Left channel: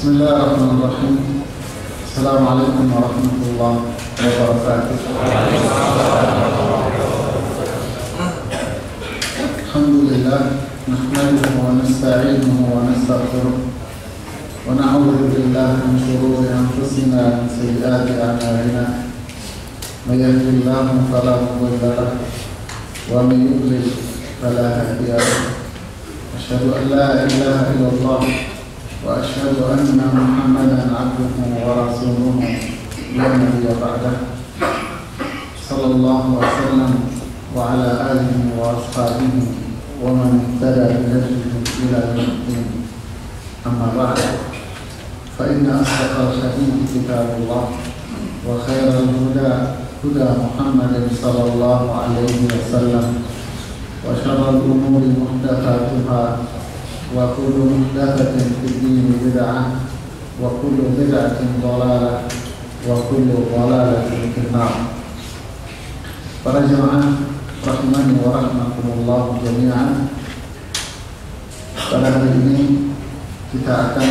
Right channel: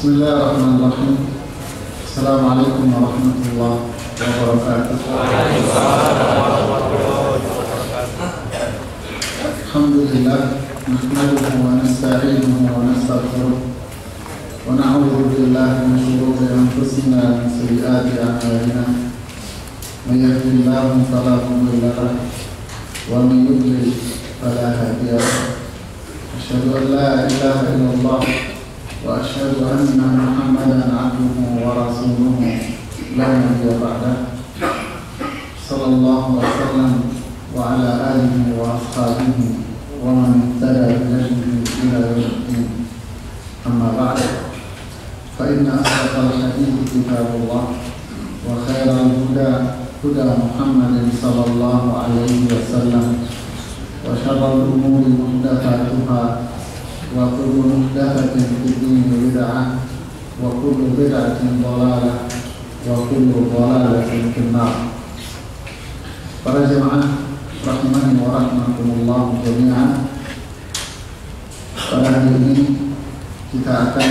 Bismillahirrahmanirrahim. Assalamualaikum warahmatullahi wabarakatuh. Alhamdulillah, nahmaduhu wa nasta'inuhu wa nastaghfiruh wa na'udzu billahi min shururi anfusina wa min sayyiati a'malina. May yahdihillahu fala mudilla lahu wa may yudlil fala hadiya lahu. Asyhadu an la ilaha illallah wa asyhadu anna Muhammadan abduhu wa rasuluhu la nabiyya ba'dah. Sallallahu wa sallam wa ala alihi wa ashabihi wa man ihtada bi hadihi ila yaumiddin. Amma ba'd. Fa inna asdaqal hadits kitabullah wa khairal huda huda Muhammadin sallallahu alaihi wasallam wa syarrul umuri muhdatsatuha wa kullu muhdatsatin fid din bid'ah wa kullu bid'atin dhalalah wa kullu dhalalatin fin nar. Para jemaah rahimani wa rahmakumullah jami'an, pada hari ini kita akan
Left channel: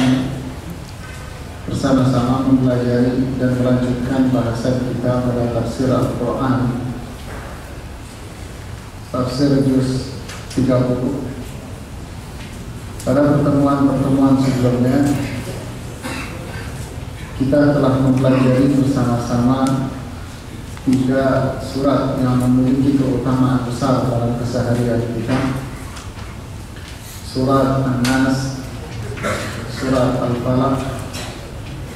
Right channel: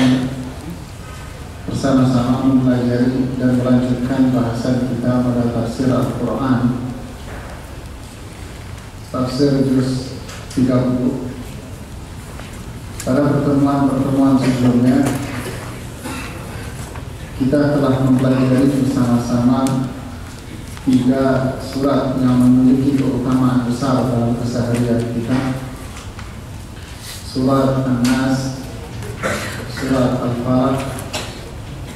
bersama-sama mempelajari dan melanjutkan bahasan kita pada tafsir Al-Quran, tafsir juz 30. Pada pertemuan-pertemuan sebelumnya kita telah mempelajari bersama-sama 3 surat yang memiliki keutamaan besar dalam keseharian kita: surat An-Nas, surat Al-Falaq,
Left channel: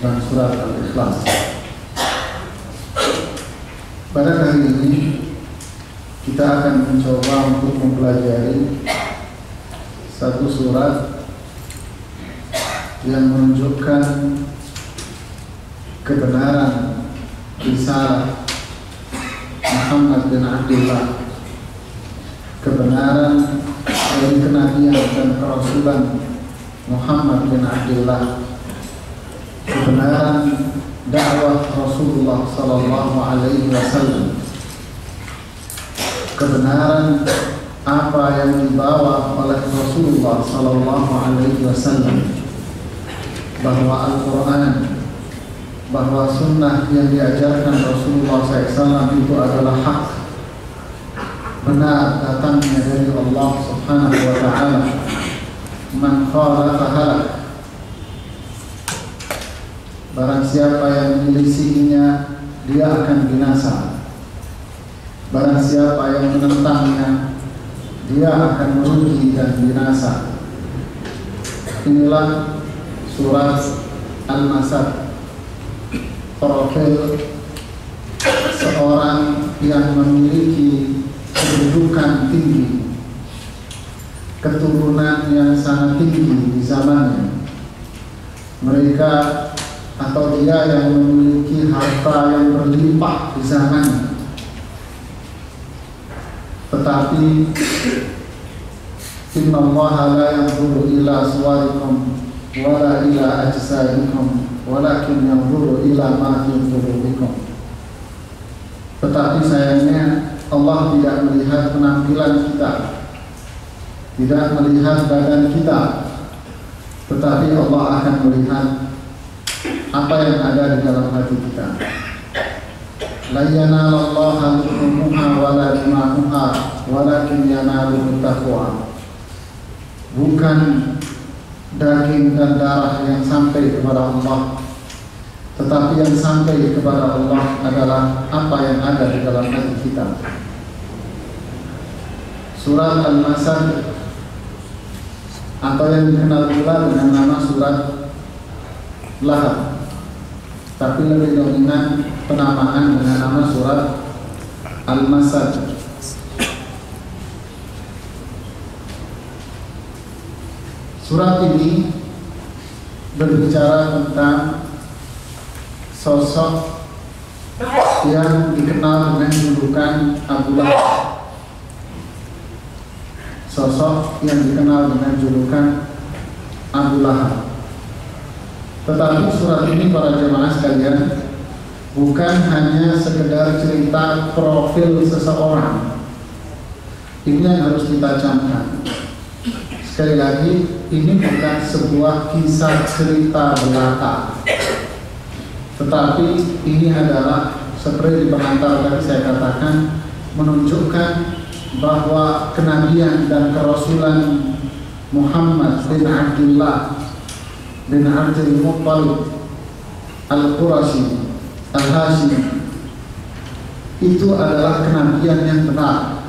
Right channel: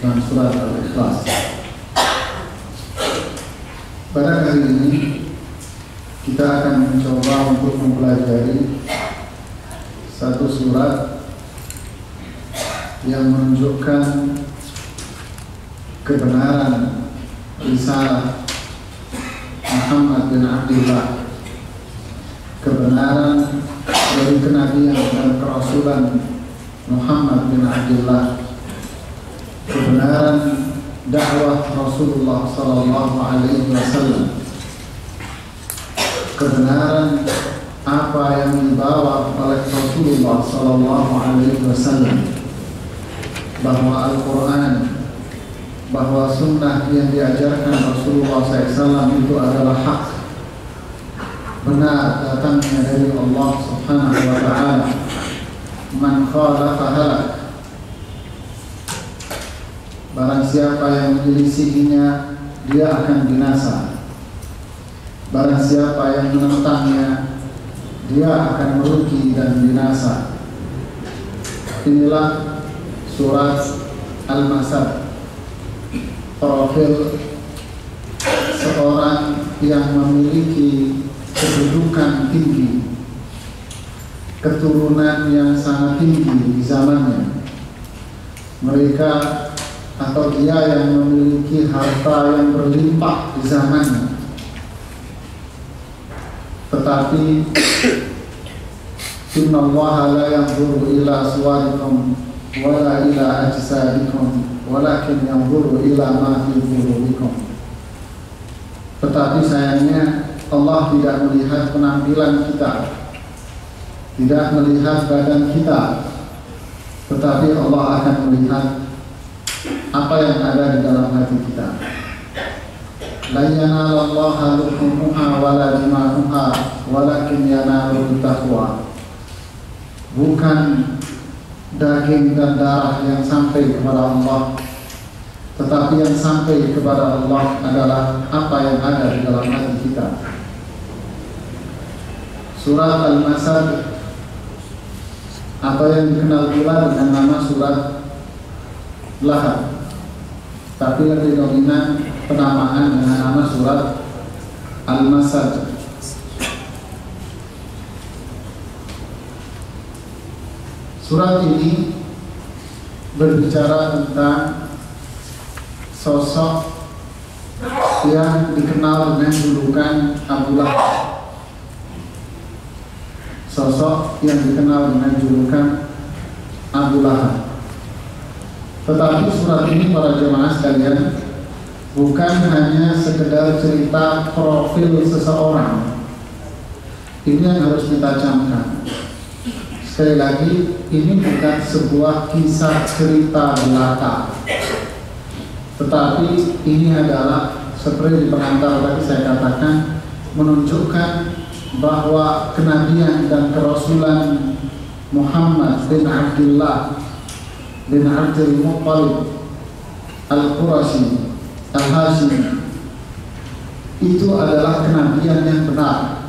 dan surat Al-Ikhlas. Pada kali ini kita akan mencoba untuk mempelajari satu surat yang menunjukkan kebenaran risalah Muhammad bin Abdullah, kebenaran dari kenabian dan kerasulan Muhammad bin Abdullah, kebenaran dakwah Rasulullah sallallahu alaihi wasallam, kebenaran apa yang dibawa oleh Rasulullah sallallahu alaihi wasallam, bahwa Al-Quran, bahwa sunnah yang diajarkan Rasulullah SAW itu adalah hak, benar datangnya dari Allah Subhanahu wa ta'ala. Man khalafa halak, barang siapa yang menyelisihinya dia akan binasa, barang siapa yang menentangnya dia akan merugi dan binasa. Inilah surat Al-Masad, profil seorang yang memiliki kedudukan tinggi, keturunan yang sangat tinggi di zamannya. Mereka atau dia yang memiliki harta yang berlimpah di zamannya. Tetapi inna Allah la yanzuru ila suwarikum wala ila ajsadikum walakin yanzuru ila ma fi qulubikum. Tetapi sayangnya Allah tidak melihat penampilan kita, tidak melihat badan kita, tetapi Allah akan melihat apa yang ada di dalam hati kita. La yanalallaha luhumuha wala dima'uha walakin yanaluhu taqwa. Bukan daging dan darah yang sampai kepada Allah, tetapi yang sampai kepada Allah adalah apa yang ada di dalam hati kita. Surat Al-Masad atau yang dikenal pula dengan nama surat Lahab, tapi lebih dominan penamaan dengan nama surat Al-Masad. Surat ini berbicara tentang sosok yang dikenal dengan julukan Abu Lahab. Sosok yang dikenal dengan julukan Abu Lahab. Tetapi surat ini, para jemaah sekalian, bukan hanya sekedar cerita profil seseorang. Ini yang harus kita camkan. sekali lagi, ini bukan sebuah kisah cerita belaka, tetapi ini adalah seperti di pengantar tadi saya katakan, menunjukkan bahwa kenabian dan kerasulan Muhammad bin Abdullah bin Abdul Muttalib Al-Qurashi Al-Hashimi itu adalah kenabian yang benar,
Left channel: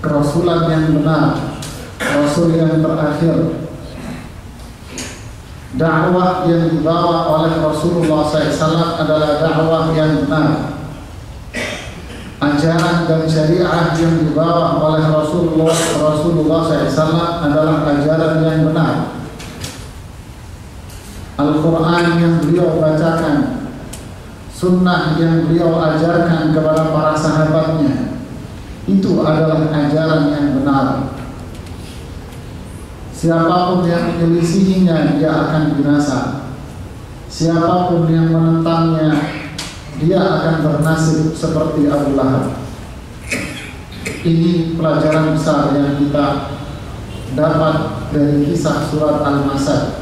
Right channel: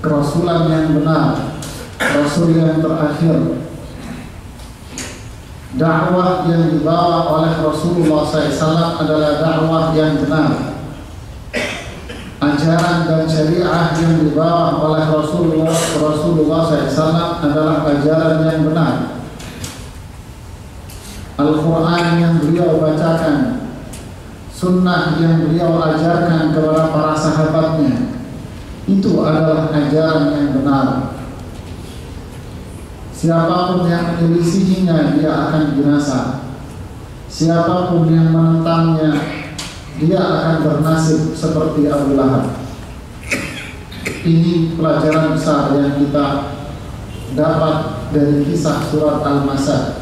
kerasulan yang benar, rasul yang terakhir. Dakwah yang dibawa oleh Rasulullah SAW adalah dakwah yang benar. Ajaran dan syariah yang dibawa oleh Rasulullah SAW adalah ajaran yang benar. Al-Quran yang beliau bacakan, sunnah yang beliau ajarkan kepada para sahabatnya, itu adalah ajaran yang benar. Siapapun yang menyelisihinya, dia akan binasa. Siapapun yang menentangnya, dia akan bernasib seperti Abu Lahab. Ini pelajaran besar yang kita dapat dari kisah surat Al-Masad.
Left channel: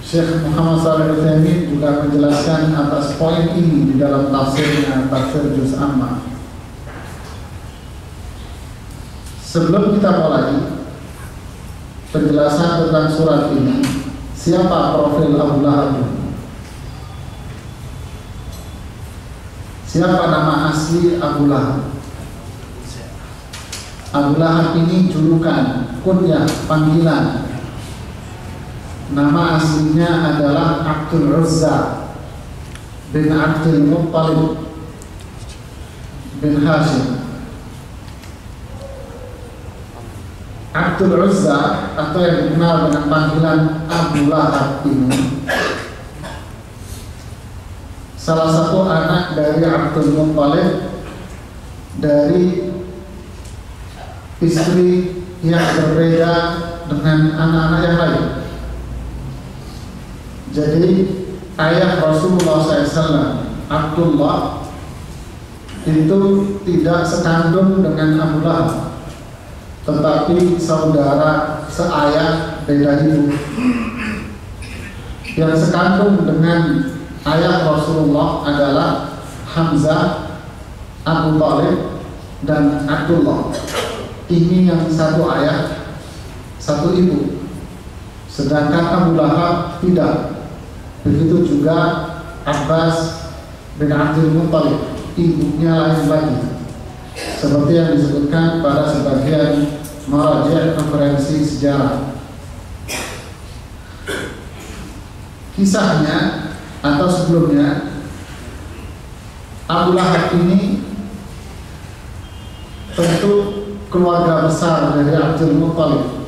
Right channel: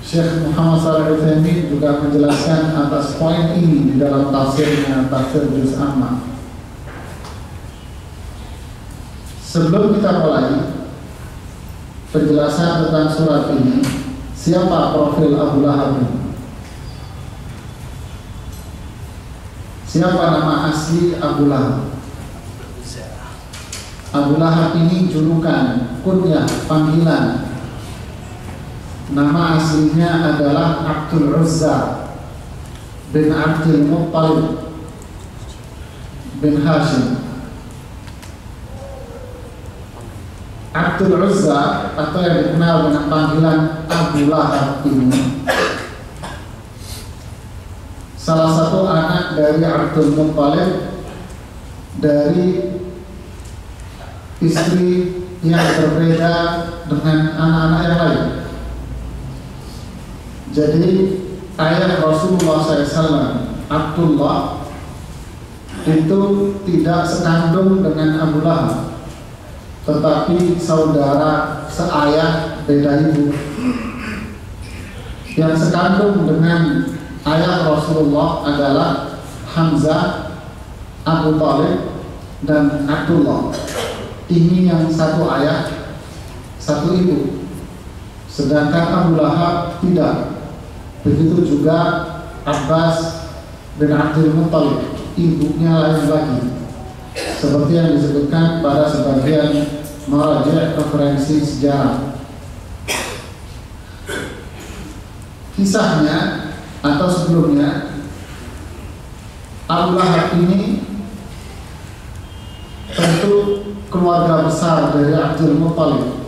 Syekh Muhammad Shalih Al-Utsaimin juga menjelaskan atas poin ini di dalam tafsirnya, tafsir Juz Amma. Sebelum kita mulai penjelasan tentang surat ini, siapa profil Abu Lahab? Siapa nama asli Abu Lahab? Abu Lahab ini julukan, kunyah, panggilan. Nama aslinya adalah Abdul Uzza bin Abdul Muttalib bin Hashim. Abdul Uzza atau yang dikenal dengan panggilan Abu Lahab ini salah satu anak dari Abdul Muttalib, dari istri yang berbeda dengan anak-anak yang lain. Jadi ayah Rasulullah SAW, Abdullah, itu tidak sekandung dengan Abu Lahab, tetapi saudara seayah beda ibu. Yang sekandung dengan ayah Rasulullah adalah Hamzah, Abu Thalib, dan Abdullah. Ini yang satu ayah, satu ibu. Sedangkan Abu Lahab tidak. Begitu juga Abbas bin Abdul Muttalib, ibunya lain lagi, seperti yang disebutkan pada sebagian maraji' referensi sejarah. Kisahnya atau sebelumnya, Abu Lahab ini tentu keluarga besar dari Abdul Muttalib.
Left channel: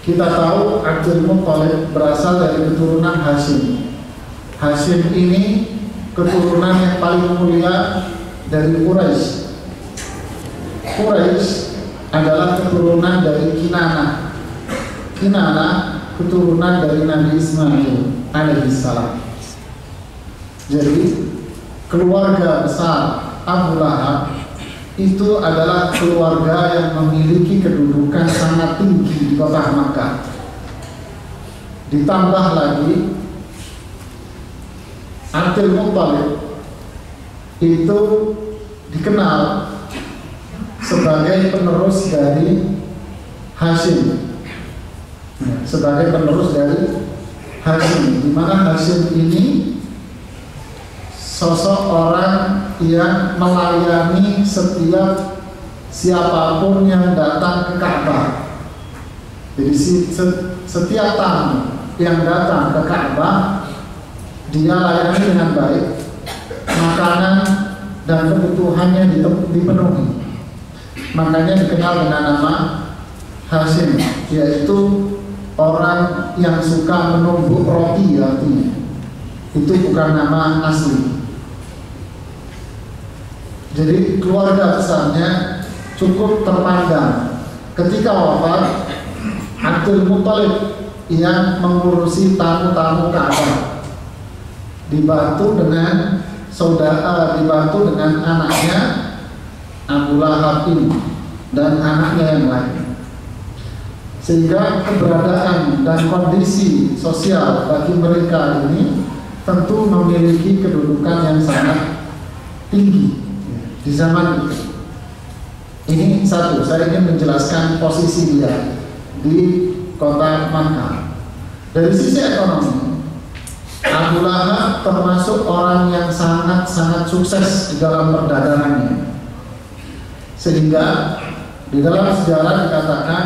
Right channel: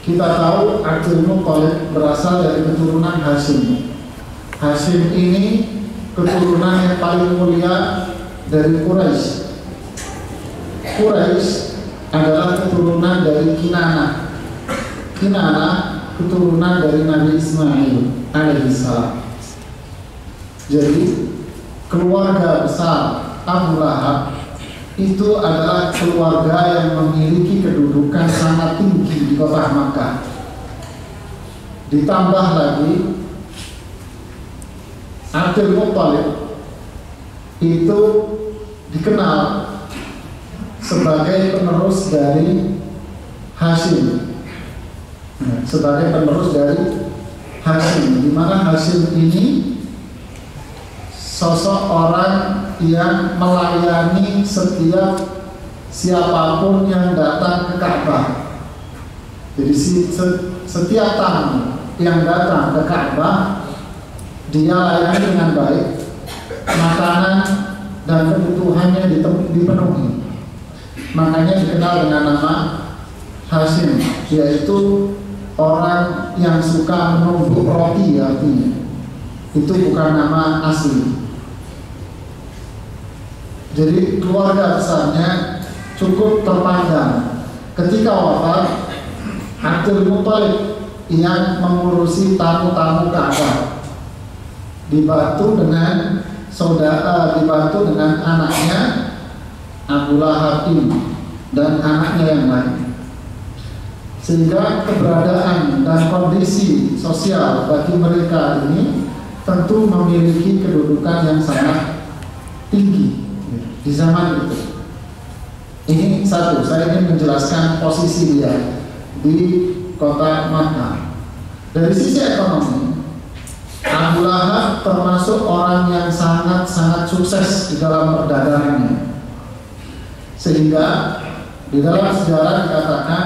Kita tahu Abdul Muttalib berasal dari keturunan Hashim. Hashim ini keturunan yang paling mulia dari Quraisy. Quraisy adalah keturunan dari Kinanah. Kinanah keturunan dari Nabi Ismail alaihissalam. Jadi keluarga besar Abu Lahab itu adalah keluarga yang memiliki kedudukan sangat tinggi di kota Makkah. Ditambah lagi Abdul Muttalib itu dikenal sebagai penerus dari Hashim, sebagai penerus dari Hashim, di mana Hashim ini sosok orang yang melayani setiap siapapun yang datang ke Ka'bah. Jadi setiap tamu yang datang ke Ka'bah dia layani dengan baik, makanan dan kebutuhannya dipenuhi. Makanya dikenal dengan nama Hashim, yaitu orang yang suka menumbuk roti artinya. Itu bukan nama asli. Jadi keluarga besarnya cukup terpandang. Ketika wafat, Abdul Muttalib yang mengurusi tamu-tamu Ka'bah dibantu dengan dibantu dengan anaknya Abu Lahab ini dan anaknya yang lain. sehingga keberadaan dan kondisi sosial bagi mereka ini tentu memiliki kedudukan yang sangat tinggi di zaman itu. Ini satu, saya ingin menjelaskan posisi dia di kota Makkah. Dari sisi ekonomi, Abu Lahab termasuk orang yang sangat-sangat sukses di dalam perdagangannya, sehingga di dalam sejarah dikatakan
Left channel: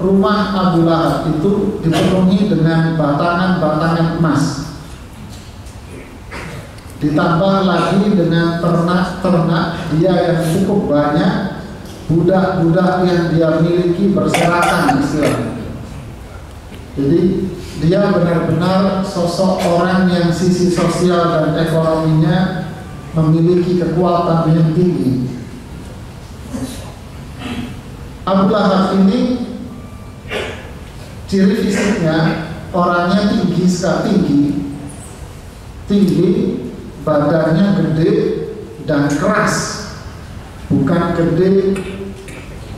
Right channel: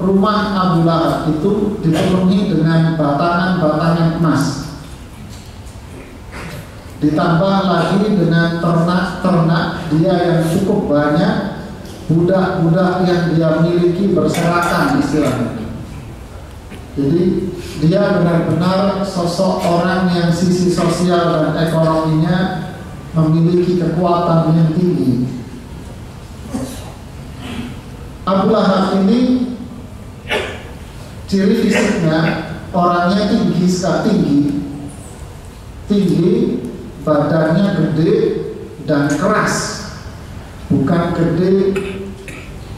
rumah Abu Lahab itu dipenuhi dengan batangan-batangan emas, ditambah lagi dengan ternak-ternak dia yang cukup banyak, budak-budak yang dia miliki berserakan istilahnya. Jadi dia benar-benar sosok orang yang sisi sosial dan ekonominya memiliki kekuatan yang tinggi. Abu Lahab ini ciri fisiknya orangnya tinggi, badannya gede dan keras, bukan gede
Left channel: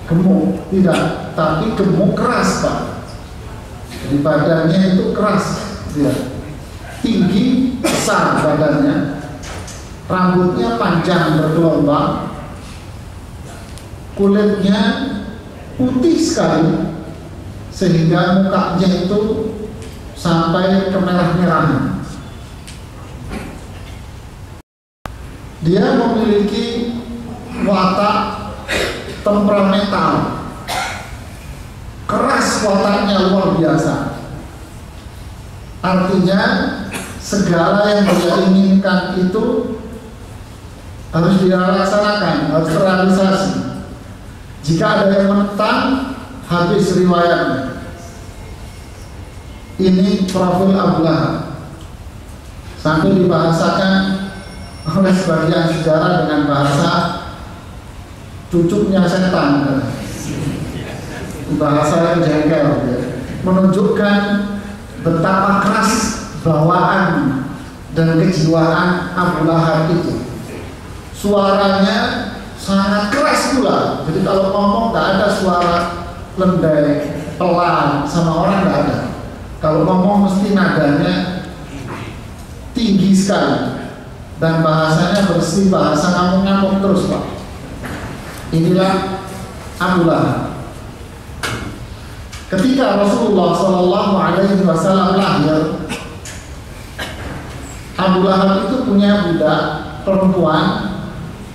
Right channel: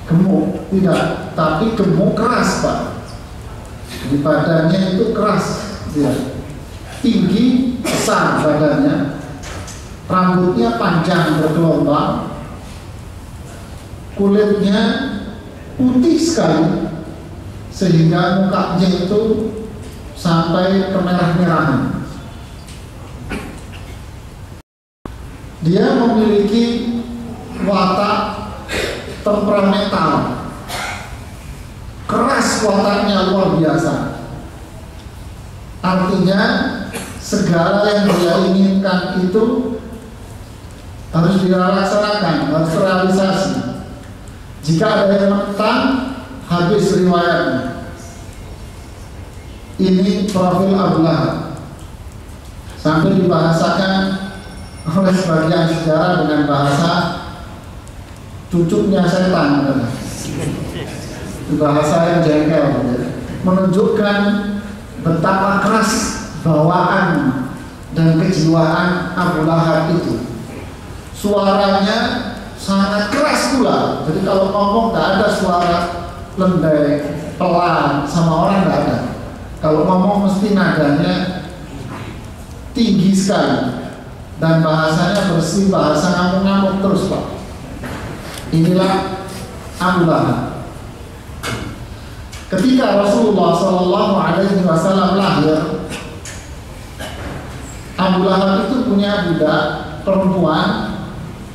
gemuk, tidak, tapi gemuk keras Pak. Di badannya itu keras, dia tinggi, besar badannya, rambutnya panjang bergelombang, kulitnya putih sekali, sehingga mukanya itu sampai kemerah-merahan. Dia memiliki watak temperamental, keras wataknya luar biasa. Artinya segala yang dia inginkan itu harus dia laksanakan, harus terrealisasi. Jika ada yang menentang, habis riwayatnya. Ini profil Abu Lahab, sampai dibahasakan oleh sebagian sejarah dengan bahasa cucunya setan, bahasa yang jengkel, menunjukkan betapa keras bawaan dan kejiwaan Abu Lahab itu. Suaranya sangat keras pula, jadi kalau ngomong tidak ada suara lembek, pelan sama orang, tidak ada. Kalau ngomong mesti nadanya tinggi sekali dan bahasanya bersih, bahasa ngamuk-ngamuk terus Pak. Inilah Abu Lahab. Ketika Rasulullah SAW lahir, Abu Lahab itu punya budak perempuan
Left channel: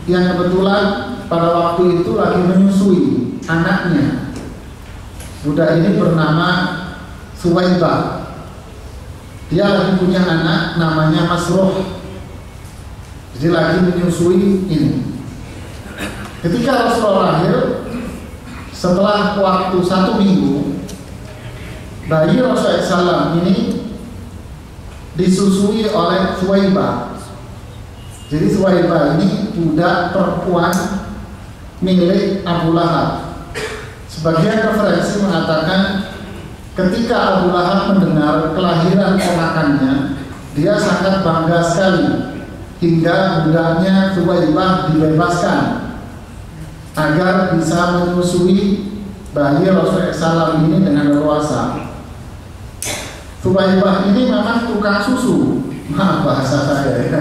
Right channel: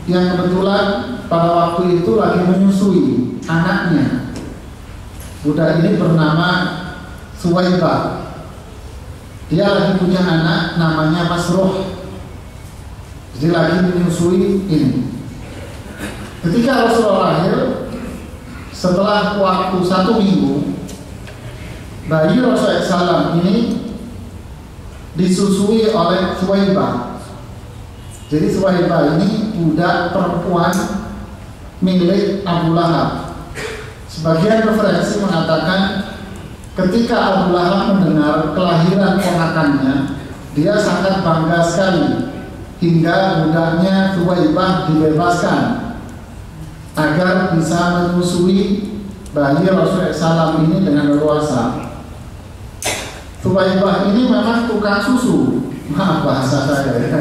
yang kebetulan pada waktu itu lagi menyusui anaknya. Budak ini bernama Suwaibah. Dia lagi punya anak namanya Masruh, jadi lagi menyusui ini. Ketika Rasulullah lahir, setelah waktu 1 minggu, bayi Rasulullah SAW ini disusui oleh Suwaibah. Jadi Suwaibah ini budak perempuan milik Abu Lahab. Sebagian referensi mengatakan ketika Abu Lahab mendengar kelahiran ponakannya, dia sangat bangga sekali, hingga budaknya Suwaibah dibebaskan agar bisa menyusui bayi Rasulullah SAW ini dengan leluasa. Suwaibah ini memang tukang susu, maaf bahasa saya ya.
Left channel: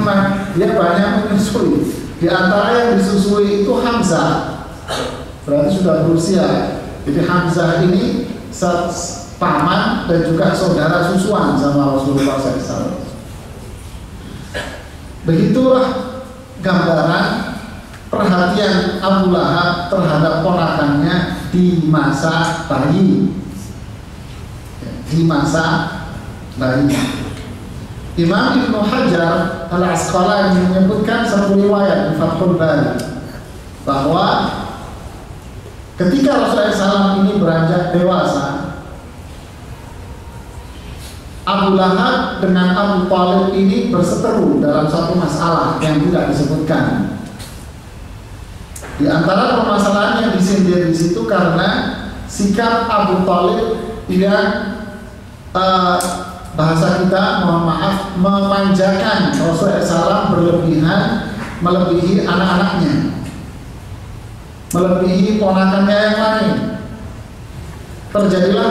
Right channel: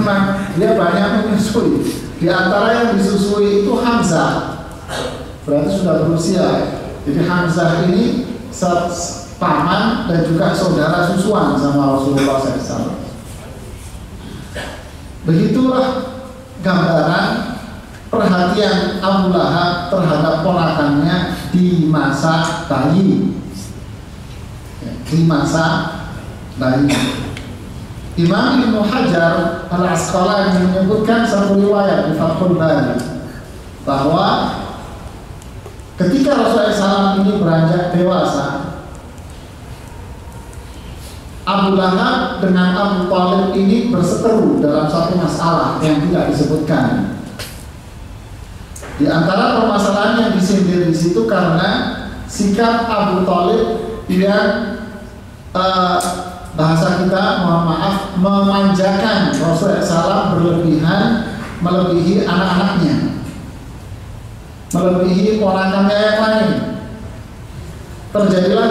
Memang dia banyak menyusui. Di antara yang disusui itu Hamzah, berarti sudah berusia. Jadi Hamzah ini paman dan juga saudara susuan sama Rasulullah SAW. Begitulah gambaran perhatian Abu Lahab terhadap ponakannya di masa bayi. Di masa bayi. Imam Ibnu Hajar Al-Asqalani menyebutkan satu riwayat di Fathul Bari bahwa ketika Rasulullah SAW ini beranjak dewasa, Abu Lahab dengan Abu Thalib ini berseteru dalam satu masalah yang tidak disebutkan. Di antara permasalahan yang disindir di situ karena sikap Abu Thalib yang bahasa kita, mohon maaf, memanjakan Rasulullah SAW berlebihan, melebihi anak-anaknya, melebihi ponakannya yang lain. terjadilah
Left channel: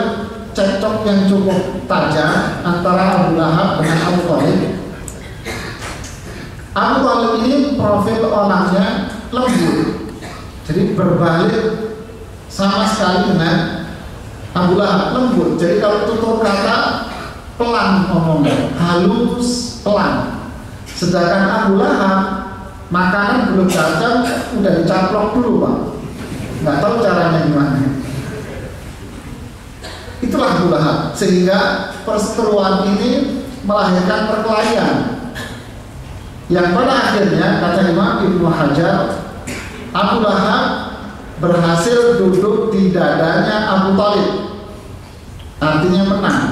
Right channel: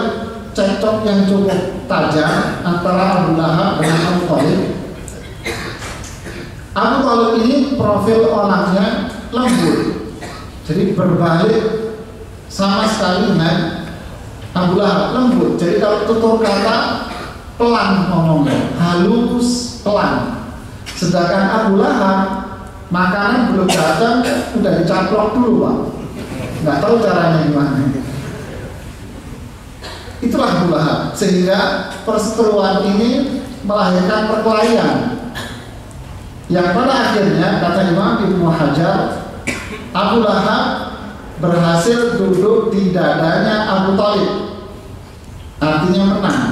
cekcok yang cukup tajam antara Abu Lahab dengan Abu Thalib. Abu Thalib ini profil orangnya lembut, jadi berbalik sama sekali dengan Abu Lahab, lembut. Jadi kalau tutur kata pelan ngomongnya, halus, pelan. Sedangkan Abu Lahab makanan belum datang udah dicaplok dulu, Pak. Nggak tahu caranya gimana. Itulah Abu Lahab, sehingga perseteruan ini melahirkan perkelahian yang pada akhirnya, kata Imam Ibnu Hajar, Abu Lahab berhasil duduk di dadanya Abu Thalib, artinya menang.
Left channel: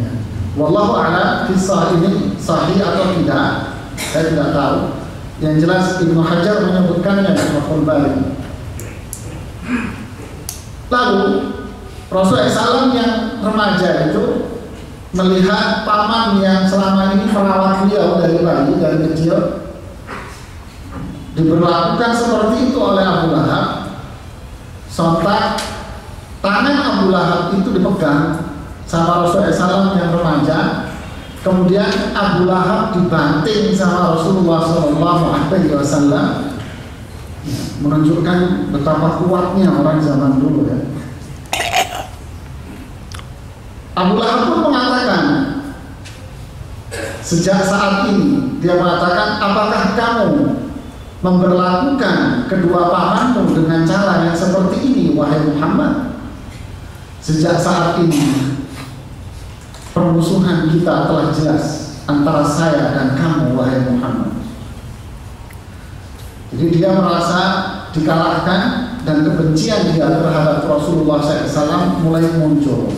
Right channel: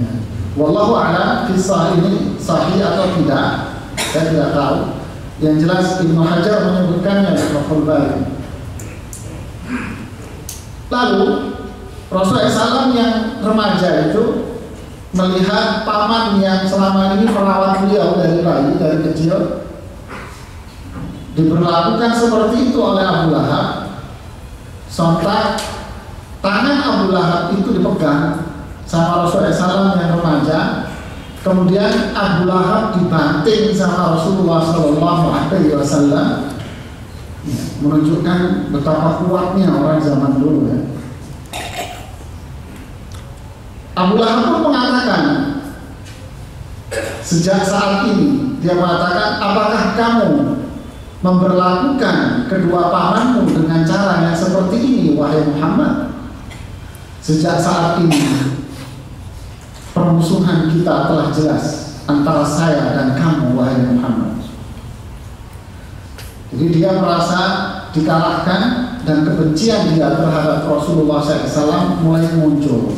Ya. Wallahu a'lam kisah ini sahih atau tidak, saya tidak tahu. Yang jelas Ibnu Hajar menyebutkannya di Fathul Bari. Lalu Rasulullah SAW yang remaja itu melihat paman yang selama ini merawat beliau dari bayi, dari kecil, diberlakukan seperti itu oleh Abu Lahab. Sontak tangan Abu Lahab itu dipegang sama Rasulullah SAW yang remaja. Kemudian Abu Lahab dibanting sama Rasulullah SAW, menunjukkan betapa kuatnya orang zaman dulu ya. Abu Lahab pun mengatakan, sejak saat ini dia mengatakan, apakah kamu memberlakukan kedua pamanmu dengan cara yang seperti ini, wahai Muhammad? Sejak saat ini permusuhan kita telah jelas antara saya dan kamu, wahai Muhammad. Jadi dia merasa dikalahkan dan kebencian dia terhadap Rasulullah SAW mulai muncul.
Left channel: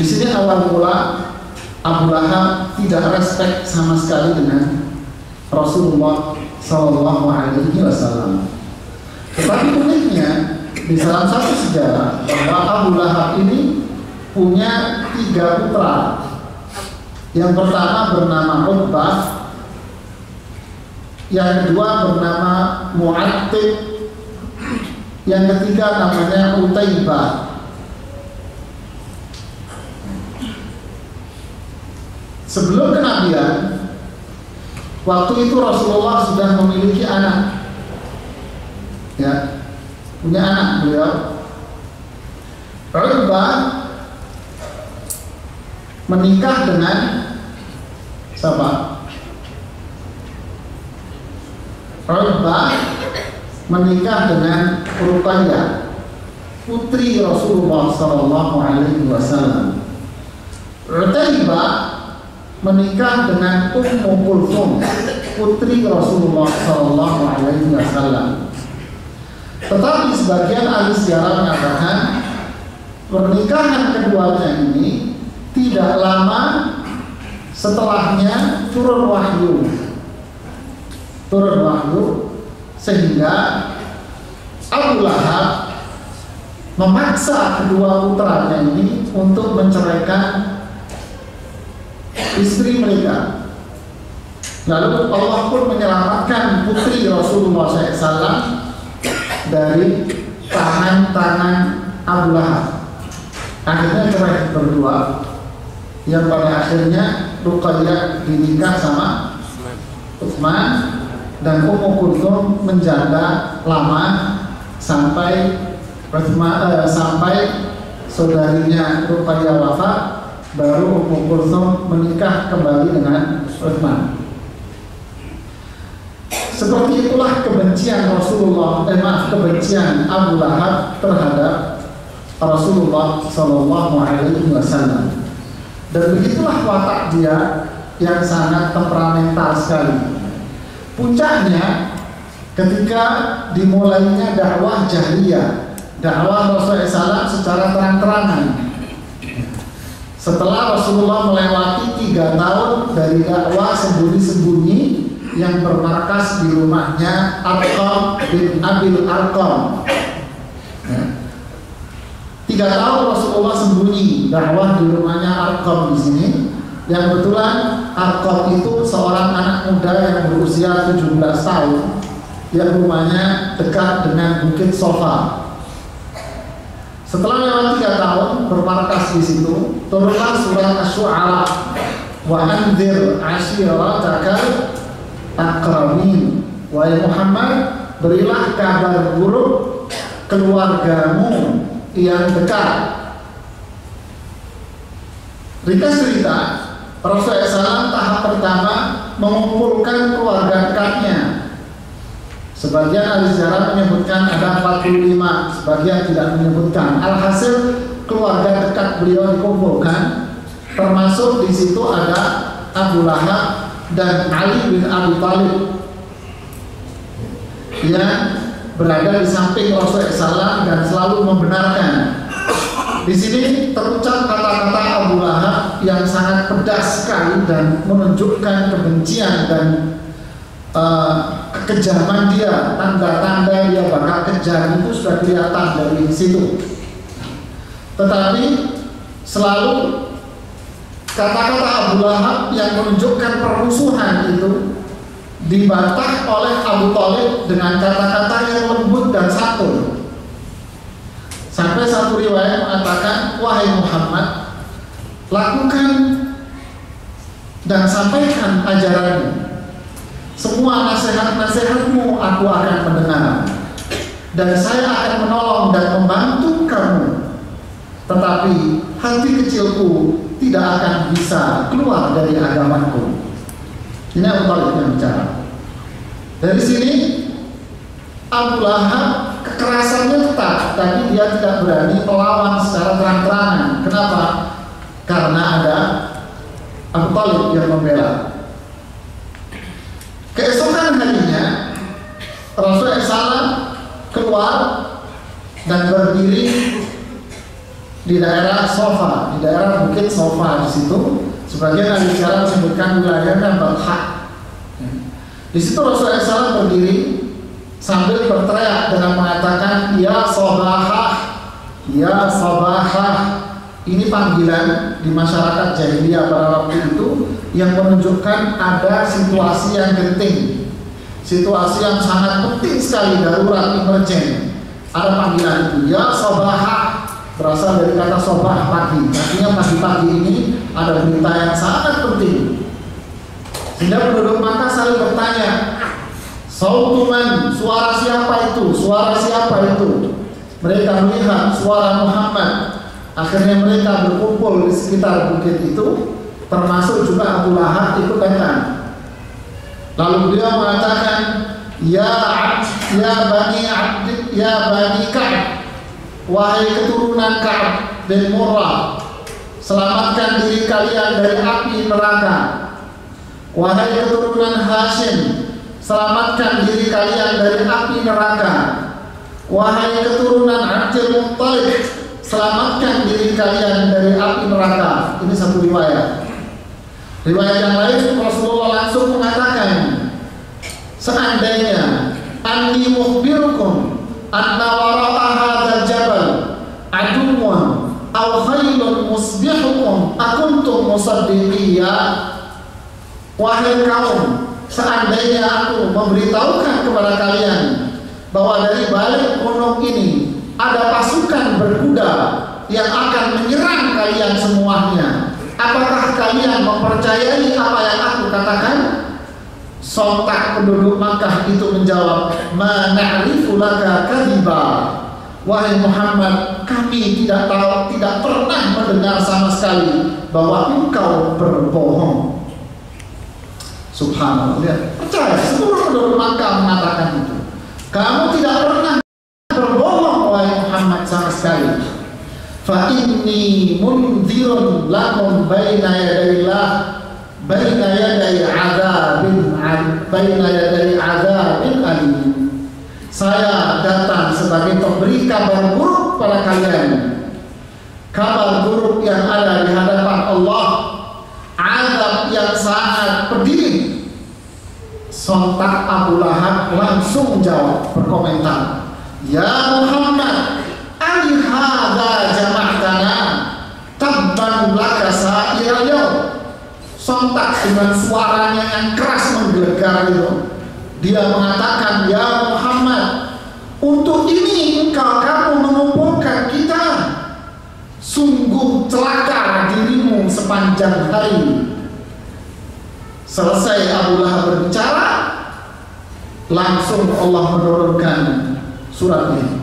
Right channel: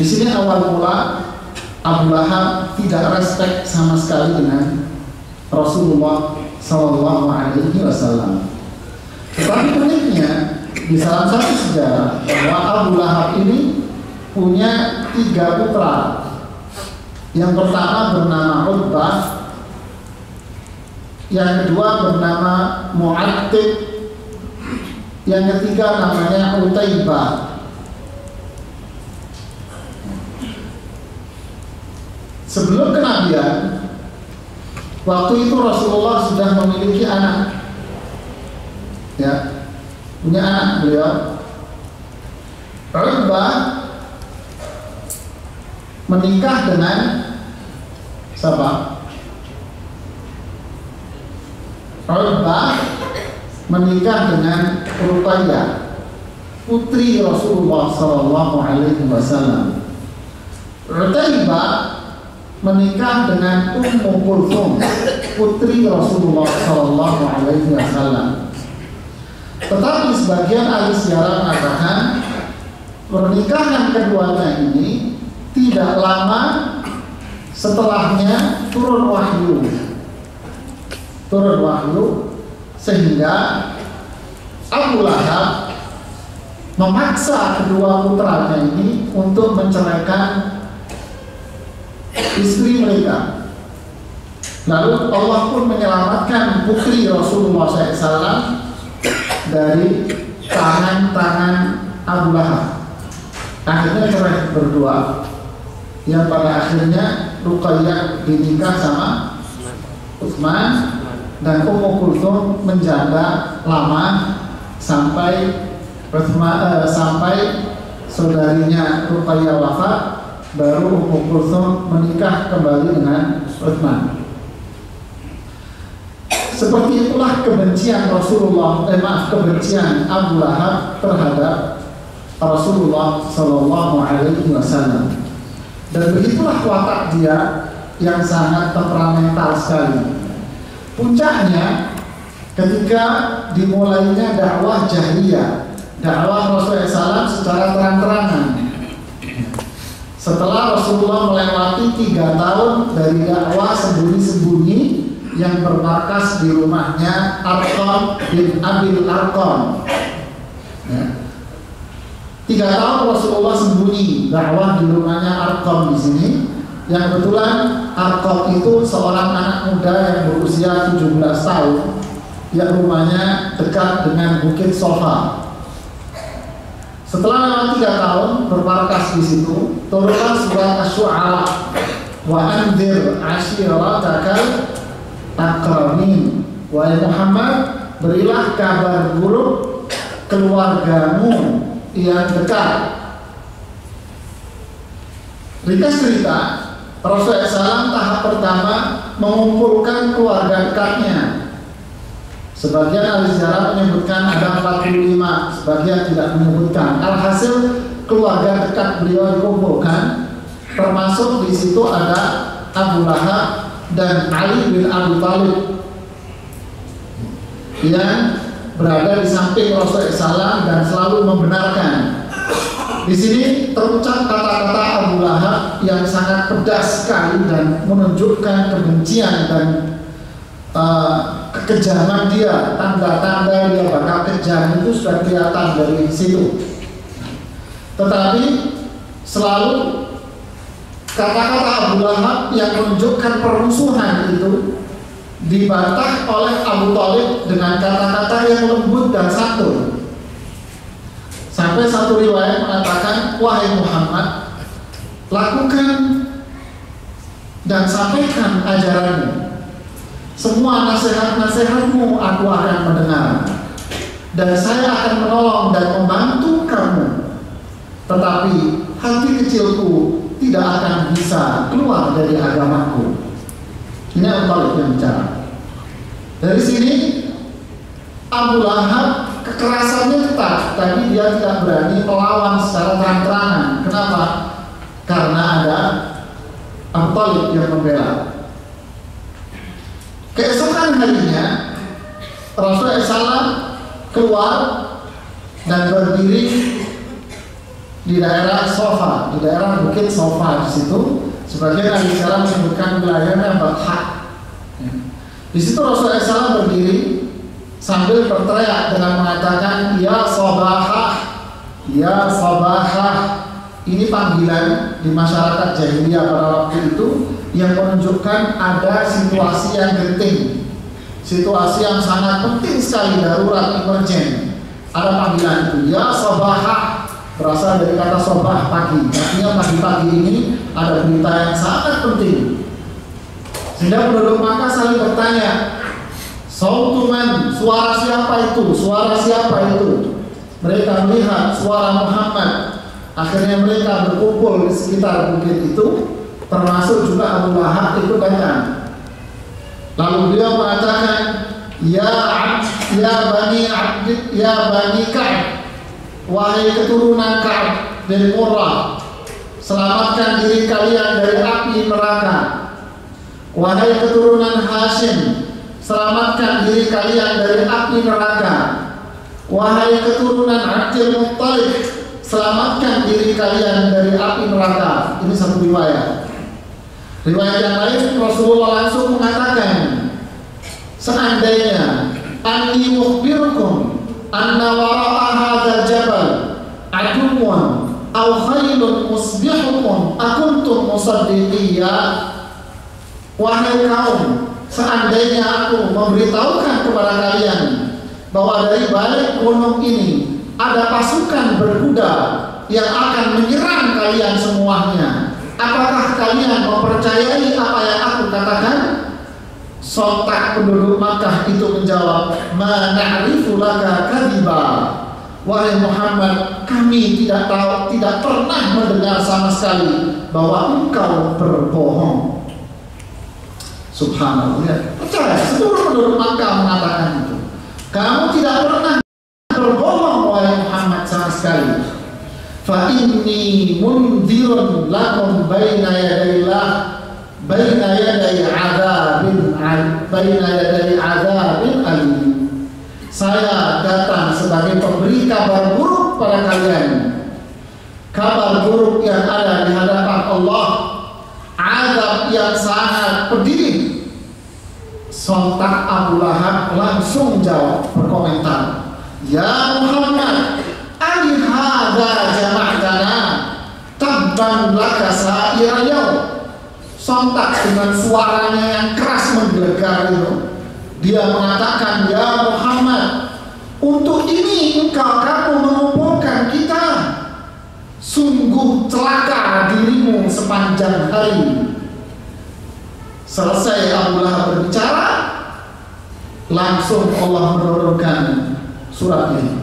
Di sini awal mula Abu Lahab tidak respect sama sekali dengan Rasulullah SAW. Tetapi uniknya di salah satu sejarah bahwa Abu Lahab ini punya 3 putra. Yang pertama bernama Utbah, yang kedua bernama Mu'attib, yang ketiga namanya Utaibah. Sebelum kenabian, waktu itu Rasulullah sudah memiliki anak, ya, punya anak beliau. Utbah menikah dengan siapa? Utbah menikah dengan Ruqayyah, putri Rasulullah SAW. Utaibah menikah dengan Ummu Kulthum, putri Rasulullah SAW. Tetapi sebagian ahli sejarah mengatakan pernikahan keduanya ini tidak lama setelahnya turun wahyu, sehingga Abu Lahab memaksa kedua putranya ini untuk menceraikan istri mereka. Lalu Allah pun menyelamatkan putri Rasulullah SAW dari tangan-tangan Abu Lahab. Akhirnya cerai berdua, yang pada akhirnya Ruqayyah dinikah sama Utsman, dan Ummu Kulthum menjanda lama sampai saudarinya Ruqayyah wafat, baru Ummu Kulthum menikah kembali dengan Utsman. Seperti itulah kebencian kebencian Abu Lahab terhadap Rasulullah SAW. Dan begitulah watak dia yang sangat temperamental sekali. Puncaknya ketika dimulainya dakwah jahiliyah, dakwah Rasulullah SAW secara terang-terangan. Setelah Rasulullah melewati 3 tahun dari dakwah sembunyi-sembunyi yang bermarkas di rumahnya Arqam bin Abil Arqam. 3 tahun Rasulullah sembunyi dakwah di rumahnya Arqam di sini. Yang kebetulan Arqam itu seorang anak muda yang berusia 17 tahun yang rumahnya dekat dengan Bukit Sofa. Setelah lewat 3 tahun bermarkas di situ, turunlah surat Asy-Syu'ara, wa anzir ashiratakal aqrabin. Wahai Muhammad, berilah kabar buruk keluargamu yang dekat. Ringkas cerita, Rasulullah SAW tahap pertama mengumpulkan keluarga dekatnya. Sebagian ahli sejarah menyebutkan ada 45, sebagian tidak menyebutkan. Alhasil keluarga dekat beliau dikumpulkan, termasuk di situ ada Abu Lahab dan Ali bin Abi Thalib yang berada di samping Rasulullah SAW dan selalu membenarkan. Di sini terucap kata-kata Abu Lahab yang sangat pedas sekali dan menunjukkan kebencian dan kekejaman dia. Tanda-tanda dia bakal kejam itu sudah kelihatan dari situ. Tetapi selalu kata-kata Abu Lahab yang menunjukkan permusuhan itu dibantah oleh Abu Thalib dengan kata-kata yang lembut dan santun. Sampai satu riwayat mengatakan, wahai Muhammad, lakukan dan sampaikan ajaranmu. Semua nasihat-nasihatmu aku akan mendengar, dan saya akan menolong dan membantu kamu. Tetapi hati kecilku tidak akan bisa keluar dari agamaku. Ini Abu Thalib yang bicara. Dari sini Abu Lahab kekerasannya tetap, tapi dia tidak berani melawan secara terang-terangan. Kenapa? Karena ada Abu Thalib yang membela. Keesokan harinya Rasulullah SAW keluar dan berdiri di daerah Sofa, di daerah Bukit Sofa. Di situ sebagian ahli sejarah menyebutkan wilayahnya Batha. Di situ Rasulullah SAW berdiri sambil berteriak dengan mengatakan, ya Sabahah, ya Sabahah. Ini panggilan di masyarakat jahiliyah pada waktu itu yang menunjukkan ada situasi yang genting, situasi yang sangat penting sekali, darurat, emergen. Ada panggilan itu, ya Sabahah, berasal dari kata sobah, pagi. Artinya pagi-pagi ini ada berita yang sangat penting. Sehingga penduduk Makkah saling bertanya, sautuman, suara siapa itu? Suara siapa itu? Mereka melihat suara Muhammad. Akhirnya mereka berkumpul di sekitar bukit itu, termasuk juga Abu Lahab ikut datang. Lalu beliau mengatakan, ya Bani Ka'ab, wahai keturunan Ka'ab bin Murrah, selamatkan diri kalian dari api neraka. Wahai keturunan Hashim, selamatkan diri kalian dari api neraka. Wahai keturunan Abdul Muttalib, selamatkan diri kalian dari api neraka. Ini satu riwayat. Riwayat yang lain Rasulullah langsung mengatakan, seandainya anni mukhbirukum anna wara'a hadzal jabal aduwwan aw khailun musbihukum akuntum musaddiqiyya. Wahai kaum, seandainya aku memberitahukan kepada kalian bahwa dari balik gunung ini ada pasukan berkuda yang akan menyerang kalian semuanya, apakah kalian mempercayai apa yang aku katakan? Sontak penduduk Makkah itu menjawab, ma na'rifu laka kadhiba. Wahai Muhammad, kami tidak tahu, tidak pernah mendengar sama sekali bahwa engkau berbohong. Subhanallah, lihat, percaya seluruh penduduk Makkah mengatakan itu. Kamu tidak pernah berbohong wahai Muhammad sama sekali. Fa inni mundzirun lakum baina yaday adzabin alim. Saya datang sebagai pemberi kabar buruk pada kalian. Kabar buruk yang ada di hadapan Allah, azab yang sangat pedih. Sontak Abu Lahab langsung jawab, berkomentar, ya Muhammad, ali hadza jama'tana tabban laka sa'ira yaum. Sontak dengan suaranya yang keras menggelegar itu, dia mengatakan, ya Muhammad, untuk ini kamu mengumpulkan kita sungguh celaka dirimu sepanjang hari. Selesai Abu Lahab berbicara, langsung Allah menurunkan surat ini.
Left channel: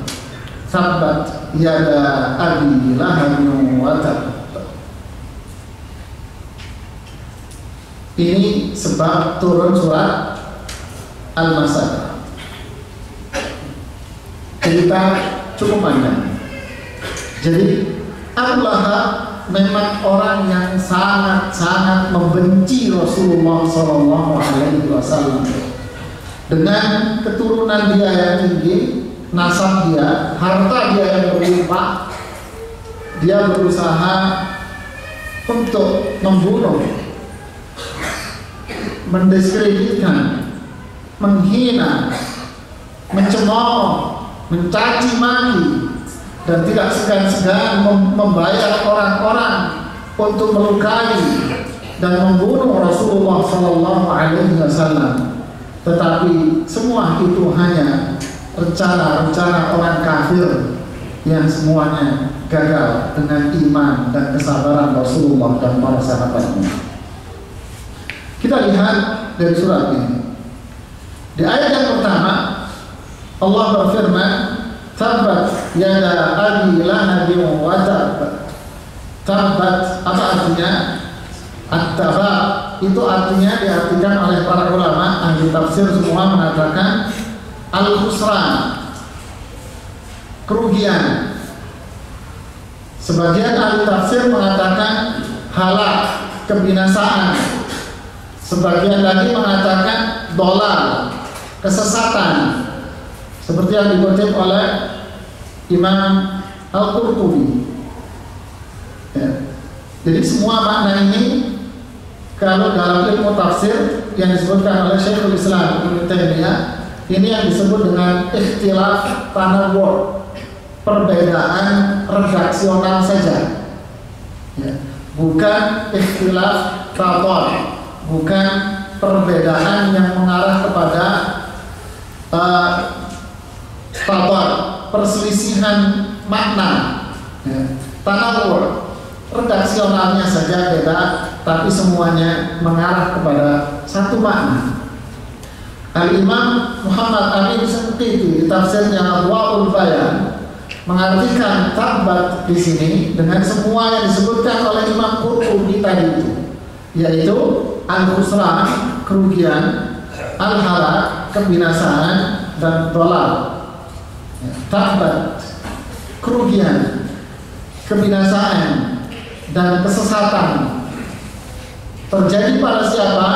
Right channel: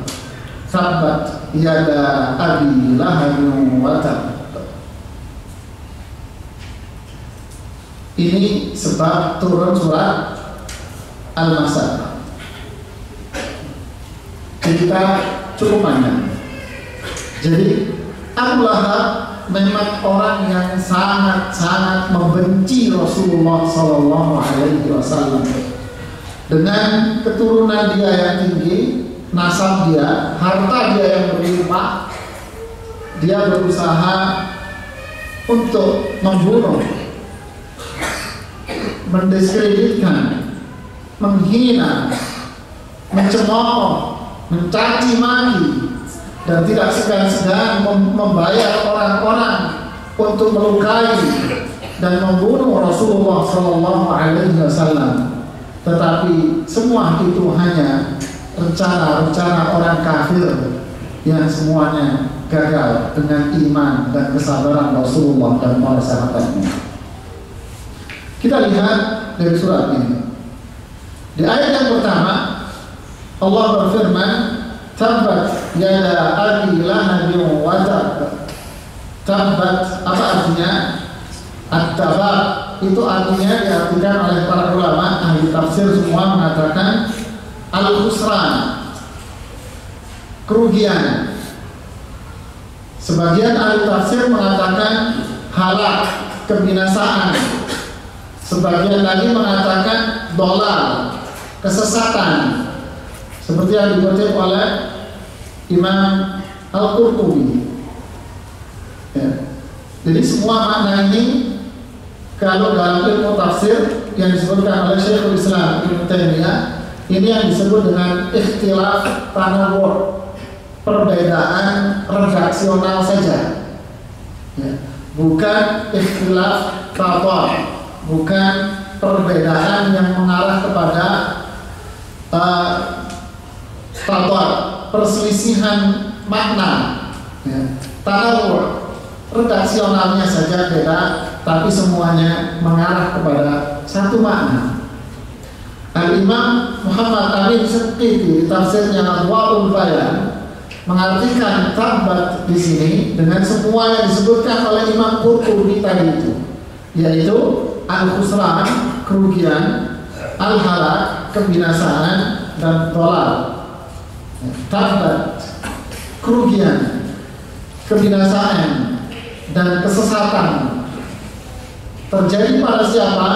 Tabbat yada abi lahabin wa tab. Ini sebab turun surat Al-Masad. Cerita cukup panjang. Jadi Abu Lahab memang orang yang sangat-sangat membenci Rasulullah SAW. Dengan keturunan dia yang tinggi, nasab dia, harta dia yang berlimpah, dia berusaha untuk membunuh, mendiskreditkan, menghina, mencemooh, mencaci maki, dan tidak segan-segan membayar orang-orang untuk melukai dan membunuh Rasulullah SAW. Tetapi semua itu hanya rencana-rencana orang kafir yang semuanya gagal dengan iman dan kesabaran Rasulullah dan para sahabatnya. Kita lihat dari surat ini. Di ayat yang pertama Allah berfirman, Tabbat yada abi lahabin wa tab. Tabbat apa artinya? At-taba itu artinya diartikan oleh para ulama ahli tafsir semua mengatakan al-khusran, kerugian. Sebagian ahli tafsir mengatakan halak, kebinasaan. Sebagian lagi mengatakan dolal, kesesatan, seperti yang dikutip oleh Imam Al-Qurtubi. Ya. Jadi semua makna ini kalau dalam ilmu tafsir yang disebutkan oleh Syekhul Islam Ibnu Taimiyah, ini yang disebut dengan ikhtilaf tanawwu', perbedaan redaksional saja, ya. Bukan ikhtilaf tabar, bukan perbedaan yang mengarah kepada tabar, perselisihan makna, ya. Tanawwu', redaksionalnya saja beda, tapi semuanya mengarah kepada satu makna. Al-Imam Muhammad Amin Syanqiti di tafsirnya Adwaul Bayan mengartikan tabbat di sini dengan semua yang disebutkan oleh Imam Qurtubi tadi itu, yaitu al-khusran, kerugian, al-halak, kebinasaan, dan dolal. Ya, tabbat, kerugian, kebinasaan, dan kesesatan terjadi pada siapa?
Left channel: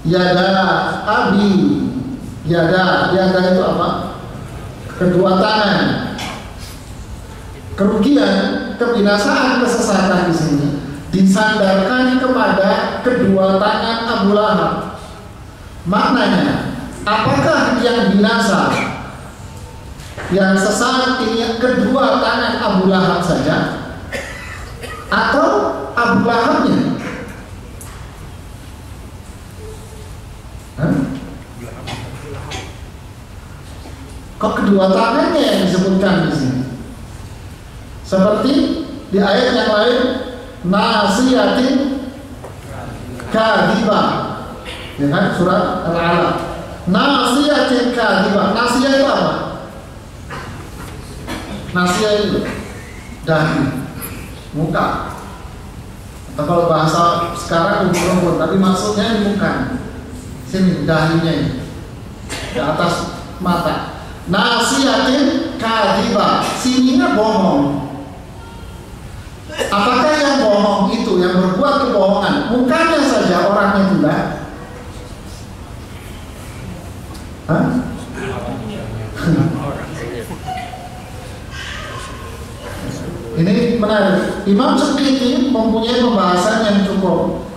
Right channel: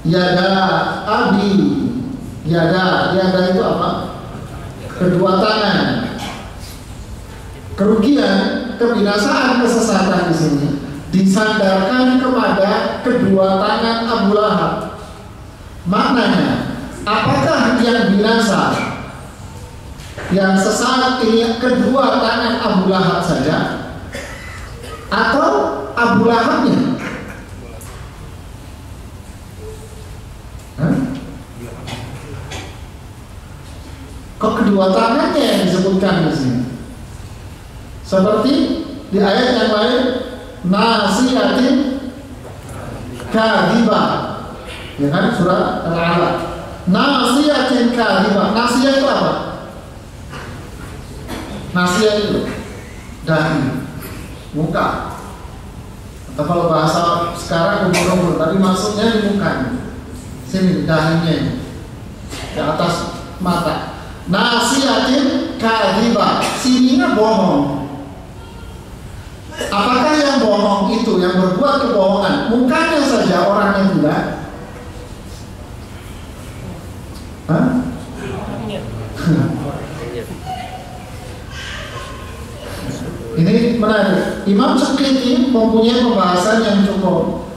Yada abi, yada itu apa? Kedua tangan. Kerugian, kebinasaan, kesesatan di sini disandarkan kepada kedua tangan Abu Lahab. Maknanya, apakah yang binasa, yang sesat ini kedua tangan Abu Lahab saja, atau Abu Lahabnya? Kok kedua tangannya yang disebutkan di sini? Seperti di ayat yang lain, nasiyatin kadhibah, ya kan, surat Al-Alaq. Nasiyatin kadhibah. Nasiyah itu apa? Nasiyah itu dahi, muka, atau kalau bahasa sekarang umur, tapi maksudnya di muka, sini dahinya ini, di atas mata. Nasiyatin kadhibah, sininya bohong. Apakah yang bohong itu, yang berbuat kebohongan, mukanya saja, orangnya tidak? Hah? Ini menarik. Imam Syanqiti mempunyai pembahasan yang cukup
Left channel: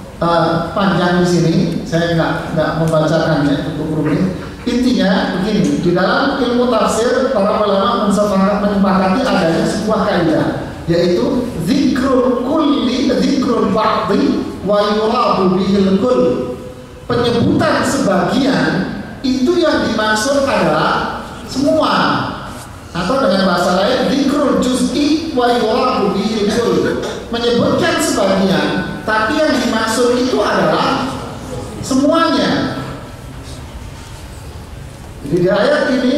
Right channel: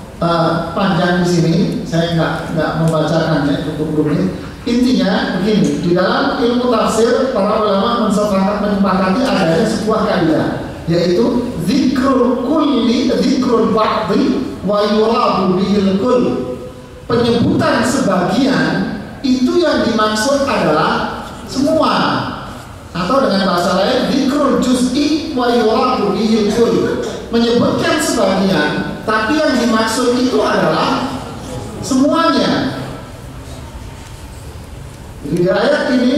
panjang di sini. Saya nggak membacakannya, cukup rumit. Intinya begini, di dalam ilmu tafsir para ulama menyepakati adanya sebuah kaidah, yaitu zikrul kulli zikrul ba'dhi wa yuradu bihil kull. Penyebutan sebagian itu yang dimaksud adalah semua, atau dengan bahasa lain zikrul juz'i wa yuradu bihil kull, menyebutkan sebagian, tapi yang dimaksud itu adalah semuanya. Jadi di ayat ini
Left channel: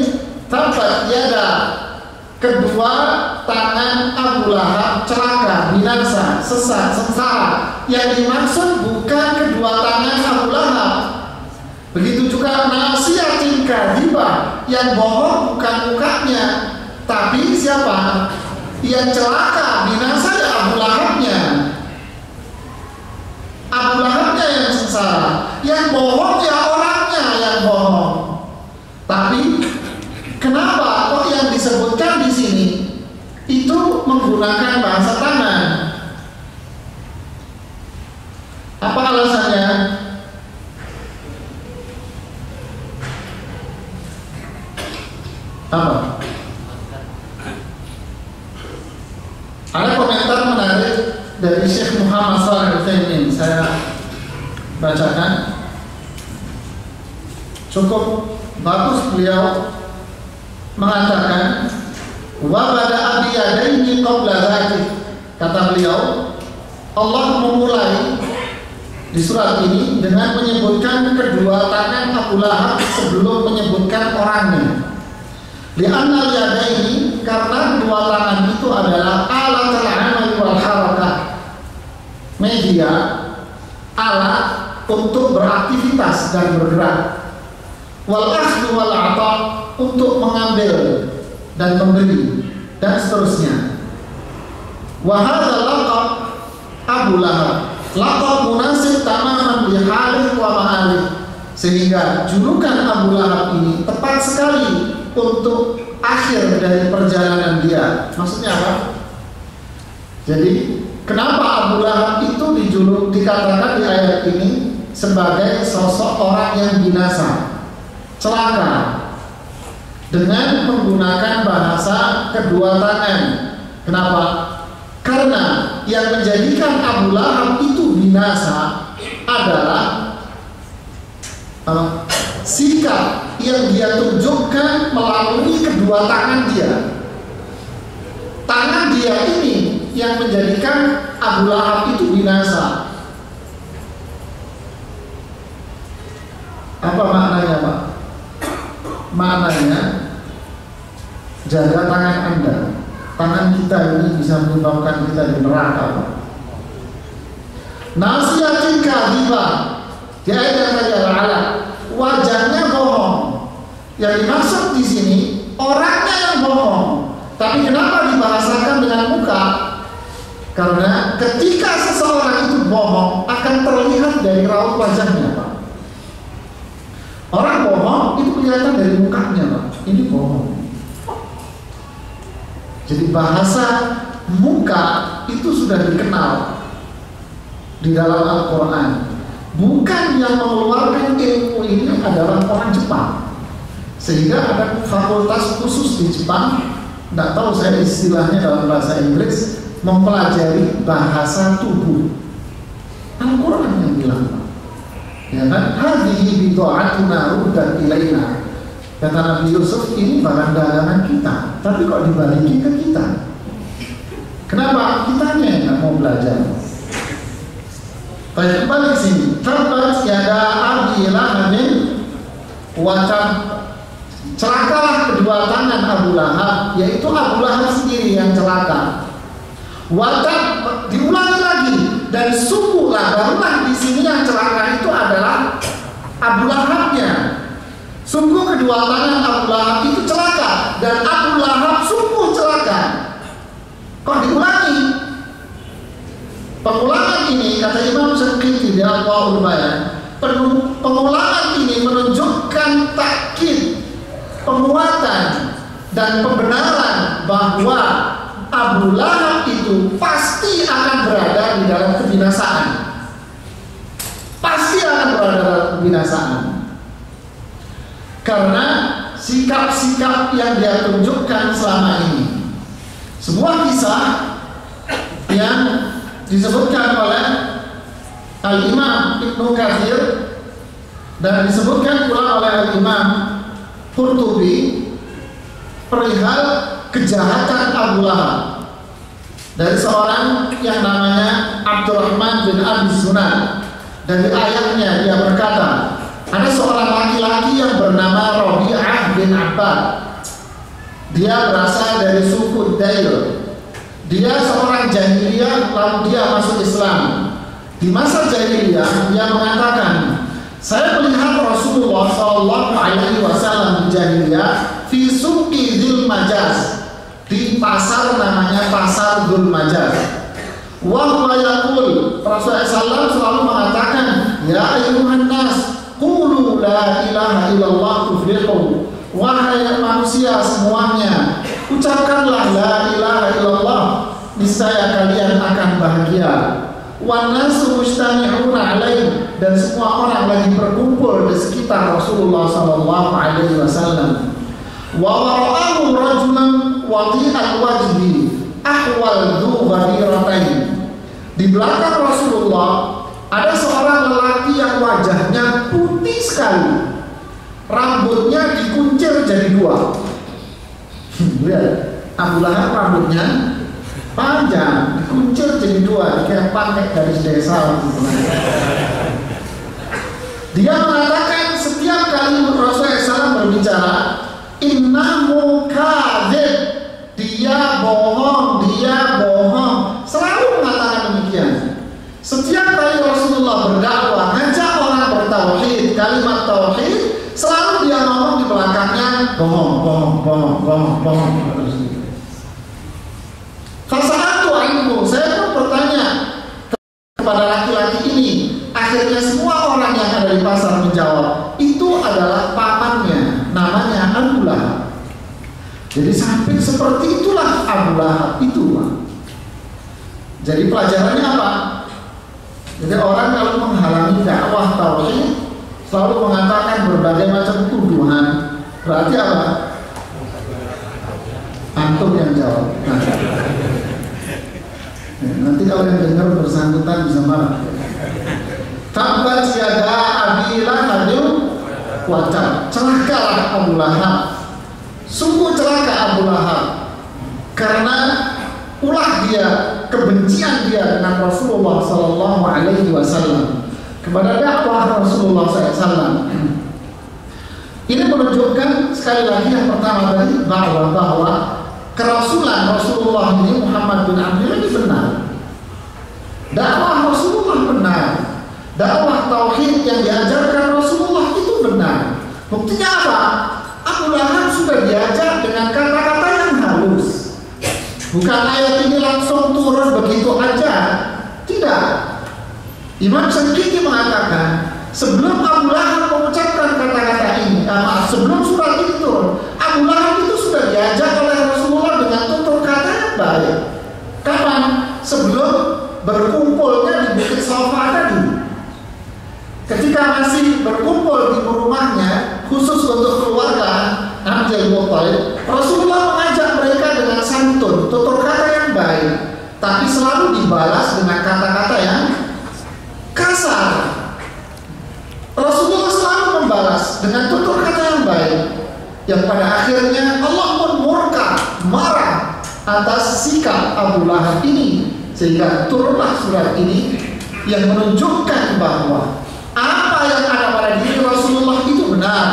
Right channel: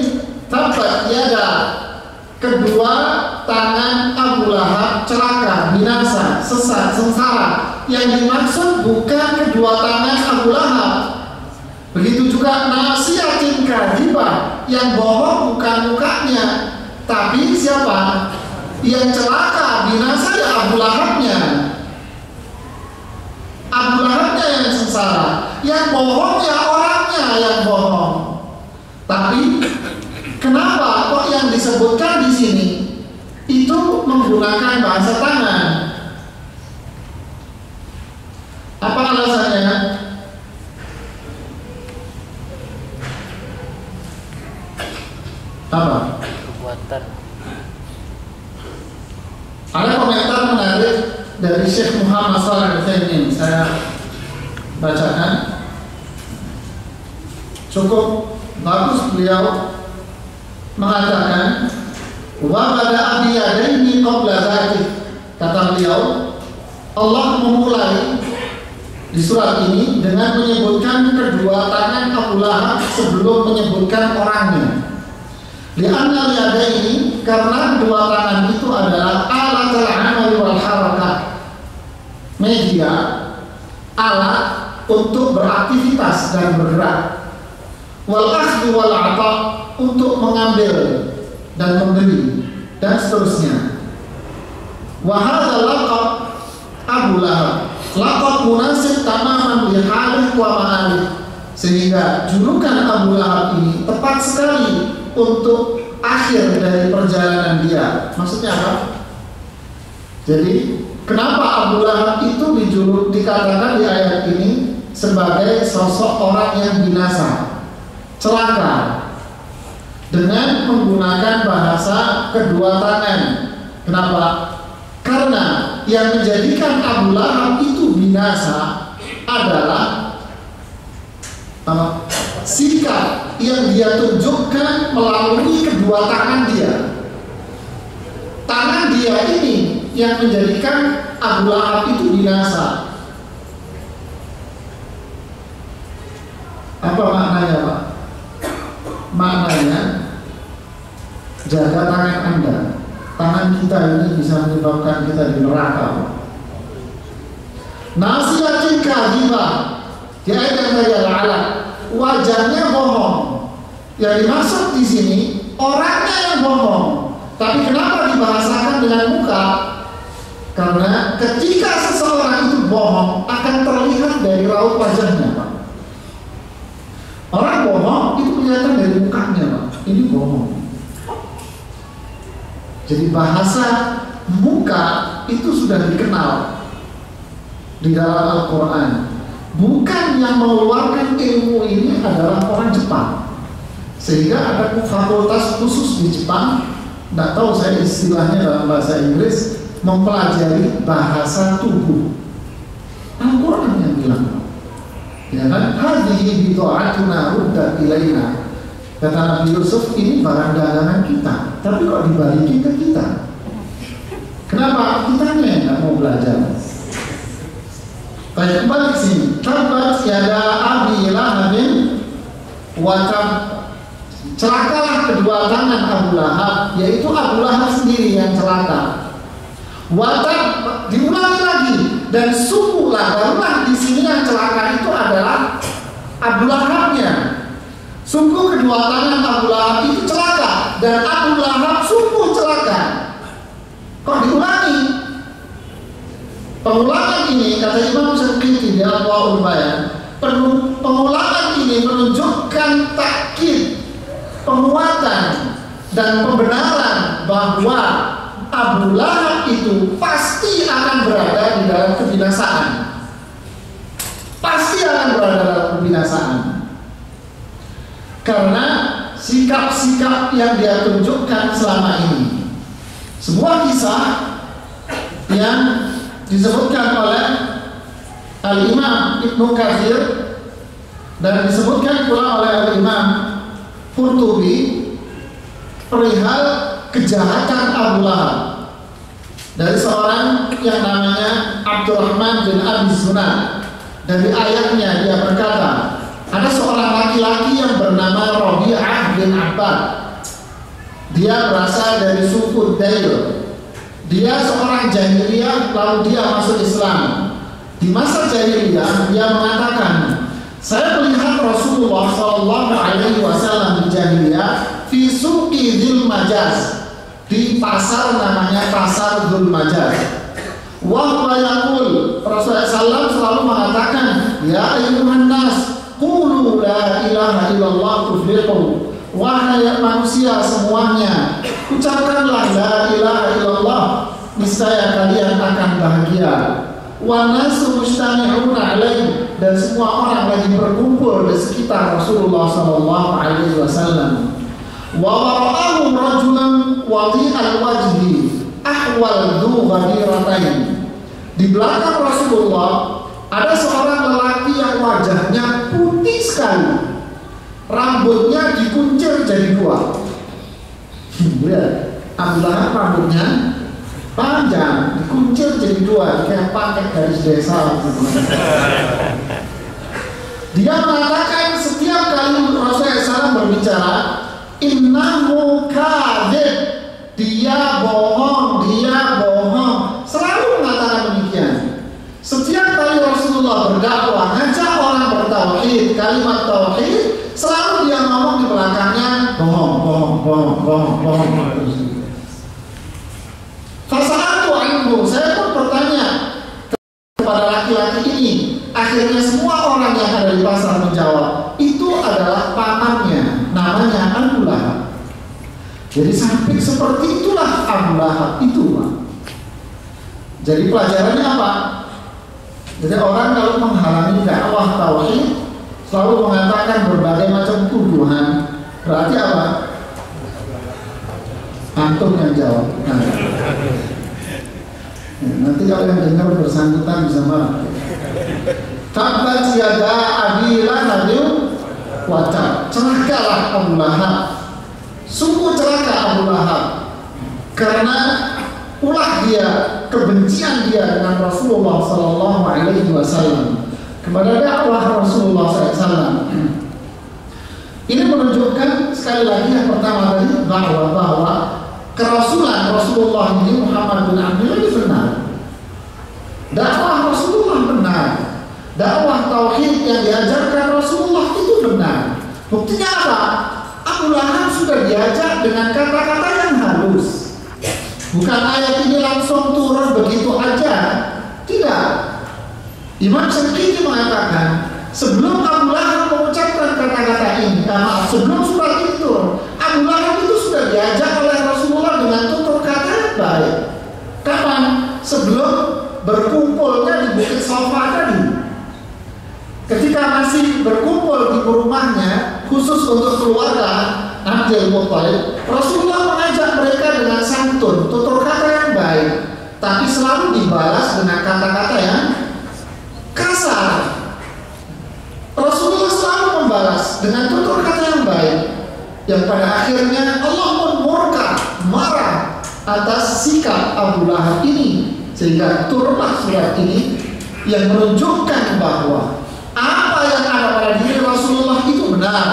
tabbat yada, kedua tangan Abu Lahab celaka, binasa, sesat, sengsara. Yang dimaksud bukan kedua tangan Abu Lahab. Begitu juga nasiyatin kadhibah, yang bohong bukan mukanya, tapi siapa? Yang celaka, binasa ya Abu Lahabnya. Abu Lahabnya yang sengsara, yang bohong ya orangnya yang bohong. Tapi kenapa kok yang disebutkan di sini itu menggunakan bahasa tangan? Apa alasannya? Apa? Ada komentar menarik dari Syekh Muhammad Shalih Al-Utsaimin, saya bacakan. Cukup bagus beliau mengatakan wa bada'a bi yadayni qabla dzalik. Kata beliau, Allah memulai di surat ini dengan menyebutkan kedua tangan Abu Lahab sebelum menyebutkan orangnya. Li'anna yadaini, karena kedua tangan itu adalah alat al-amal wal harakah, media, alat untuk beraktivitas dan bergerak, wal akhdhu wal 'ata, untuk mengambil dan memberi, dan seterusnya. Wa hadza laqab Abu Lahab laqab munasib tamaman li halih wa ma'alih, sehingga julukan Abu Lahab ini tepat sekali untuk akhir dari perjalanan dia. Maksudnya apa? Jadi kenapa Abu Lahab itu dikatakan di ayat ini sebagai sosok orang yang binasa, celaka, dengan menggunakan bahasa kedua tangan. Kenapa? Karena yang menjadikan Abu Lahab itu binasa adalah apa? Sikap yang dia tunjukkan melalui kedua tangan dia. Tangan dia ini yang menjadikan Abu Lahab itu binasa. Apa maknanya, Pak? Maknanya, jaga tangan Anda. Tangan kita ini bisa menyebabkan kita di neraka. Nasiyatin kadhibah, di ayat yang tadi ala, wajahnya bohong. Yang dimaksud di sini orangnya yang bohong. Tapi kenapa dibahasakan dengan muka? Karena ketika seseorang itu bohong akan terlihat dari raut wajahnya, Pak. Orang bohong itu kelihatan dari mukanya, Pak. Ini bohong. Jadi bahasa muka itu sudah dikenal di dalam Al-Quran. Bukan yang mengeluarkan ilmu ini adalah orang Jepang, sehingga ada fakultas khusus di Jepang, tidak tahu saya istilahnya dalam bahasa Inggris, mempelajari bahasa tubuh. Al-Quran yang bilang, ya kan? Hadhihi bid'atuna ruddat ilaina. Kata Nabi Yusuf, ini barang dagangan kita, tapi kok dibalikin ke kita? Kenapa? Kitanya yang nggak mau belajar. Baik, kembali ke sini. Tabbat yada Abi Lahabin wa tab, celakalah kedua tangan Abu Lahab, yaitu Abu Lahab sendiri yang celaka. Wa tab, diulangi lagi, dan sungguhlah, barulah di sini yang celaka itu adalah Abu Lahabnya. Sungguh kedua tangan Abu Lahab itu celaka, dan Abu Lahab sungguh celaka. Kok diulangi? Pengulangan ini, kata Imam Syafi'i di Adwaul Bayan, pengulangan ini menunjukkan takkid, penguatan dan pembenaran bahwa Abu Lahab itu pasti akan berada di dalam kebinasaan. Pasti akan berada dalam kebinasaan. Karena sikap-sikap yang dia tunjukkan selama ini. Sebuah kisah yang disebutkan oleh Al-Imam Ibnu Katsir dan disebutkan pula oleh Al-Imam Qurtubi perihal kejahatan Abu Lahab. dari seorang yang namanya Abdurrahman bin Abi Sunan. Dari ayahnya dia berkata, ada seorang laki-laki yang bernama Rabi'ah bin Abbad. Dia berasal dari suku Dail. Dia seorang jahiliyah, lalu dia masuk Islam. Di masa jahiliyah dia mengatakan, saya melihat Rasulullah SAW di jahiliyah fi suqi Dzul Majaz, di pasar namanya pasar Dzul Majaz. Wa huwa yaqul, Rasulullah SAW selalu mengatakan, ya ayyuhan nas qulu la ilaha illallah tuflihu. Wahai manusia semuanya, ucapkanlah la ilaha illallah, niscaya kalian akan bahagia. Wan nasu mustami'una alaih, dan semua orang lagi berkumpul di sekitar Rasulullah sallallahu alaihi wasallam. Wa wara'ahu rajulan wadi'al wajhi ahwal dzu ghadiratain. Di belakang Rasulullah ada seorang lelaki yang wajahnya putih sekali, rambutnya dikuncir jadi dua. Lihat, Abu Lahab rambutnya panjang, dikuncir jadi dua, kayak pakai garis desa. Dia mengatakan setiap kali Rasulullah SAW berbicara, innahu kadzib, dia bohong, dia bohong. Selalu mengatakan demikian. Setiap kali Rasulullah berdakwah, ngajak orang bertauhid, kalimat tauhid, selalu dia ngomong di belakangnya bohong, bohong, bohong, bohong, bohong. Fasa'atu anhu, saya pun bertanya kepada laki-laki ini. Akhirnya semua orang yang ada di pasar menjawab, itu adalah pamannya, namanya Abu Lahab. Jadi sampai seperti itulah Abu Lahab itu, Pak. Jadi pelajarannya apa? Jadi orang kalau menghalangi dakwah tauhid selalu mengatakan berbagai macam tuduhan. Berarti apa? Antum yang jawab. Nanti kalau yang dengar bersangkutan bisa marah. Tabbat yada Abi Lahab wa tab. Celakalah Abu Lahab. Sungguh celaka Abu Lahab. Karena ulah dia, kebencian dia dengan Rasulullah sallallahu alaihi wasallam, kepada dakwah Rasulullah SAW. Ini menunjukkan sekali lagi yang pertama tadi bahwa kerasulan Rasulullah ini Muhammad bin Abdullah ini benar. Dakwah Rasulullah benar. Dakwah tauhid yang diajarkan Rasulullah itu benar. Buktinya apa? Abu Lahab sudah diajak dengan kata-kata yang halus. Bukan ayat ini langsung turun begitu aja. Tidak. Imam Syafi'i mengatakan sebelum Abu Lahab mengucapkan kata-kata ini, sebelum surat ini turun, Abu Lahab itu sudah diajak oleh Rasulullah dengan tutur kata yang baik. Kapan? Sebelum berkumpulnya di Bukit Safa tadi. Ketika masih berkumpul di rumahnya khusus untuk keluarga Abdul Muttalib, Rasulullah mengajak mereka dengan santun, tutur kata yang baik, tapi selalu dibalas dengan kata-kata yang kasar. Rasulullah selalu membalas dengan tutur kata yang baik, yang pada akhirnya Allah pun murka, marah atas sikap Abu Lahab ini, sehingga turunlah surat ini yang menunjukkan bahwa apa yang ada pada diri Rasulullah itu benar.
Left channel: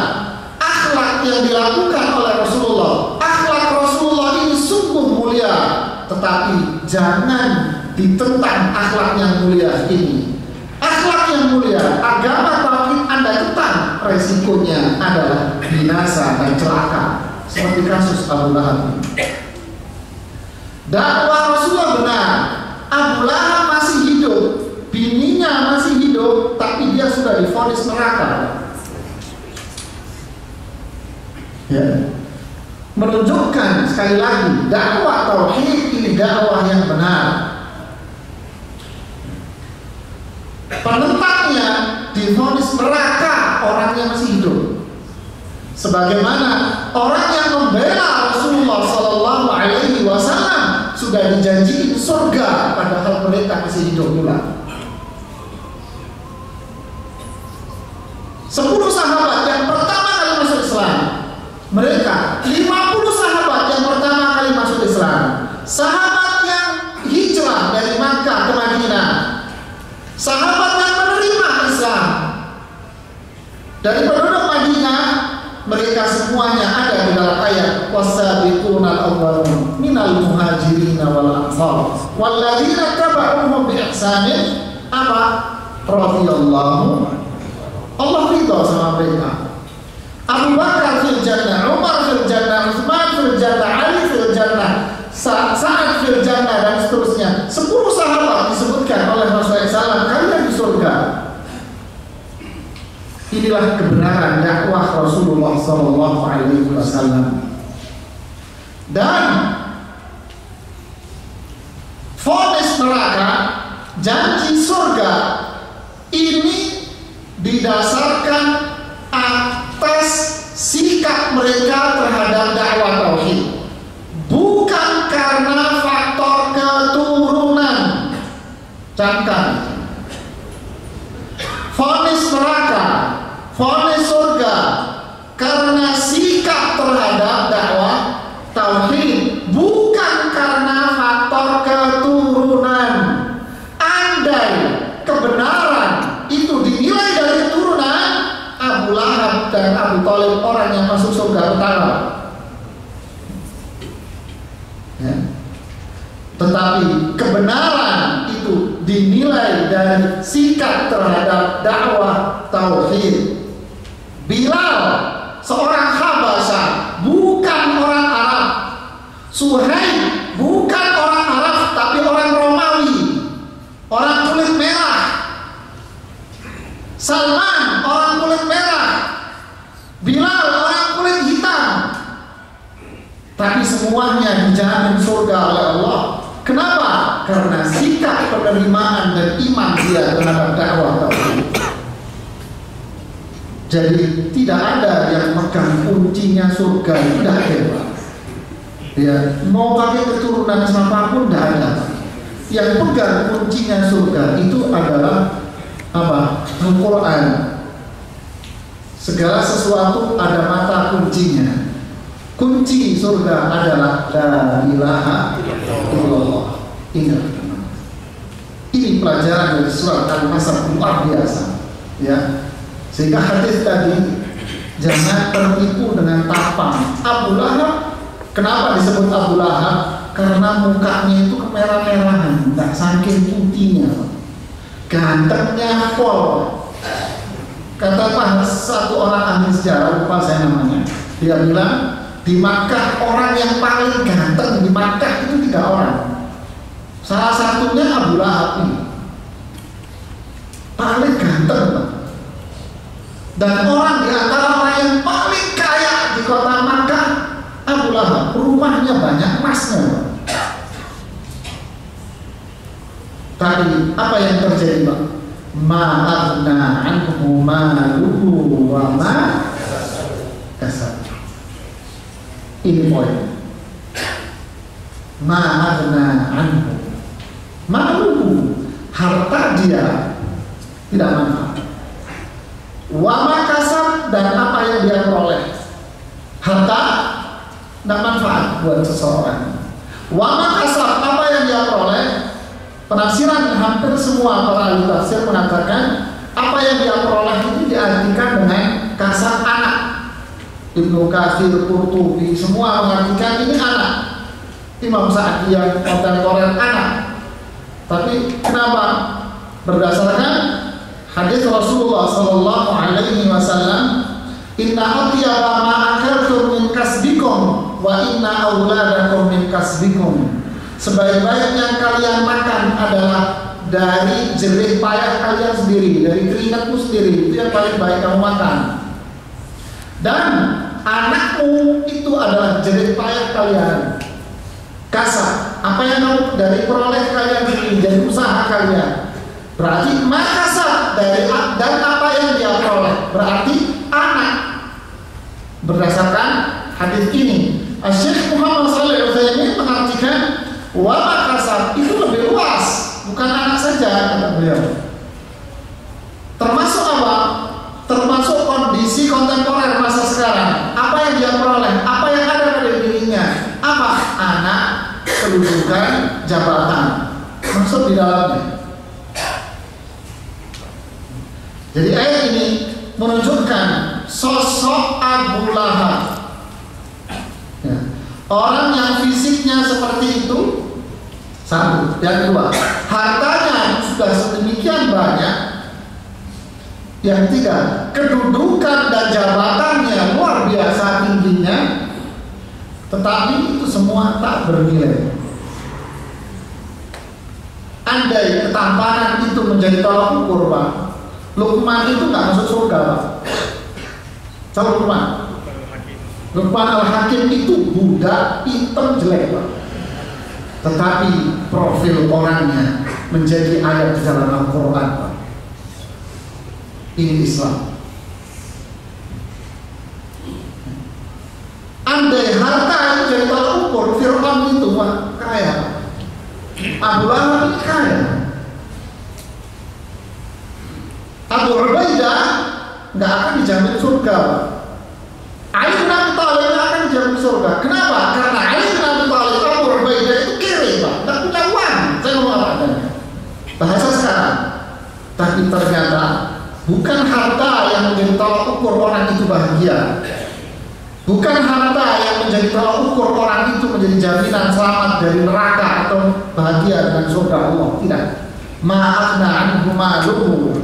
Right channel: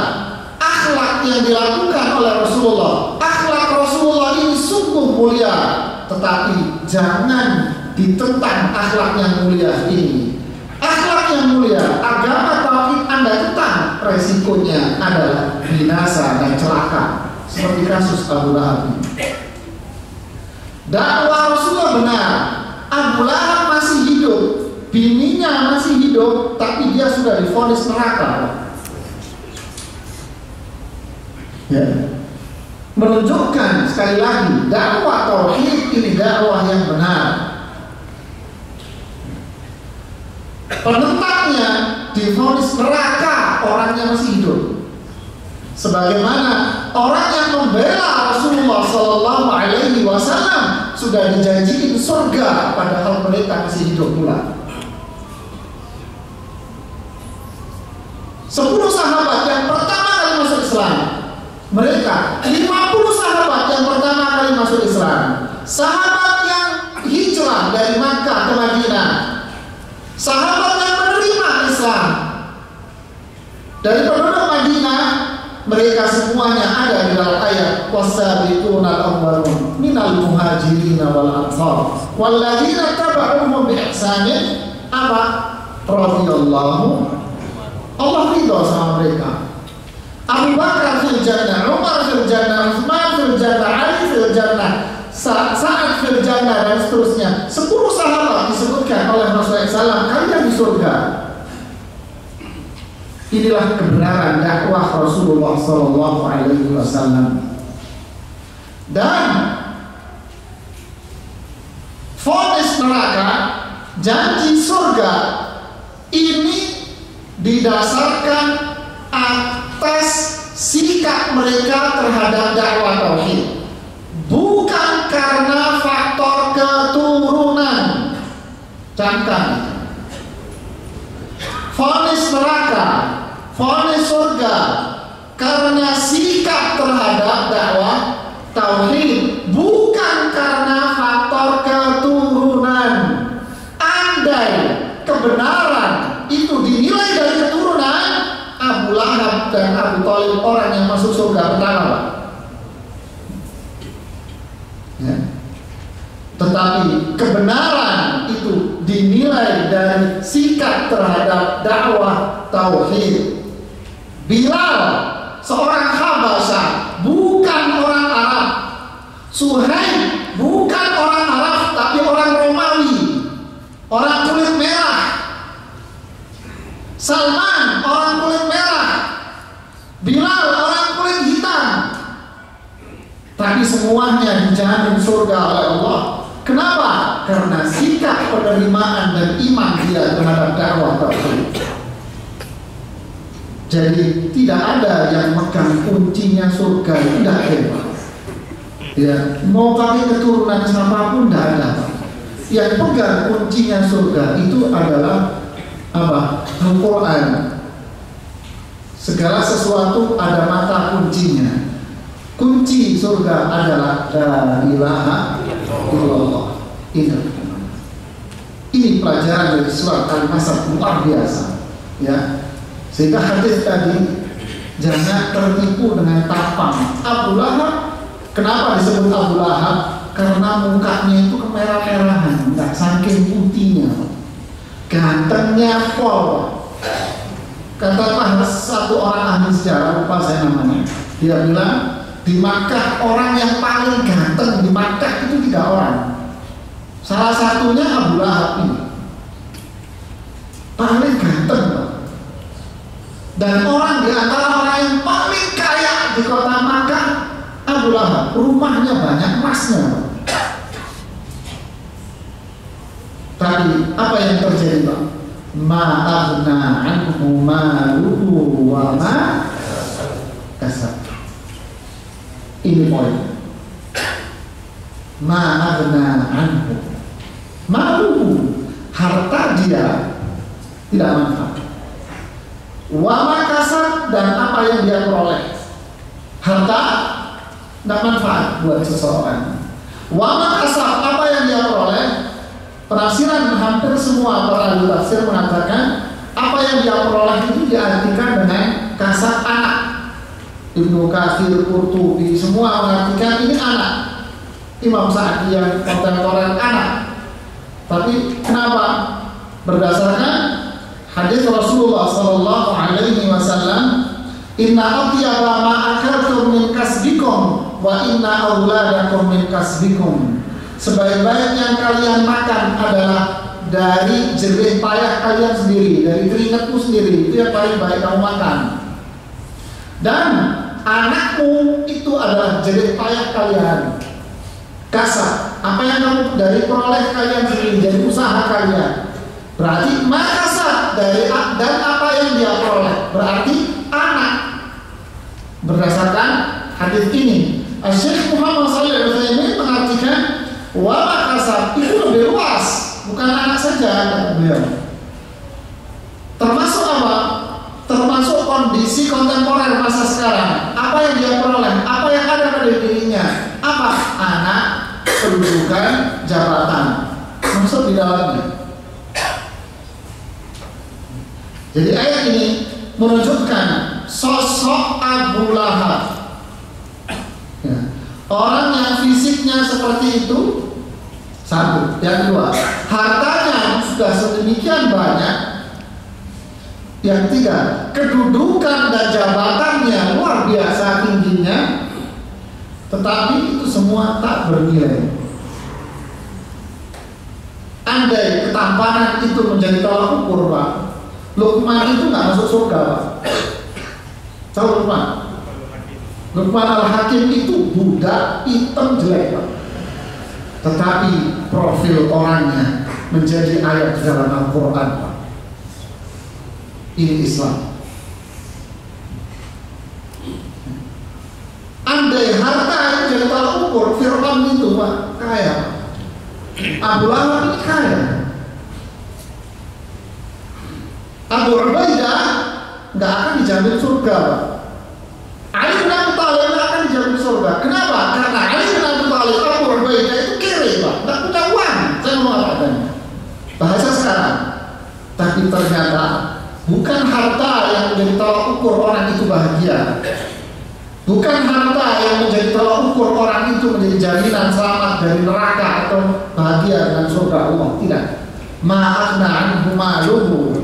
Akhlak yang dilakukan oleh Rasulullah, akhlak Rasulullah ini sungguh mulia, tetapi jangan ditentang akhlak yang mulia ini. Akhlak yang mulia, agama tauhid Anda tentang, resikonya adalah binasa dan celaka, seperti kasus Abu Lahab. Dakwah Rasulullah benar, Abu Lahab masih hidup, bininya masih hidup, tapi dia sudah divonis neraka. Ya. Menunjukkan sekali lagi dakwah tauhid ini dakwah yang benar. Penentangnya divonis neraka orang yang masih hidup. Sebagaimana orang yang membela Rasulullah Sallallahu Alaihi Wasallam sudah dijanjikan surga, padahal mereka masih hidup pula. 10 sahabat yang pertama kali masuk Islam, mereka 50 sahabat yang pertama kali masuk Islam, sahabat yang Dari penduduk Madinah, mereka semuanya ada di dalam ayat wasabiqunal awwalun minal muhajirin wal ansar walladzina tabauhum bi ihsanin apa radhiyallahu Allah ridha sama mereka. Abu Bakar fil jannah, Umar fil jannah, Utsman fil jannah, Ali fil jannah, Sa'ad fil jannah, dan seterusnya. 10 sahabat disebutkan oleh Rasulullah SAW, kalian di surga. Inilah kebenaran dakwah Rasulullah SAW. Dan vonis neraka, janji surga ini didasarkan atas sikap mereka terhadap dakwah tauhid, bukan karena faktor keturunan. Camkan, vonis neraka, vonis surga karena sikap terhadap dakwah tauhid, bukan karena faktor keturunan. Andai kebenaran itu dinilai dari keturunan, Abu Lahab dan Abu Thalib orang yang masuk surga pertama, Pak. Ya. Tetapi kebenaran itu dinilai dari sikap terhadap dakwah tauhid. Bilal seorang Habasyah, bukan orang Arab. Suhaib bukan orang Arab, tapi orang Romawi, orang kulit merah. Salman orang kulit merah, Bilal orang kulit hitam. Tapi semuanya dijamin surga oleh Allah. Kenapa? Karena sikap penerimaan dan iman dia terhadap dakwah tauhid. Jadi tidak ada yang megang kuncinya surga, tidak hebat. Ya, mau pakai keturunan siapapun tidak ada. Yang pegang kuncinya surga itu adalah apa? Al-Quran. Segala sesuatu ada mata kuncinya. Kunci surga adalah la ilaha illallah. Ini pelajaran dari surat Al-Masad luar biasa, ya. Sehingga hadis tadi jangan tertipu dengan tampang Abu Lahab. Kenapa disebut Abu Lahab? Karena mukanya itu kemerah-merahan, tak saking putihnya, gantengnya pol. Kata satu orang ahli sejarah, lupa saya namanya, dia bilang di Makkah orang yang paling ganteng di Makkah itu 3 orang. Salah satunya Abu Lahab ini, paling ganteng, Pak. Dan orang di antara orang yang paling kaya di kota Makkah, Abu Lahab, rumahnya banyak emasnya, Pak. Tapi apa yang terjadi, Pak? Ma'aghna anhu maluhu wa ma kasab. Ini poin. Ma'aghna anhu maluhu, harta dia tidak manfaat. Wa ma kasab, dan apa yang dia peroleh, harta tidak manfaat buat seseorang. Wa ma kasab, apa yang dia peroleh. Penafsiran hampir semua para ahli tafsir mengatakan apa yang dia peroleh itu diartikan dengan kasab anak. Ibnu Katsir, Qurtubi, semua mengartikan ini anak. Imam Sa'di yang kontemporer anak. Tapi kenapa? Berdasarkan hadis Rasulullah Sallallahu Alaihi Wasallam, Inna atyaba ma akaltum min kasbikum wa inna auladakum min kasbikum. Sebaik-baik yang kalian makan adalah dari jerih payah kalian sendiri, dari keringatmu sendiri. Itu yang paling baik kamu makan. Dan anakmu itu adalah jerih payah kalian. Kasab, apa yang kamu dari peroleh kalian sendiri, dari usaha kalian. Berarti makasab dari dan apa yang dia peroleh, berarti anak. Berdasarkan hadis ini, Syekh Muhammad Shalih Al-Utsaimin mengartikan wa makasab itu lebih luas, bukan anak saja, kata beliau. Termasuk apa? Termasuk kondisi kontemporer masa sekarang. Apa yang dia peroleh, apa yang ada pada dirinya, apa? Anak, kedudukan, jabatan, masuk di dalamnya. Jadi ayat ini menunjukkan sosok Abu Lahab. Ya. Orang yang fisiknya seperti itu, satu. Yang kedua, hartanya sudah sedemikian banyak. Yang ketiga, kedudukan dan jabatannya luar biasa tingginya, tetapi itu semua tak bernilai. Andai ketampanan itu menjadi tolak ukur, Pak, Luqman itu nggak masuk surga, Pak. Tahu Luqman? Luqman Al-Hakim itu budak hitam jelek, Pak. Tetapi profil orangnya menjadi ayat di dalam Al-Quran, Pak. Ini Islam. Andai harta itu jadi tolak ukur, Fir'aun itu Pak kaya, Pak. Abu Lahab ini kaya. Abu Ubaidah nggak akan dijamin surga, Pak. Ali bin Abi Thalib nggak akan dijamin surga. Kenapa? Karena Ali bin Abi Thalib, Abu Ubaidah itu kiri, Pak, nggak punya uang. Saya ngomong apa adanya, bahasa sekarang. Tapi ternyata bukan harta yang menjadi tolak ukur orang itu bahagia. Bukan harta yang menjadi tolak ukur orang itu menjadi jaminan selamat dari neraka atau bahagia dengan surga Allah. Tidak. Ma'akhna anhu maluhu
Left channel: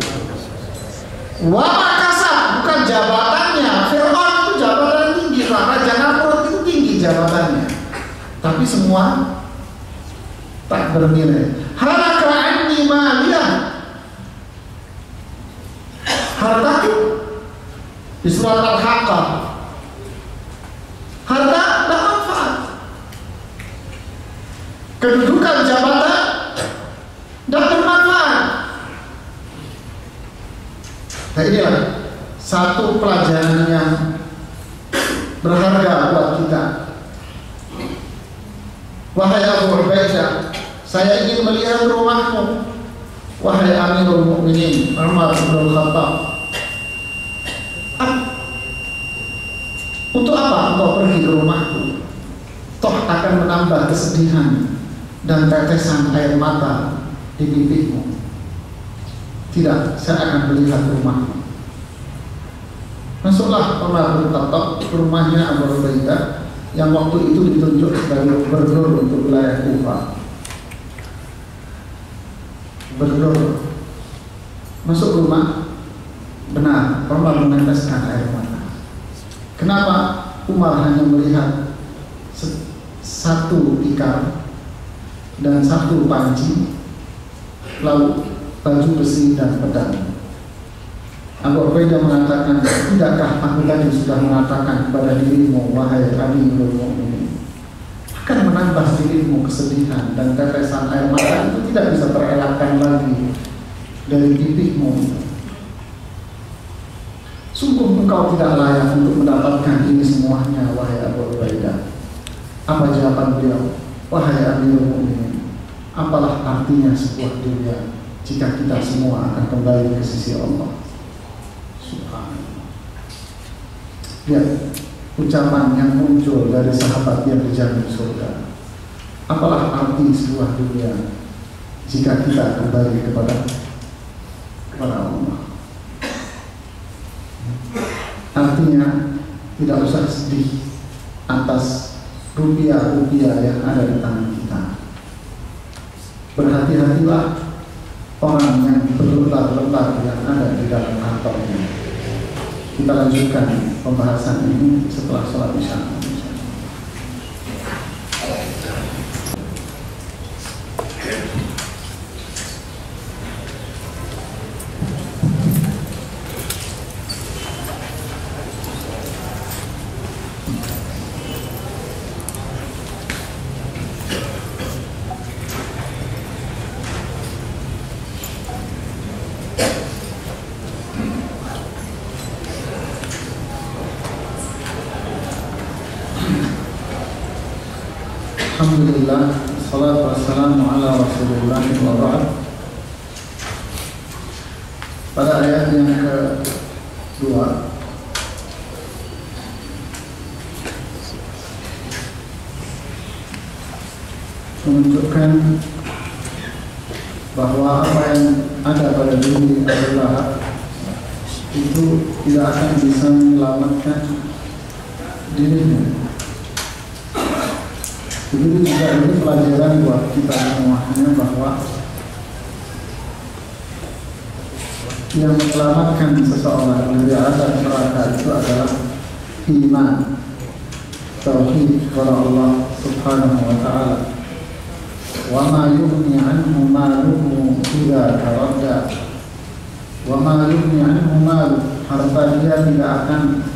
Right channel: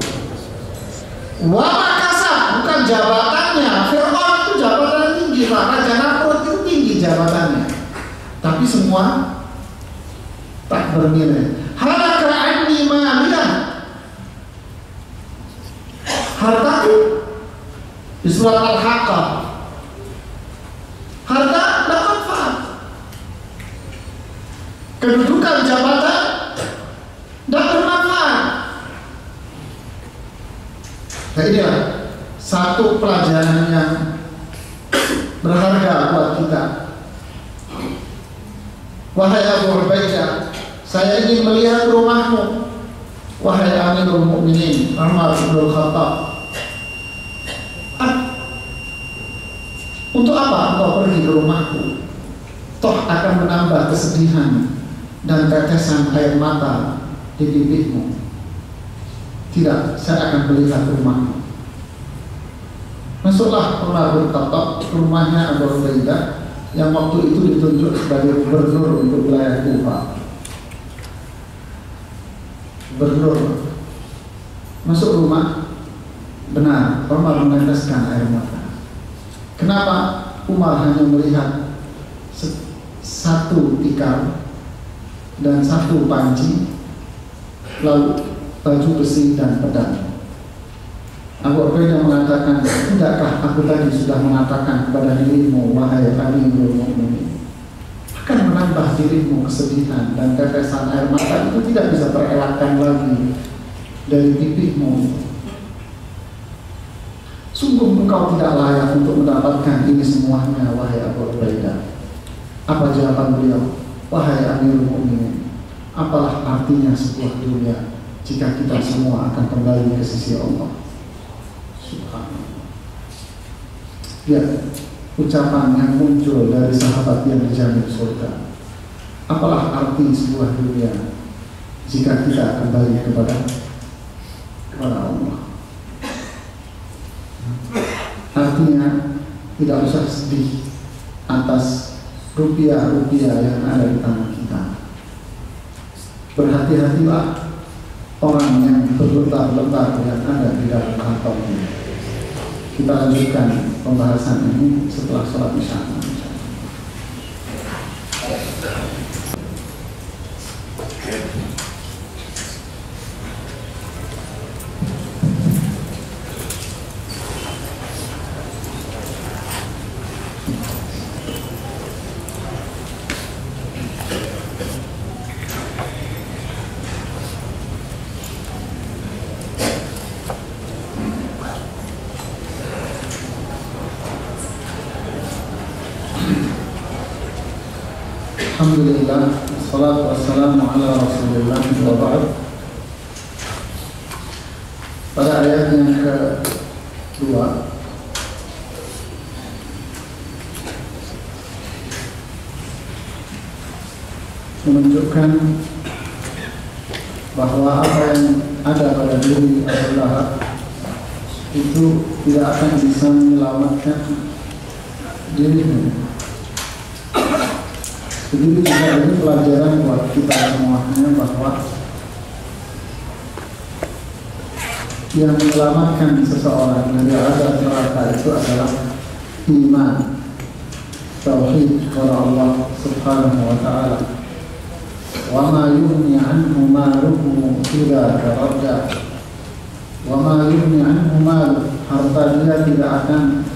wa ma kasab, bukan jabatannya. Fir'aun itu jabatan tinggi, Pak. Raja Namrud itu tinggi jabatannya, tapi semua tak bernilai. Halaka anni maliyah, hartaku di surat Al-Haqqah, harta tidak manfaat, kedudukan jabatan tidak bermanfaat. Nah, inilah satu pelajaran yang berharga buat kita. Wahai Abu Ubaidah, saya ingin melihat rumahmu. Wahai Amirul Mukminin Umar bin Khattab, untuk apa engkau pergi ke rumahku? Toh akan menambah kesedihan dan tetesan air mata di pipimu. Tidak, saya akan melihat rumahmu. Masuklah Umar bin Khattab ke rumahnya Abu Ubaidah yang waktu itu ditunjuk sebagai gubernur untuk wilayah Kufah. Gubernur masuk rumah, benar Umar meneteskan air mata. Kenapa Umar hanya melihat satu tikar dan satu panci, lalu baju besi dan pedang? Abu Ubaidah mengatakan, tidakkah aku tadi sudah mengatakan kepada dirimu, wahai Amirul Mukminin, akan menambah dirimu kesedihan dan tetesan air mata itu tidak bisa terelakkan lagi dari pipimu. Sungguh engkau tidak layak untuk mendapatkan ini semuanya, wahai Abu Ubaidah. Apa jawaban beliau? Wahai Amirul Mukminin, apalah artinya sebuah dunia jika kita semua akan kembali ke sisi Allah? Subhanallah. Lihat ucapan yang muncul dari sahabat yang dijamin surga. Apalah arti sebuah dunia jika kita kembali kepada Allah? Artinya tidak usah sedih atas rupiah-rupiah yang ada di tangan kita. Berhati-hatilah orang yang berlembar-lembar yang ada di dalam kantongnya. Kita lanjutkan pembahasan ini setelah sholat isya. Alhamdulillah, salatu wassalamu ala Rasulillah wa ba'd. Pada ayat yang kedua menunjukkan bahwa apa yang ada pada diri Abu Lahab itu tidak akan bisa menyelamatkan dirinya. Begitu juga ini pelajaran buat kita semuanya, bahwa yang menyelamatkan seseorang dari azab neraka itu adalah iman, tauhid kepada Allah Subhanahu wa taala. Wa ma yughni anhu maluhu idza taradda. Wa ma yughni anhu maluhu, harta dia tidak akan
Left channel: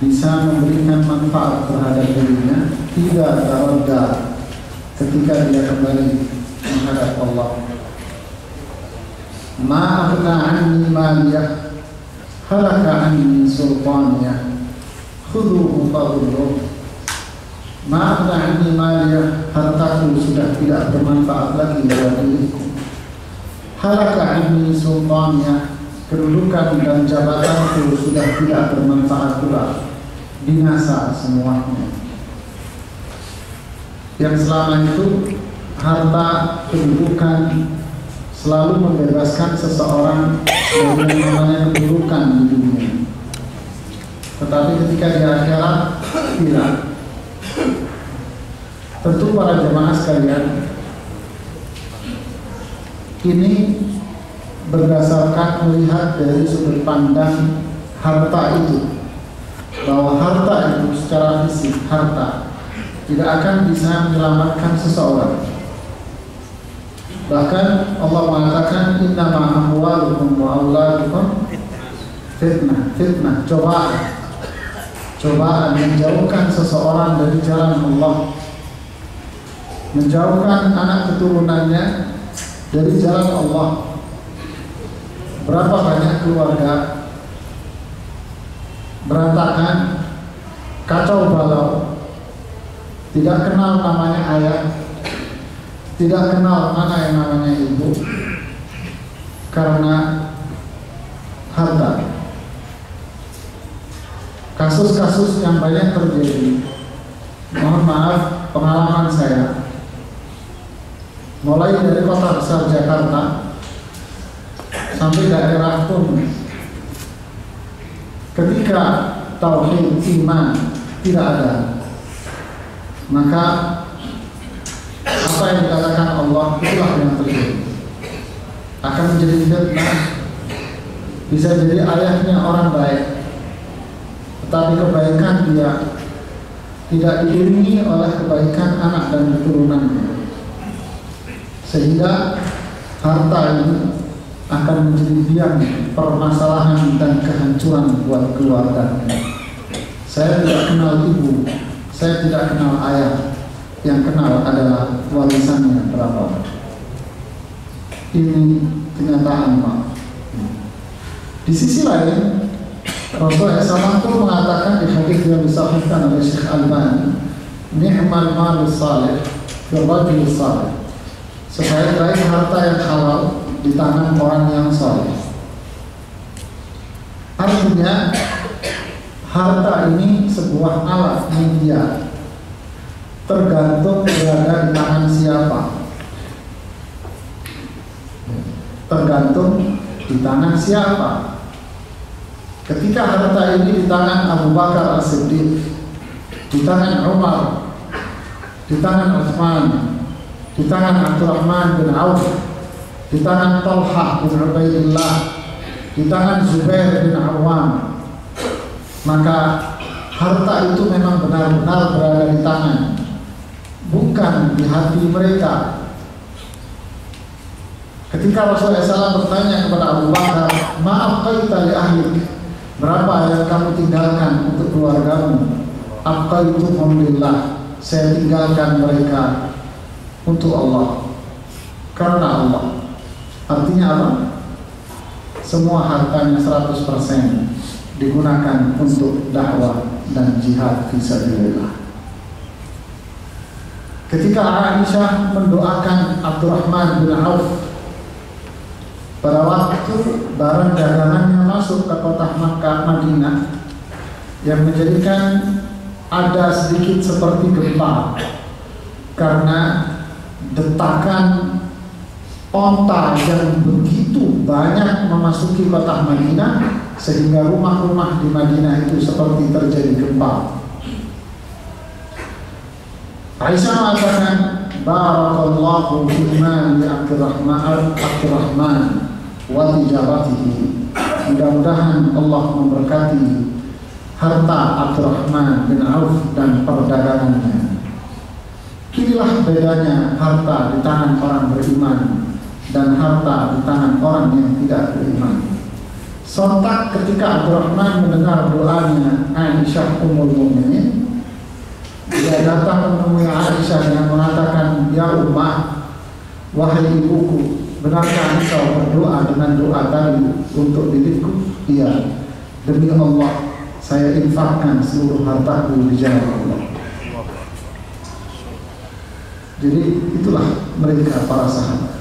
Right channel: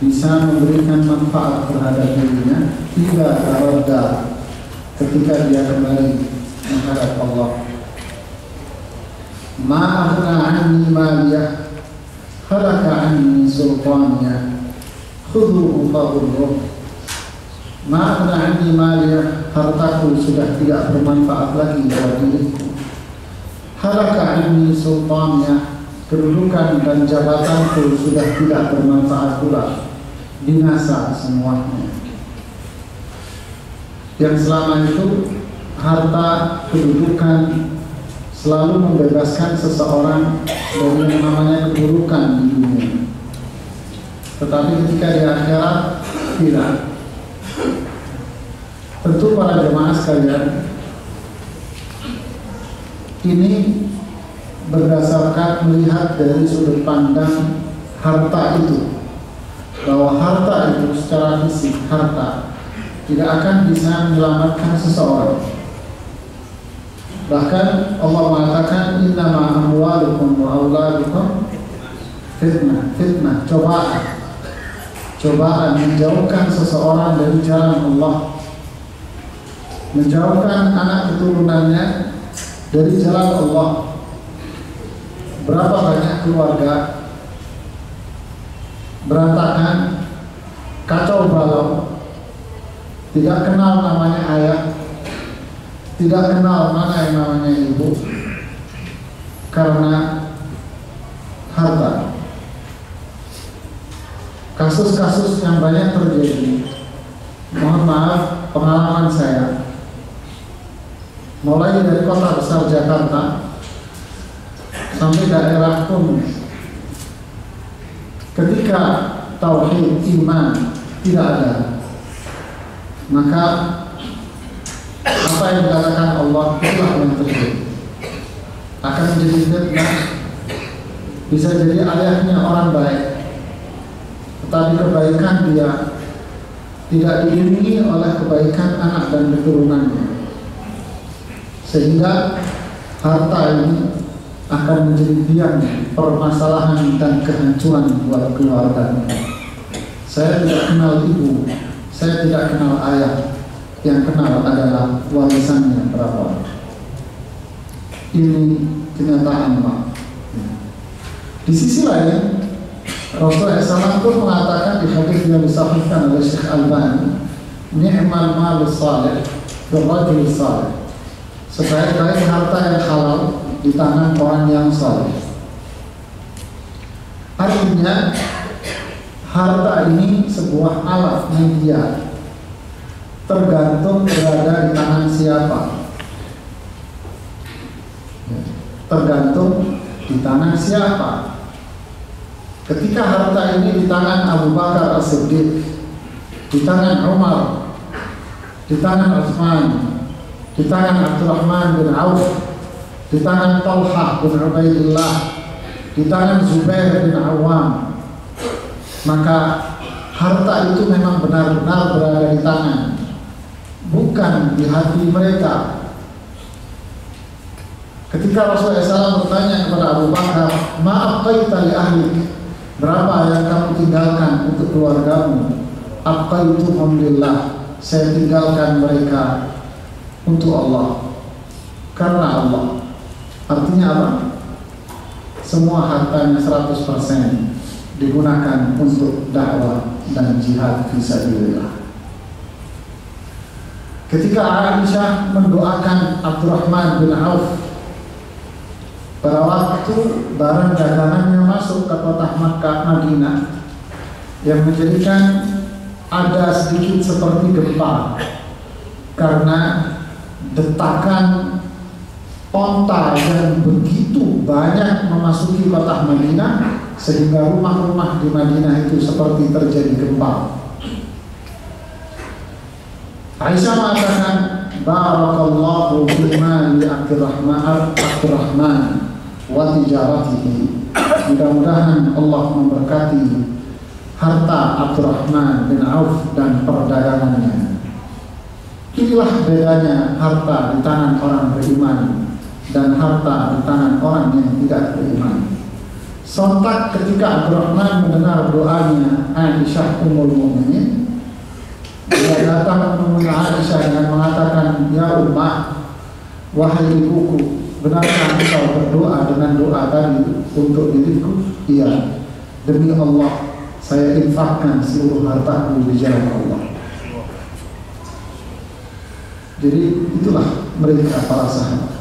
bisa memberikan manfaat terhadap dirinya idza taradda, ketika dia kembali menghadap Allah. Ma aghna anni maliyah halaka anni sultaniyah khudhuhu faghurruh. Ma aghna anni maliyah, hartaku sudah tidak bermanfaat lagi bagi diriku. Halaka anni sultaniyah, kedudukan dan jabatanku sudah tidak bermanfaat pula, binasa semuanya. Yang selama itu harta, kedudukan selalu membebaskan seseorang dari yang namanya keburukan di dunia. Tetapi ketika di akhirat tidak. Tentu para jemaah sekalian, ini berdasarkan melihat dari sudut pandang harta itu, bahwa harta itu secara fisik, harta tidak akan bisa menyelamatkan seseorang. Bahkan Allah mengatakan innama amwalukum wa auladukum fitnah, cobaan menjauhkan seseorang dari jalan Allah, menjauhkan anak keturunannya dari jalan Allah. Berapa banyak keluarga berantakan, kacau balau, tidak kenal namanya ayah, tidak kenal mana yang namanya ibu, karena harta. Kasus-kasus yang banyak terjadi, mohon maaf, pengalaman saya, mulai dari kota besar Jakarta sampai daerah pun, ketika tauhid iman tidak ada, maka apa yang dikatakan Allah itulah yang terjadi. Akan menjadi fitnah. Bisa jadi ayahnya orang baik, tetapi kebaikan dia tidak diiringi oleh kebaikan anak dan keturunannya, sehingga harta ini akan menjadi biang permasalahan dan kehancuran buat keluarganya. Saya tidak kenal ibu, saya tidak kenal ayah, yang kenal adalah warisannya berapa. Ini kenyataan, Pak. Di sisi lain, Rasulullah SAW itu mengatakan di hadis yang disahihkan oleh Syekh Albani, ni'mal malus salih fil rajul salih, sebaik-baik harta yang halal di tangan orang yang saleh. Artinya harta ini sebuah alat media, tergantung berada di tangan siapa. Tergantung di tangan siapa. Ketika harta ini di tangan Abu Bakar As-Siddiq, di tangan Umar, di tangan Utsman, di tangan Abdurrahman bin Auf, di tangan Talha bin Ubaidillah, di tangan Zubair bin Awam, maka harta itu memang benar-benar berada di tangan, bukan di hati mereka. Ketika Rasulullah SAW bertanya kepada Abu Bakar, ma'abqaita li ahlik, berapa yang kamu tinggalkan untuk keluargamu? Abqaituhum lillah, saya tinggalkan mereka untuk Allah, karena Allah. Artinya apa? Semua hartanya 100% digunakan untuk dakwah dan jihad fisabilillah. Ketika Aisyah mendoakan Abdurrahman bin Auf pada waktu barang dagangannya masuk ke kota Makkah Madinah, yang menjadikan ada sedikit seperti gempa karena detakan onta yang begitu banyak memasuki kota Madinah, sehingga rumah-rumah di Madinah itu seperti terjadi gempa. Aisyah mengatakan, barakallahu fi mali Abdurrahman wa tijaratihi. Mudah-mudahan Allah memberkati harta Abdurrahman bin Auf dan perdagangannya. Inilah bedanya harta di tangan orang beriman dan harta di tangan orang yang tidak beriman. Sontak ketika Abdurrahman mendengar doanya Aisyah Ummul Mukminin, dia datang menemui Aisyah dengan mengatakan, ya Ummah, wahai ibuku, benarkah engkau berdoa dengan doa tadi untuk diriku? Iya, demi Allah, saya infakkan seluruh hartaku di jalan Allah. Jadi itulah mereka para sahabat.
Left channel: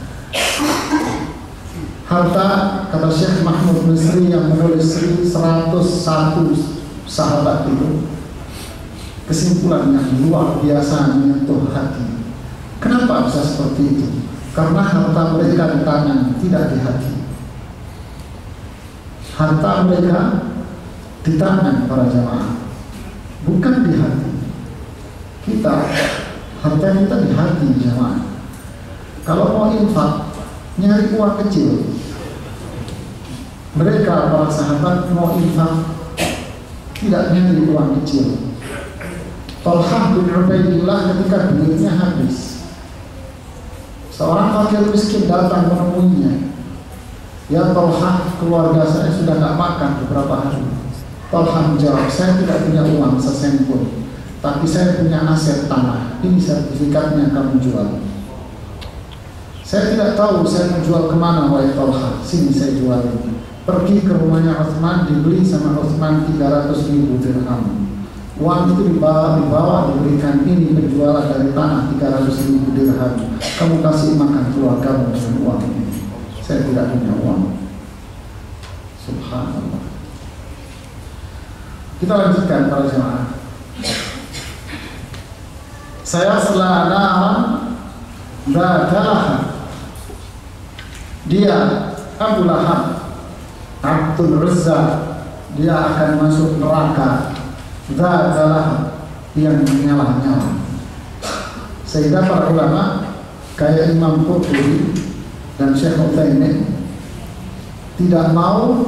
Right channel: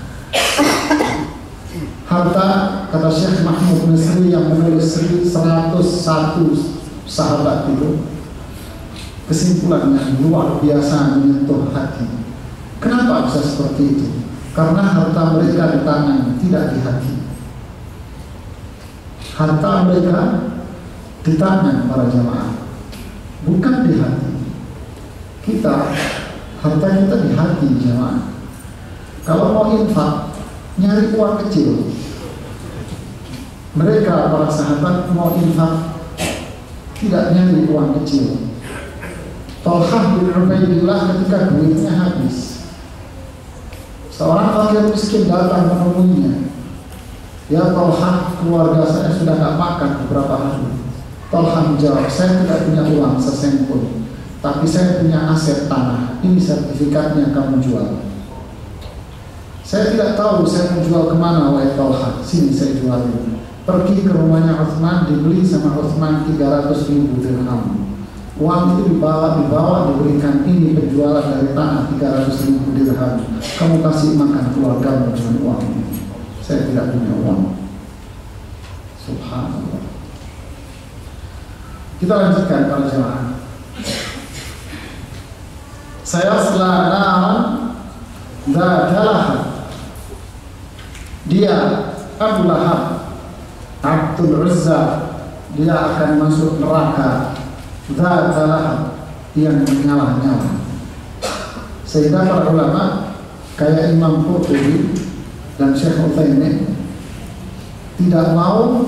Harta, kata Syekh Mahmud Misri yang menulis 101 sahabat itu, kesimpulannya luar biasa menyentuh hati. Kenapa bisa seperti itu? Karena harta mereka di tangan, tidak di hati. Harta mereka di tangan para jamaah, bukan di hati. Kita, harta kita di hati jamaah. Kalau mau infak, nyari uang kecil. Mereka para sahabat mau infak, tidak nyari uang kecil. Talhah bin Ubaidillah ketika duitnya habis, seorang fakir miskin datang menemuinya. Ya Talhah, keluarga saya sudah gak makan beberapa hari. Talhah menjawab, saya tidak punya uang sesen pun, tapi saya punya aset tanah. Ini sertifikatnya, kamu jual. Saya tidak tahu saya menjual kemana, wahai Talhah. Sini saya jualin. Pergi ke rumahnya Utsman, dibeli sama Utsman 300.000 dirham. Uang itu dibawa diberikan, ini penjualan dari tanah 300.000 dirham. Kamu kasih makan keluargamu dengan uang ini. Saya tidak punya uang. Subhanallah. Kita lanjutkan para jemaah. Saya selanaran dadalah. Dia Abu Lahab Abdul Uzza, dia akan masuk neraka. Zadalah, yang menyala-nyala. Sehingga para ulama kayak Imam Qurtubi dan Syekh Utsaimin tidak mau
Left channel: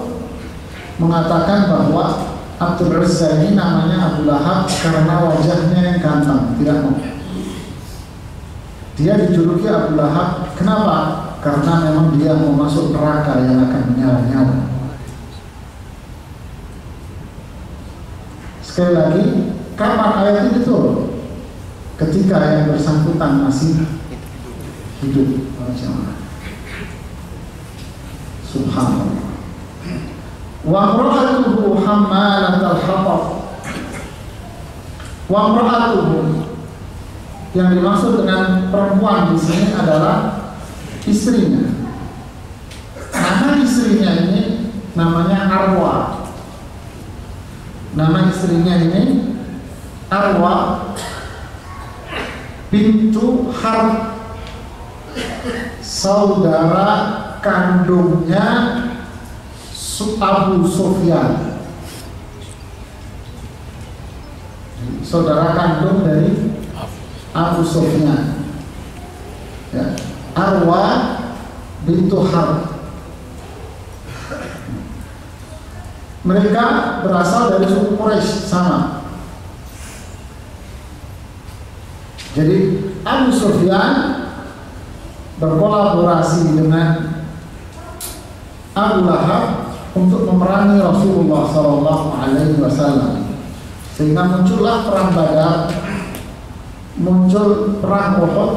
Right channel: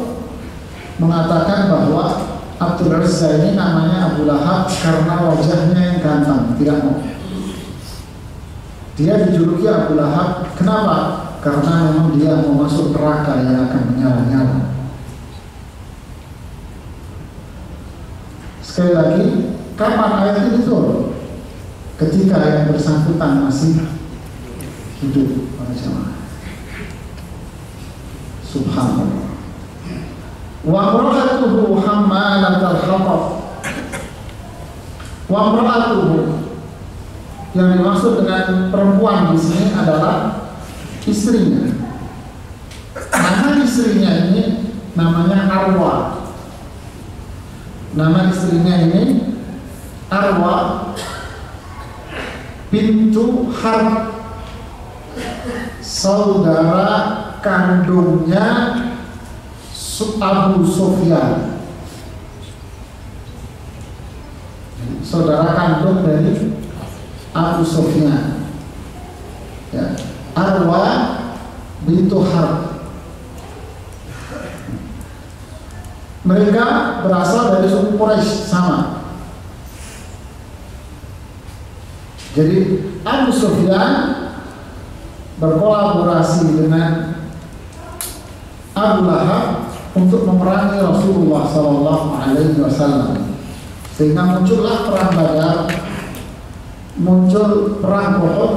mengatakan bahwa Abdul Uzza ini namanya Abu Lahab karena wajahnya yang ganteng, tidak mau. Dia dijuluki Abu Lahab, kenapa? Karena memang dia mau masuk neraka yang akan menyala-nyala. Sekali lagi, kapan ayat ini turun? Ketika yang bersangkutan masih hidup, subhanallah. Wa imra'atuhu hammalatal hatab. Wa imra'atuhu, yang dimaksud dengan perempuan di sini adalah istrinya. Nama istrinya ini namanya Arwa. Nama istrinya ini Arwa bintu Harb, saudara kandungnya Abu Sufyan. Saudara kandung dari Abu Sufyan, ya. Arwa bintu Harb. Mereka berasal dari suku Quraisy sama. Jadi Abu Sufyan berkolaborasi dengan Abu Lahab untuk memerangi Rasulullah SAW, sehingga muncullah perang Badar, muncul perang Uhud,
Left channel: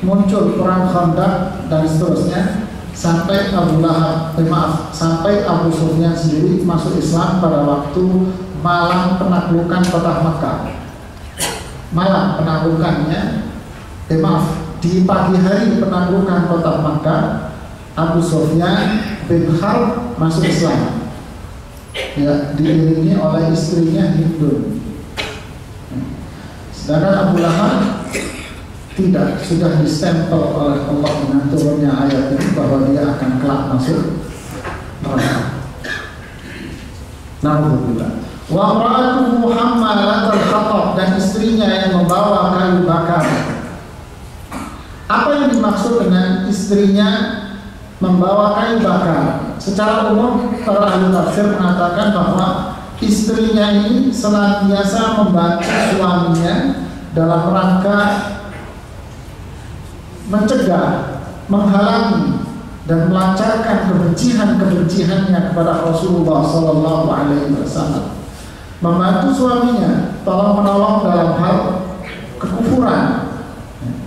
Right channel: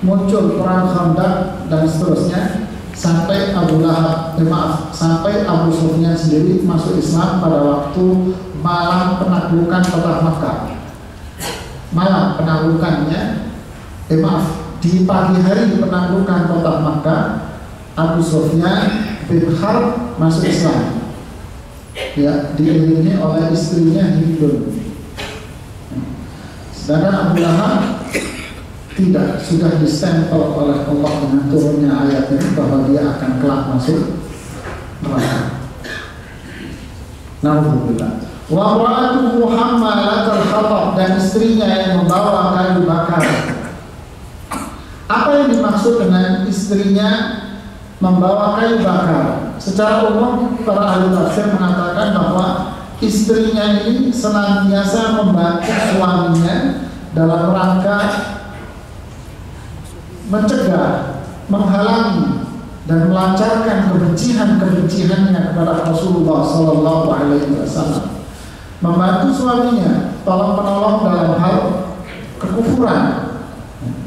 muncul perang Khandaq dan seterusnya, sampai sampai Abu Sufyan sendiri masuk Islam pada waktu malam penaklukan kota Mekah. Malam penaklukannya, di pagi hari penaklukan kota Mekah, Abu Sufyan bin Harb masuk Islam, ya, diiringi oleh istrinya Hindun. Sedangkan Abu Lahab tidak, sudah distempel oleh Allah dengan turunnya ayat ini bahwa dia akan kelak masuk neraka. Nauzubillah. Wa imra'atuhu hammalatal hatab, dan istrinya yang membawa kayu bakar. Apa yang dimaksud dengan istrinya membawa kayu bakar? Secara umum para ahli tafsir mengatakan bahwa istrinya ini senantiasa membantu suaminya dalam rangka mencegah, menghalangi dan melancarkan kebenciannya kepada Rasulullah Sallallahu Alaihi Wasallam. Membantu suaminya tolong menolong dalam hal kekufuran.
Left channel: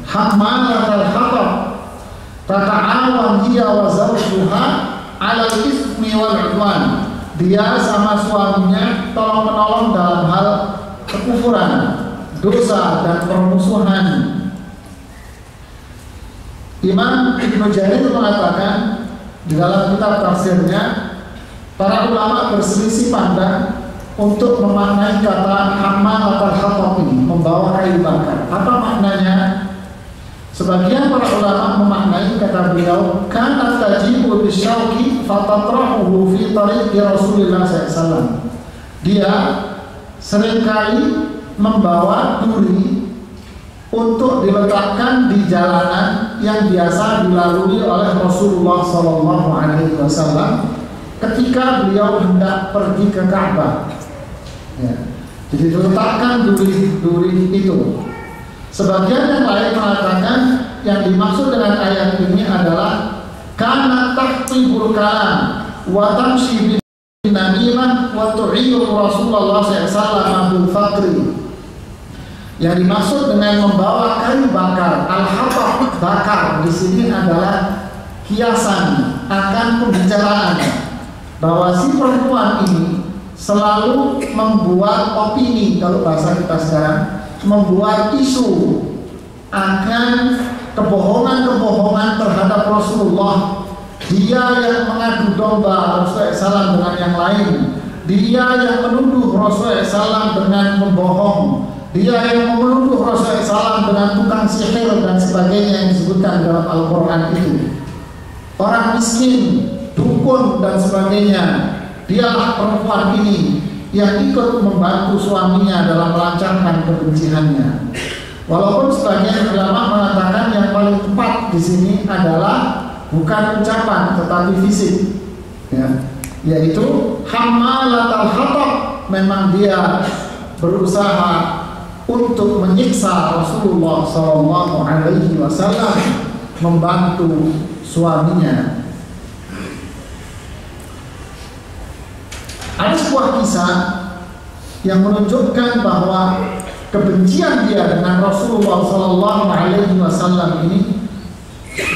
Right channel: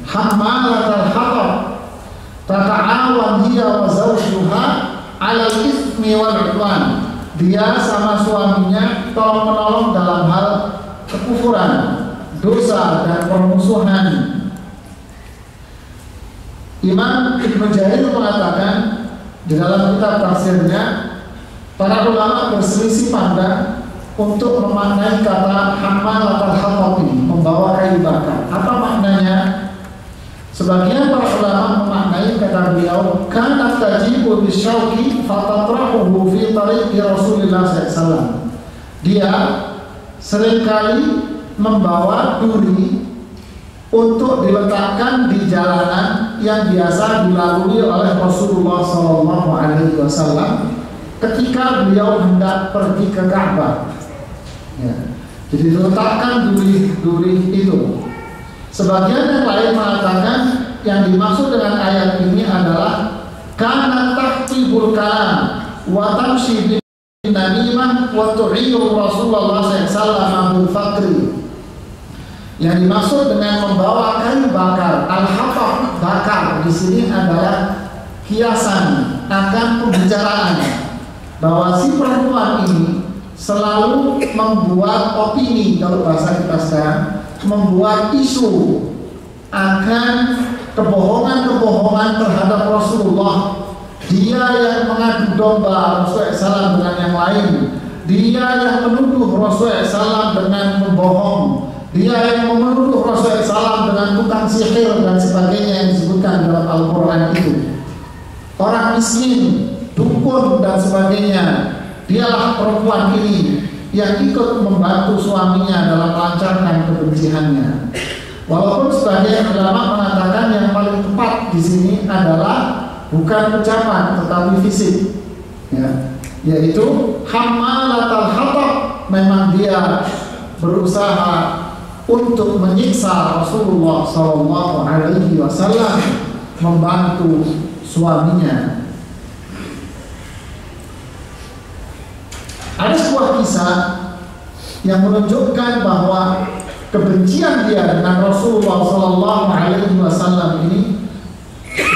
Hammalatal hatab, tata'awan hiya wa zawjuha 'alal itsmi wal 'udwan. Dia sama suaminya tolong menolong dalam hal kekufuran, dosa dan permusuhan. Imam Ibnu Jarir mengatakan di dalam kitab tafsirnya, para ulama berselisih pandang untuk memaknai kata hammalatal hatab ini, membawa kayu bakar. Apa maknanya? Sebagian para ulama memaknai kata beliau, kanat tajibu bisyauqi fatatrahuhu fi tariqi Rasulillah SAW. Dia seringkali membawa duri untuk diletakkan di jalanan yang biasa dilalui oleh Rasulullah SAW ketika beliau hendak pergi ke Ka'bah. Ya. Jadi diletakkan duri-duri itu. Sebagian yang lain mengatakan yang dimaksud dengan ayat ini adalah kana tahtibul kalam wa tamshi bin namimah wa tu'iyyu Rasulullah SAW bil faqri. Yang dimaksud dengan membawa kayu bakar, al-hatab bakar di sini adalah kiasan akan pembicaraan bahwa si perempuan ini selalu membuat opini, kalau bahasa kita sekarang, membuat isu akan kebohongan-kebohongan terhadap Rasulullah. Dia yang mengadu domba Rasulullah SAW dengan yang lain. Dia yang menuduh Rasulullah SAW dengan membohong. Dia yang menuduh Rasulullah SAW dengan tukang sihir dan sebagainya yang disebutkan dalam Al-Quran itu. Orang miskin, dukun dan sebagainya. Dialah perempuan ini yang ikut membantu suaminya dalam melancarkan kebenciannya. Walaupun sebagian ulama mengatakan yang paling tepat di sini adalah bukan ucapan tetapi fisik, ya, yaitu hammalatal hatab. Memang dia berusaha untuk menyiksa Rasulullah SAW, membantu suaminya. Ada sebuah kisah yang menunjukkan bahwa kebencian dia dengan Rasulullah SAW ini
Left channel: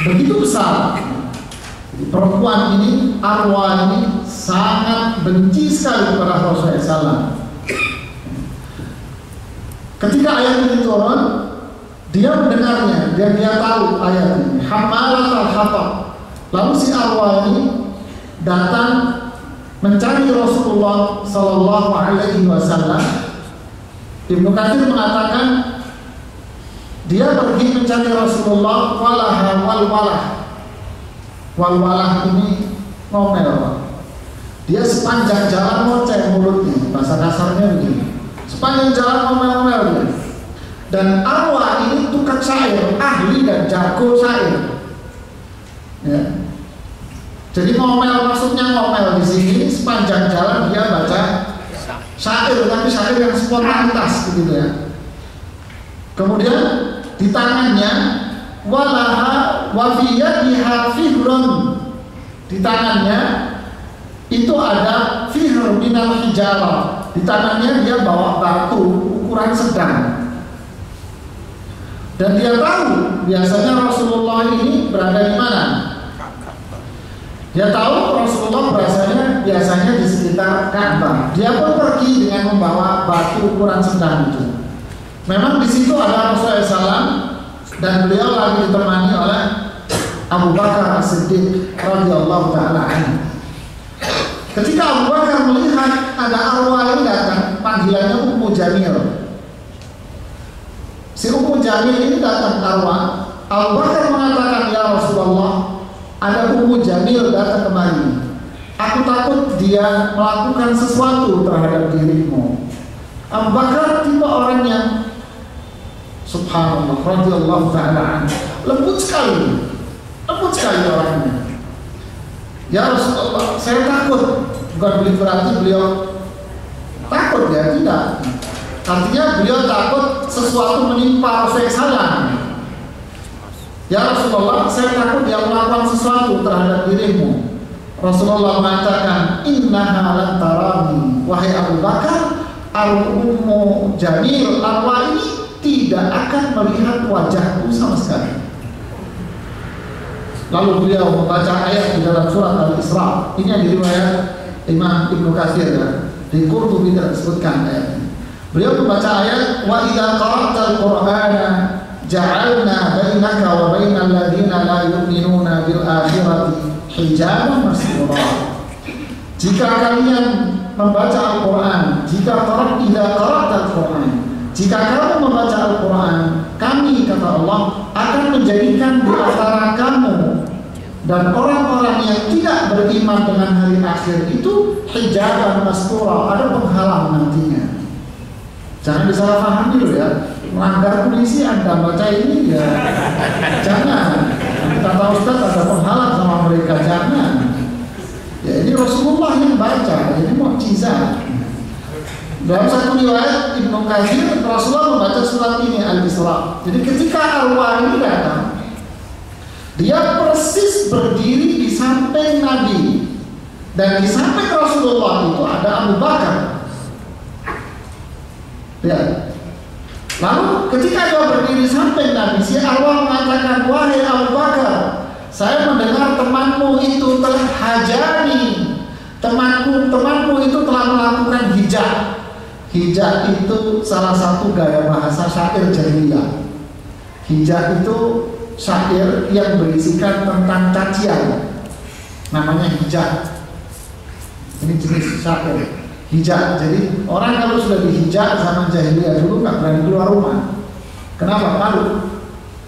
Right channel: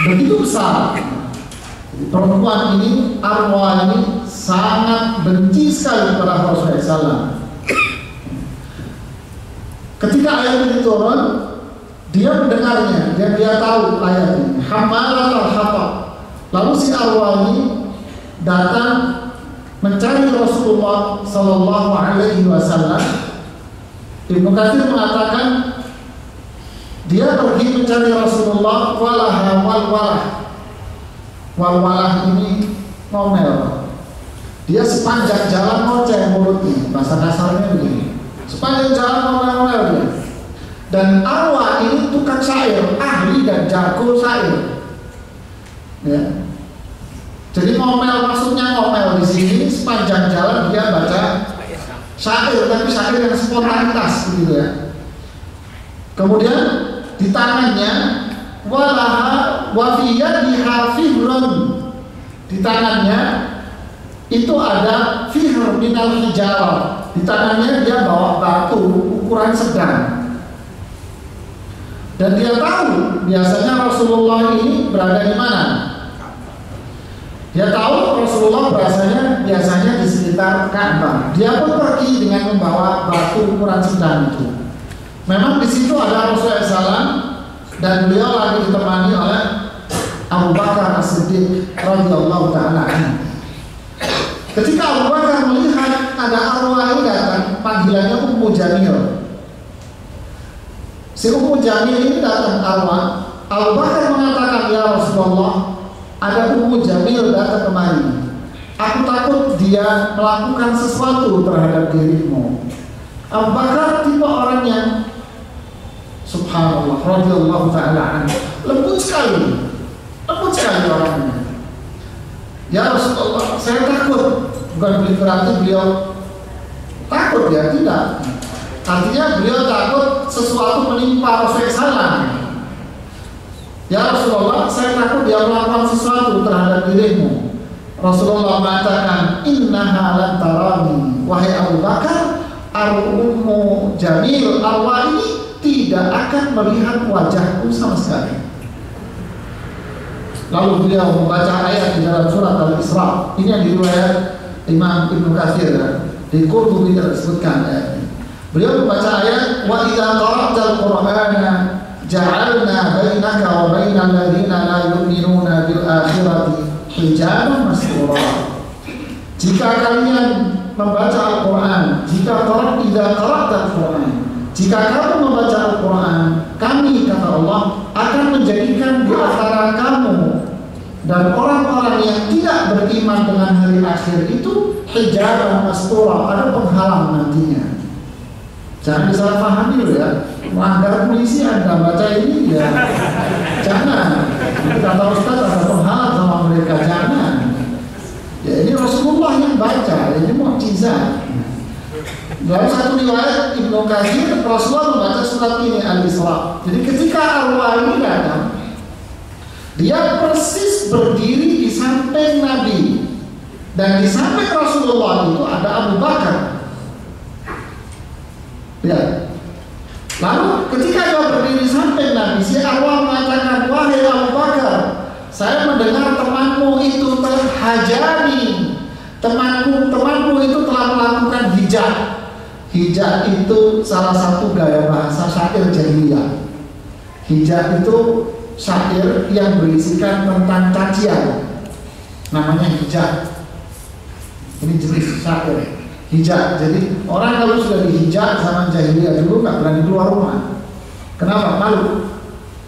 begitu besar. Perempuan ini, Arwa ini, sangat benci sekali kepada Rasulullah SAW. Ketika ayat ini turun, dia mendengarnya, dia tahu ayat ini, hammalatal hatab. Lalu si Arwa ini datang mencari Rasulullah Sallallahu Alaihi Wasallam. Ibnu Katsir mengatakan dia pergi mencari Rasulullah, walaha walwalah. Walwalah ini ngomel. Dia sepanjang jalan ngoceh mulutnya, bahasa kasarnya begini. Sepanjang jalan ngomel-ngomel dia. Dan Arwa ini tukang syair, ahli dan jago syair. Ya. Jadi ngomel, maksudnya ngomel di sini sepanjang jalan dia baca syair, tapi syair yang spontanitas begitu ya. Kemudian di tangannya walaha wa fi yadiha fihrun. Di tangannya itu ada fihr minal hijarah. Di tangannya dia bawa batu ukuran sedang. Dan dia tahu biasanya Rasulullah ini berada di mana. Dia tahu Rasulullah biasanya di sekitar Ka'bah. Dia pun pergi dengan membawa batu ukuran sedang itu. Memang di situ ada Rasulullah SAW dan beliau lagi ditemani oleh Abu Bakar As-Siddiq radhiyallahu taala anhu. Ketika Abu Bakar melihat ada Arwa ini datang, panggilannya Ummu Jamil. Si Ummu Jamil ini datang Arwa. Abu Bakar mengatakan, ya Rasulullah, ada Ummu Jamil datang kemari. Aku takut dia melakukan sesuatu terhadap dirimu. Abu Bakar tipe orang yang subhanallah radhiyallahu ta'ala anhu, lembut sekali orangnya. Ya Rasulullah, saya takut. Bukan berarti beliau takut, ya tidak. Artinya beliau takut sesuatu menimpa Rasulullah. Ya Rasulullah, saya takut dia melakukan sesuatu terhadap dirimu. Rasulullah mengatakan, innaha lan tarani, wahai Abu Bakar, al-ummu jamil, arwah ini tidak akan melihat wajahku sama sekali. Lalu beliau membaca ayat di dalam surat Al-Isra. Ini yang diriwayat Imam Ibnu Katsir, ya. Di Qurtubi tidak disebutkan ayat ini. Beliau membaca ayat, wa idza qara'tal qur'ana ja'alna bainaka wa bainal ladzina la yu'minuna bil akhirati hijaban mastura. Jika kalian membaca Al-Quran, jika kamu membaca Al-Quran, kami, kata Allah, akan menjadikan di antara kamu dan orang-orang yang tidak beriman dengan hari akhir itu hijaban mastura, ada penghalang nantinya. Jangan disalahpahami loh ya, melanggar polisi Anda baca ini ya, jangan. Kata Ustaz ada penghalang sama mereka, jangan. Ya ini Rasulullah yang baca, ini mukjizat. Dalam satu riwayat Ibnu Katsir, Rasulullah membaca surat ini Al-Isra. Jadi ketika arwah ini datang, dia persis berdiri di samping Nabi, dan di samping Rasulullah itu ada Abu Bakar. Ya. Lalu ketika dia berdiri samping Nabi, si arwah mengatakan, wahai Abu Bakar, saya mendengar temanmu itu telah hajani. Temanmu itu telah melakukan hijab. Hijab itu salah satu gaya bahasa syair jahiliyah. Hijab itu syair yang berisikan tentang cacian. Namanya hijab. Ini jenis syair hijab. Jadi orang kalau sudah dihijab zaman jahiliyah dulu nggak berani keluar rumah. Kenapa? Malu.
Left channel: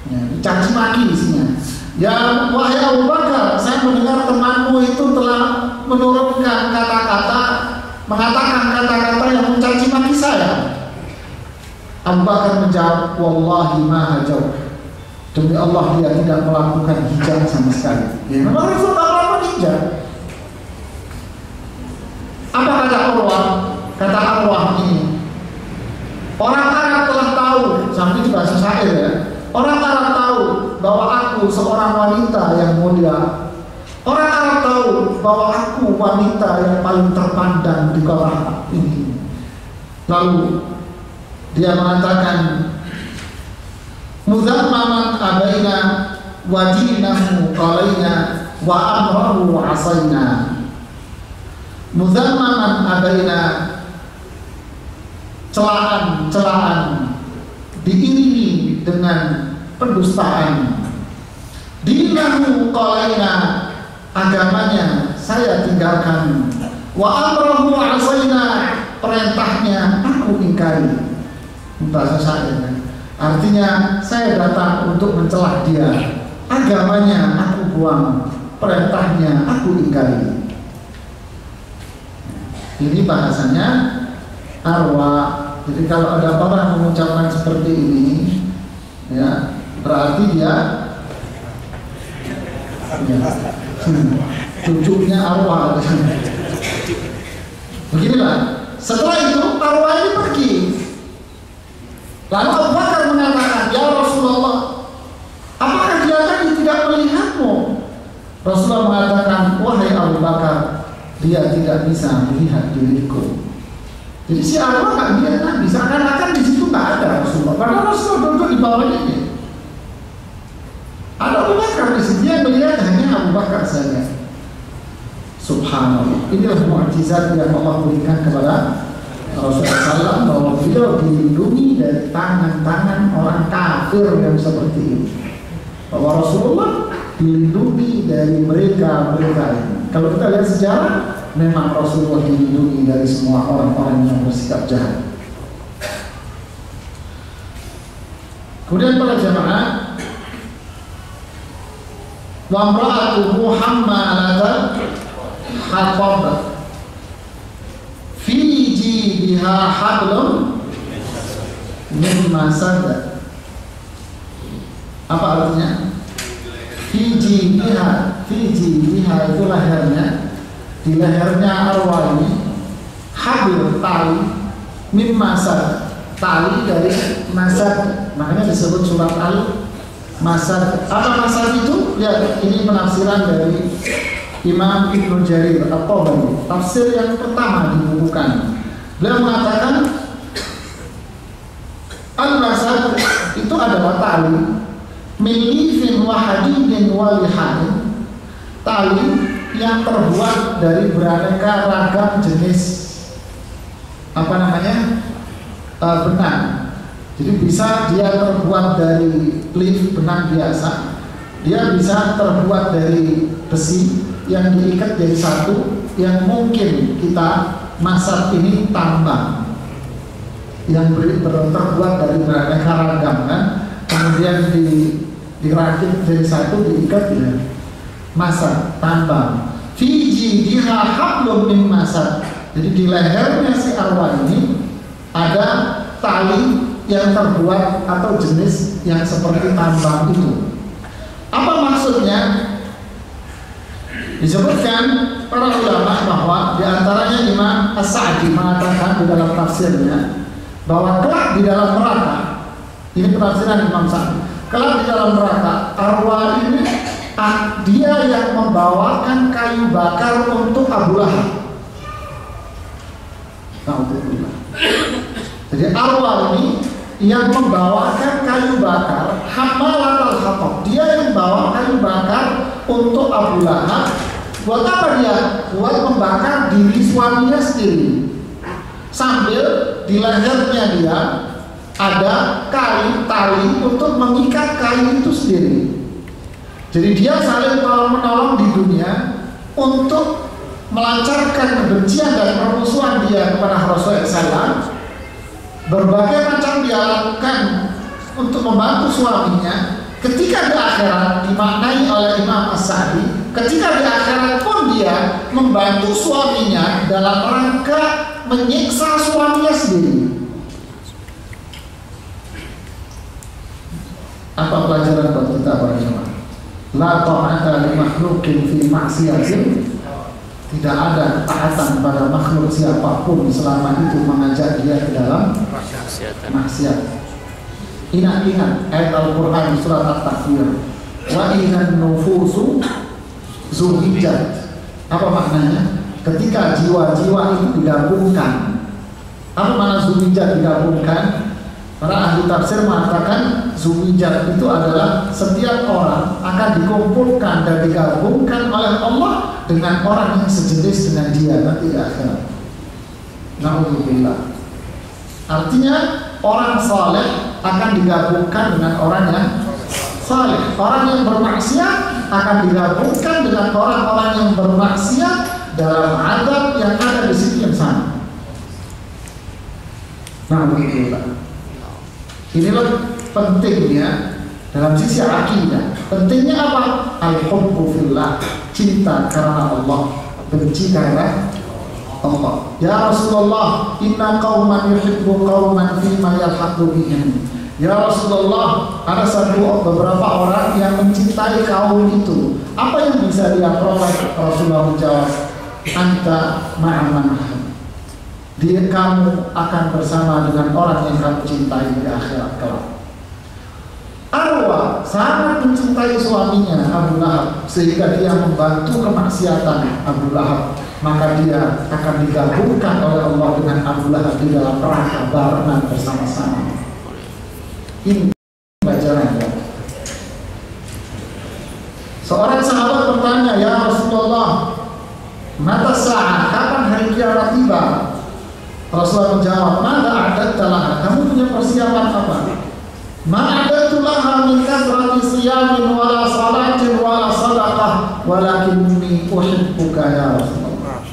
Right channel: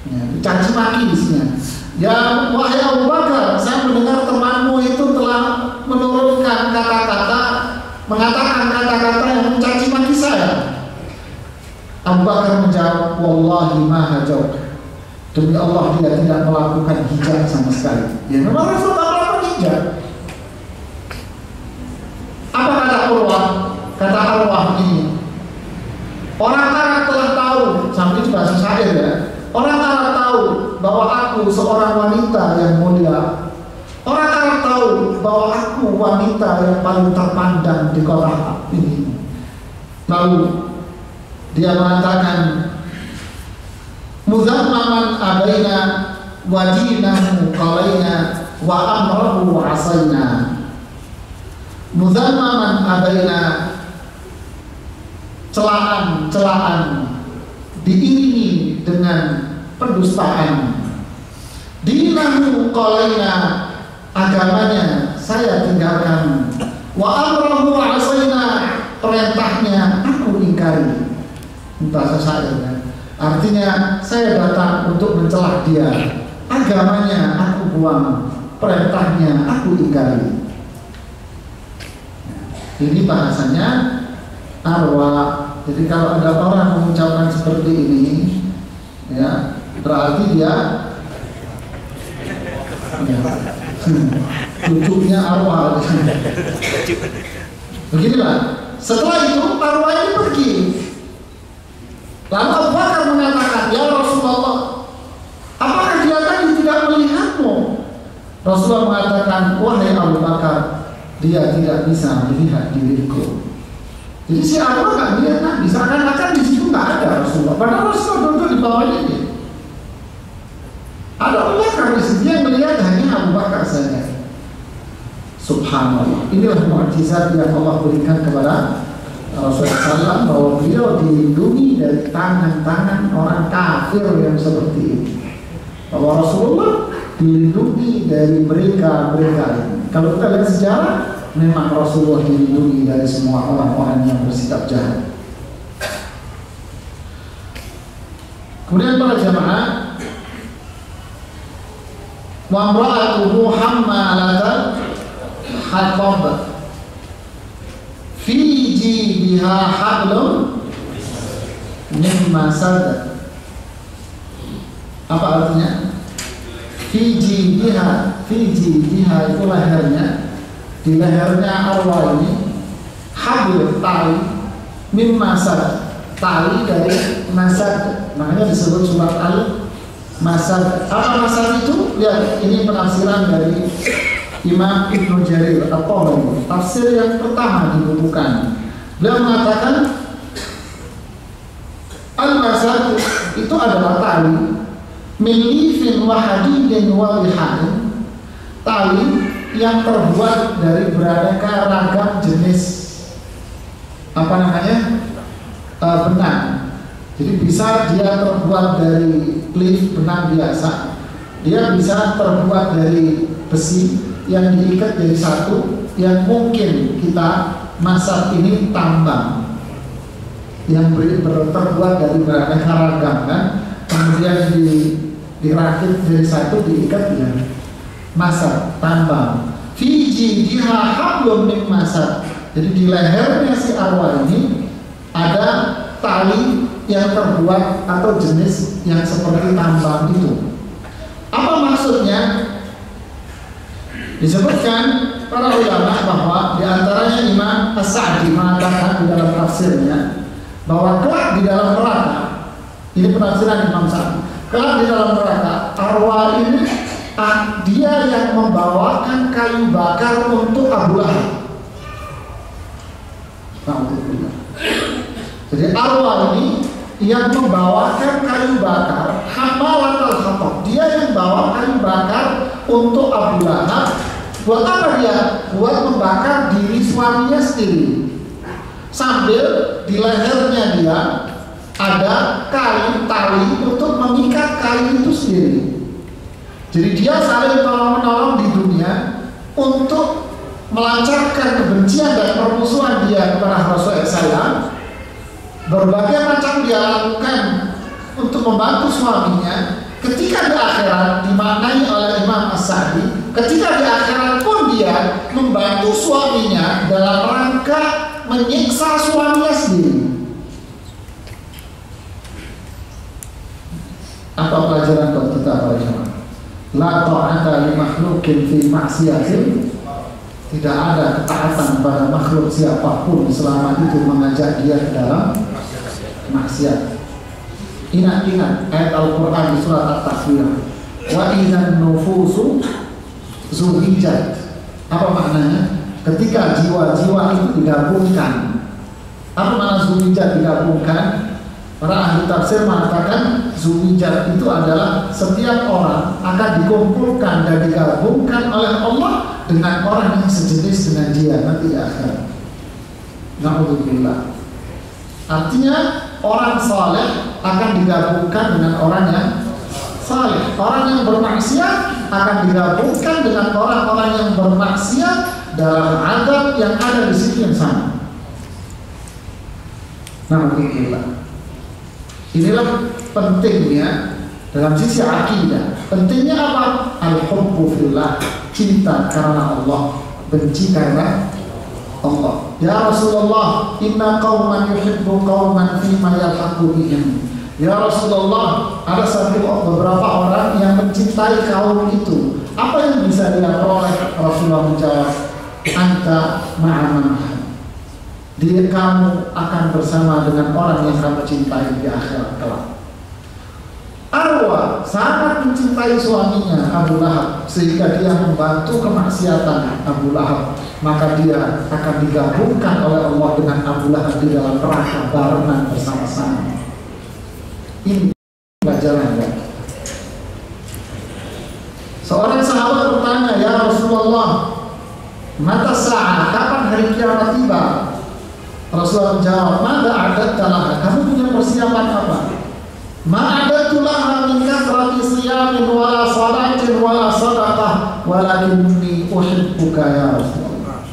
Ya, caci maki isinya. Ya wahai Abu Bakar, saya mendengar temanmu itu telah menurunkan kata-kata, mengatakan kata-kata yang mencaci maki saya. Abu Bakar menjawab, wallahi ma hajauka. Demi Allah dia tidak melakukan hijab sama sekali. Ya memang Rasul tak melakukan hijab. Apa kata Urwah? Kata Urwah ini, orang Arab telah tahu, sampai itu bahasa syair ya. Orang Arab tahu bahwa aku seorang wanita yang mulia. Orang Arab tahu bahwa aku wanita yang paling terpandang di kota ini. Lalu dia mengatakan, muzammaman abaina wajinahu qalaina wa amrahu asaina. Muzammaman abaina, celaan diiringi dengan pendustaan. Dinahu qalaina, agamanya saya tinggalkan. Wa amrahu asaina, perintahnya aku ingkari. Bahasa syair kan? Artinya saya datang untuk mencelah dia, agamanya aku buang, perintahnya aku ingkari. Ini bahasanya arwah. Jadi kalau ada orang mengucapkan seperti ini, ya berarti dia cucunya arwah. Beginilah. Setelah itu arwah ini pergi. Lalu Abu Bakar mengatakan, ya Rasulullah, apakah dia tadi tidak melihatmu? Rasulullah mengatakan, wahai Abu Bakar, dia tidak bisa melihat diriku. Jadi si arwah nggak melihat Nabi, seakan-akan di situ nggak ada Rasulullah. Padahal Rasulullah duduk di bawahnya dia. Ada Abu Bakar di situ yang melihat hanya Abu Bakar saja. Subhanallah. Inilah mukjizat yang Allah berikan kepada Rasulullah SAW, bahwa beliau dilindungi dari tangan-tangan orang kafir yang seperti ini. Bahwa Rasulullah dilindungi dari mereka-mereka ini. Kalau kita lihat sejarah, memang Rasulullah dilindungi dari semua orang-orang yang bersikap jahat. Kemudian para jamaah, wa imra'atuhu hammalatal hatab fi jidiha hablum min masad. Apa artinya? Fi jidiha itu lehernya, di lehernya arwah ini habl, tali, min masad, tali dari masad, makanya disebut surat Al-Masad. Apa masad itu? Lihat, ini penafsiran dari Imam Ibnu Jarir At-Tabari, tafsir yang pertama dibukukan. Beliau mengatakan Al-Masad itu adalah tali min lifin wa hadidin wa lihanin, tali yang terbuat dari beraneka ragam jenis benang. Jadi bisa dia terbuat dari lif, benang biasa, dia bisa terbuat dari besi yang diikat jadi satu, yang mungkin kita masak ini tambang yang terbuat dari beraneka ragam kan, kemudian dirakit jadi satu, diikat ya masak tambang. Fiji diha hablum min masad. Jadi di lehernya si arwah ini ada tali yang terbuat atau jenis yang seperti tambang itu. Apa maksudnya? Disebutkan para ulama bahwa diantaranya Imam As-Sa'di mengatakan di dalam tafsirnya bahwa kelak di dalam neraka, ini penafsiran Imam Sa'di, kelak di dalam neraka arwah ini dia yang membawakan kayu bakar untuk Abu Lahab. Jadi arwah ini yang membawakan kayu bakar, hamalatul hatab, dia yang bawa kayu bakar untuk Abu Lahab. Buat apa dia? Buat membakar diri suaminya sendiri. Sambil di lehernya dia ada kayu tali untuk mengikat kayu itu sendiri. Jadi dia saling tolong-menolong di dunia untuk melancarkan kebencian dan permusuhan dia kepada Rasulullah SAW. Berbagai macam dia lakukan untuk membantu suaminya. Ketika di akhirat, dimaknai oleh Imam As-Sa'di, ketika di akhirat pun dia membantu suaminya dalam rangka menyiksa suaminya sendiri. Apa pelajaran buat kita para jemaah? La ta'ata li makhluqin fi ma'siyatin. Tidak ada ketaatan pada makhluk siapapun selama itu mengajak dia ke dalam maksiat. Ingat ayat Al-Quran surat At-Takwir, wa idzan nufusu zuhijat. Apa maknanya? Ketika jiwa-jiwa itu digabungkan. Apa makna zuhijat digabungkan? Para ahli tafsir mengatakan zuhijat itu adalah setiap orang akan dikumpulkan dan digabungkan oleh Allah dengan orang yang sejenis dengan dia nanti di akhirat. Na'udzubillah. Artinya orang saleh akan digabungkan dengan orang yang saleh. Orang yang bermaksiat akan digabungkan dengan orang-orang yang bermaksiat dalam adab yang ada di situ yang sama. Na'udzubillah. Inilah pentingnya dalam sisi akidah. Pentingnya apa? Al-hubbu fillah, cinta karena Allah, benci karena Allah. Ya Rasulullah, inna qauman yuhibbu qauman fima yalhaqu bihim. Ya Rasulullah, ada beberapa orang yang mencintai kaum itu. Apa yang bisa dia peroleh? Rasulullah menjawab, anta ma'aman. Dia kamu akan bersama dengan orang yang kamu cintai di akhirat kelak. Arwah sangat mencintai suaminya Abu Lahab sehingga dia membantu kemaksiatan Abu Lahab, maka dia akan digabungkan oleh Allah dengan Abu Lahab di dalam neraka barengan bersama-sama. Ini pelajaran ya. Seorang sahabat bertanya, ya Rasulullah, mata sa'ah, kapan hari kiamat tiba? Rasulullah menjawab, mada a'dadta laha, kamu punya persiapan apa? Ma'adatu laha min kathrati siyamin wala salatin wala sadaqah walakinni uhibbuka ya Rasulullah.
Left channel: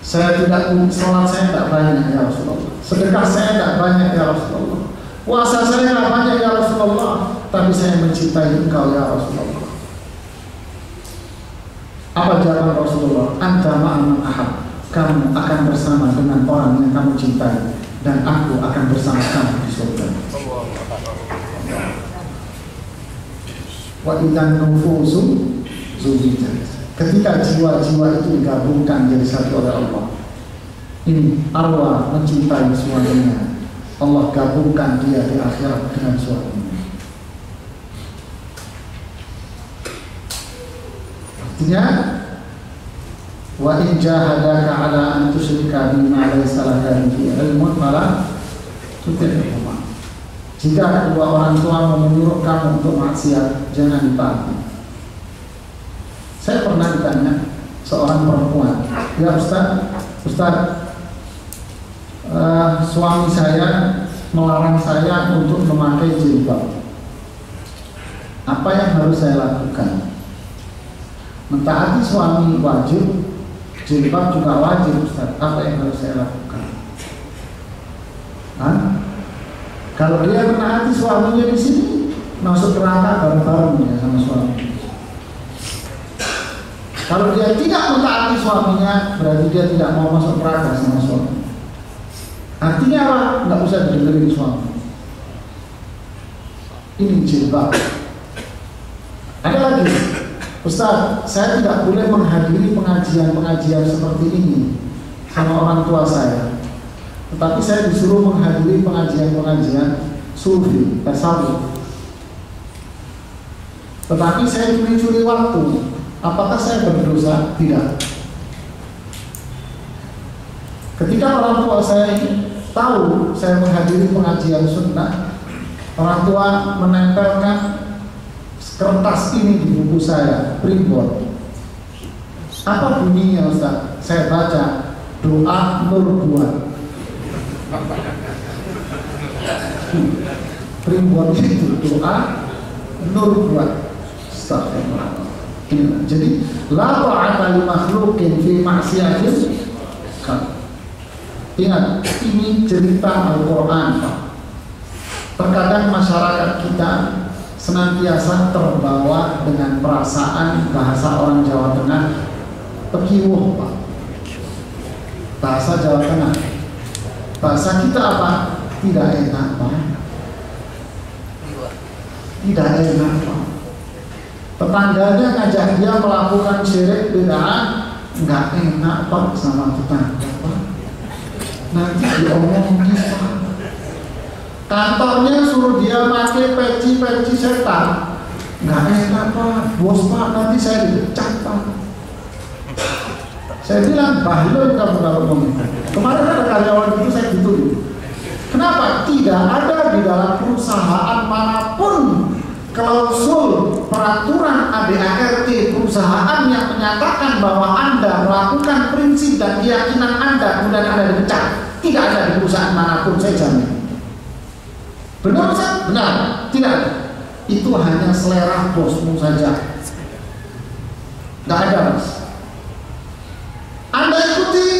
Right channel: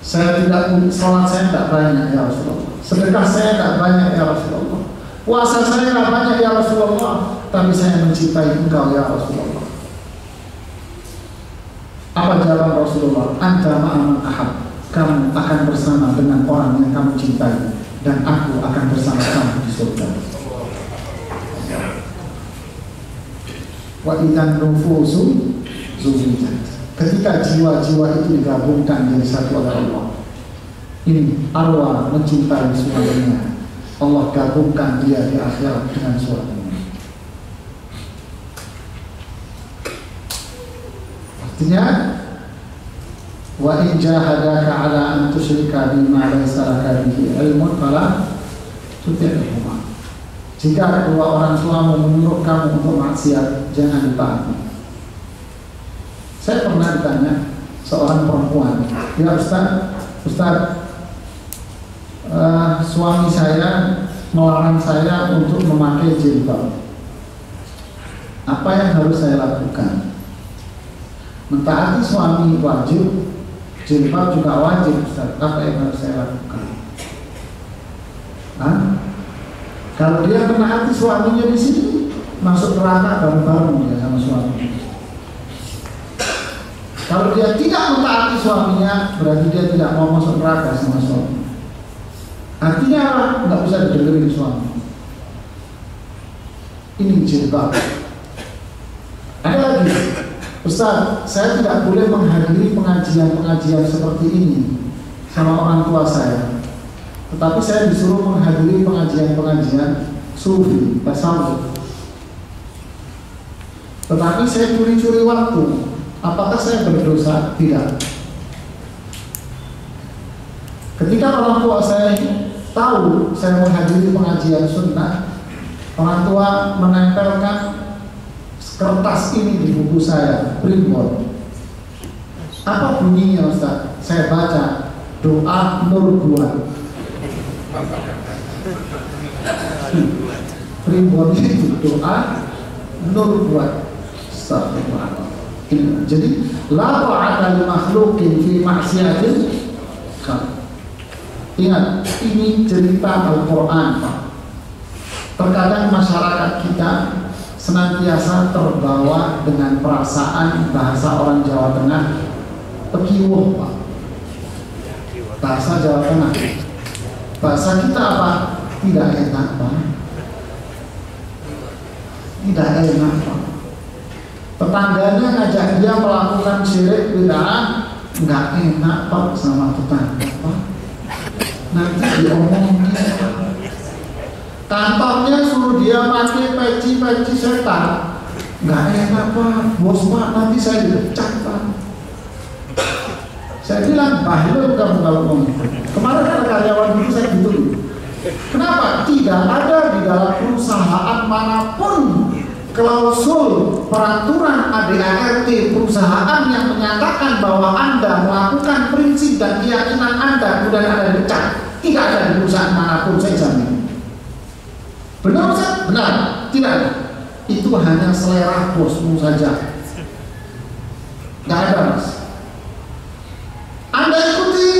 Saya tidak salat, saya tidak banyak ya Rasulullah. Sedekah saya tidak banyak ya Rasulullah. Puasa saya tidak banyak ya Rasulullah, tapi saya mencintai engkau ya Rasulullah. Apa kamu cintai, dan aku akan bersama kamu di surga. Wa idzan nufusu zuwijat. Ketika jiwa-jiwa itu digabungkan jadi satu oleh Allah, ini arwah mencintai suaminya, Allah gabungkan dia di akhirat dengan suaminya. Artinya, wa in jahadaka ala an tusyrika bima laysa laka bihi ilmun fala tuti'huma. Jika kedua orang tuamu menyuruh kamu untuk maksiat, jangan ditaati. Saya pernah ditanya seorang perempuan, ya Ustaz, suami saya melarang saya untuk memakai jilbab. Apa yang harus saya lakukan? Mentaati suami wajib, jilbab juga wajib, Ustaz. Apa yang harus saya lakukan? Kalau dia menaati suaminya di sini, masuk neraka bareng-bareng ya sama suami. Kalau dia tidak mentaati suaminya, berarti dia tidak mau masuk neraka sama suami. Artinya apa? Nggak usah didengerin suami. Ini jilbab. Ada lagi, Ustaz, saya tidak boleh menghadiri pengajian-pengajian seperti ini sama orang tua saya. Tetapi saya disuruh menghadiri pengajian-pengajian sufi, tasawuf. Tetapi saya curi-curi waktu. Apakah saya berdosa? Tidak. Ketika orang tua saya tahu saya menghadiri pengajian sunnah, orang tua menempelkan kertas ini di buku saya, primbon. Apa bunyinya Ustaz? Saya baca doa Nur. Primbon itu doa Nur. Astagfirullah. Jadi la ta'ata li makhluqin fi ma'siyatil khaliq. Ingat, ini cerita Al-Quran, Pak. Terkadang masyarakat kita senantiasa terbawa dengan perasaan bahasa orang Jawa Tengah, pekiwuh, Pak. Bahasa Jawa Tengah. Bahasa kita apa? Tidak enak, Pak. Tidak enak, Pak. Tetangganya ngajak dia melakukan syirik bid'ah, nggak enak, Pak, sama tetangga, Pak. Nanti diomongin, Pak. Kantornya suruh dia pakai peci setan, nggak enak, Pak. Bos, Pak, nanti saya dipecat, Pak. Saya bilang, bahlul kamu kalau ngomong. Kemarin ada karyawan itu saya gitu. Kenapa? Tidak ada di dalam perusahaan manapun klausul peraturan ADART perusahaan yang menyatakan bahwa Anda melakukan prinsip dan keyakinan Anda kemudian Anda dipecat. Tidak ada di perusahaan manapun, saya jamin. Benar, Ustaz? Benar. Tidak. Itu hanya selera bosmu saja. Tidak ada, Mas. Anda ikuti.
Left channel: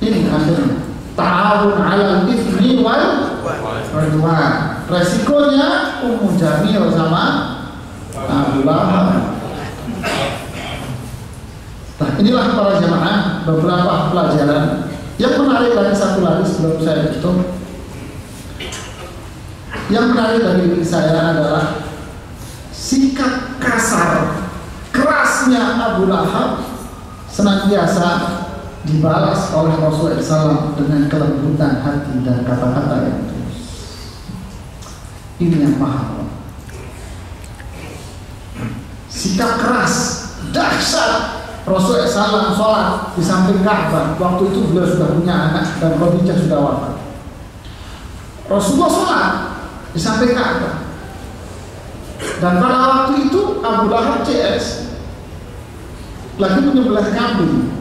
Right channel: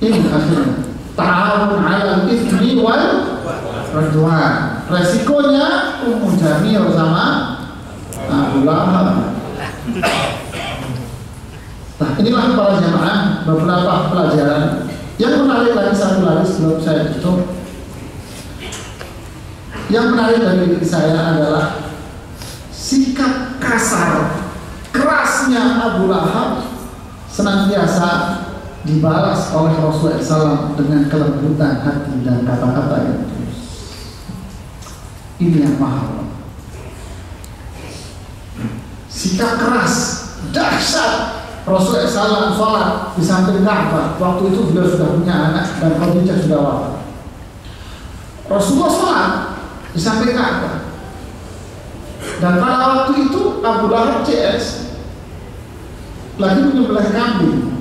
Ini akhirnya ta'awun 'alal itsmi wal 'udwan. Resikonya Ummu Jamil sama Abu Lahab. Nah, inilah para jamaah beberapa pelajaran. Yang menarik lagi satu lagi sebelum saya tutup. Yang menarik dari diri saya adalah sikap kasar, kerasnya Abu Lahab senantiasa dibalas oleh Rasulullah SAW dengan kelembutan hati dan kata-kata yang tulus. Ini yang mahal. Sikap keras, dahsyat. Rasulullah SAW sholat di samping Ka'bah. Waktu itu beliau sudah punya anak dan Khadijah sudah wafat. Rasulullah sholat di samping Ka'bah. Dan pada waktu itu Abu Lahab CS lagi menyembelih kambing.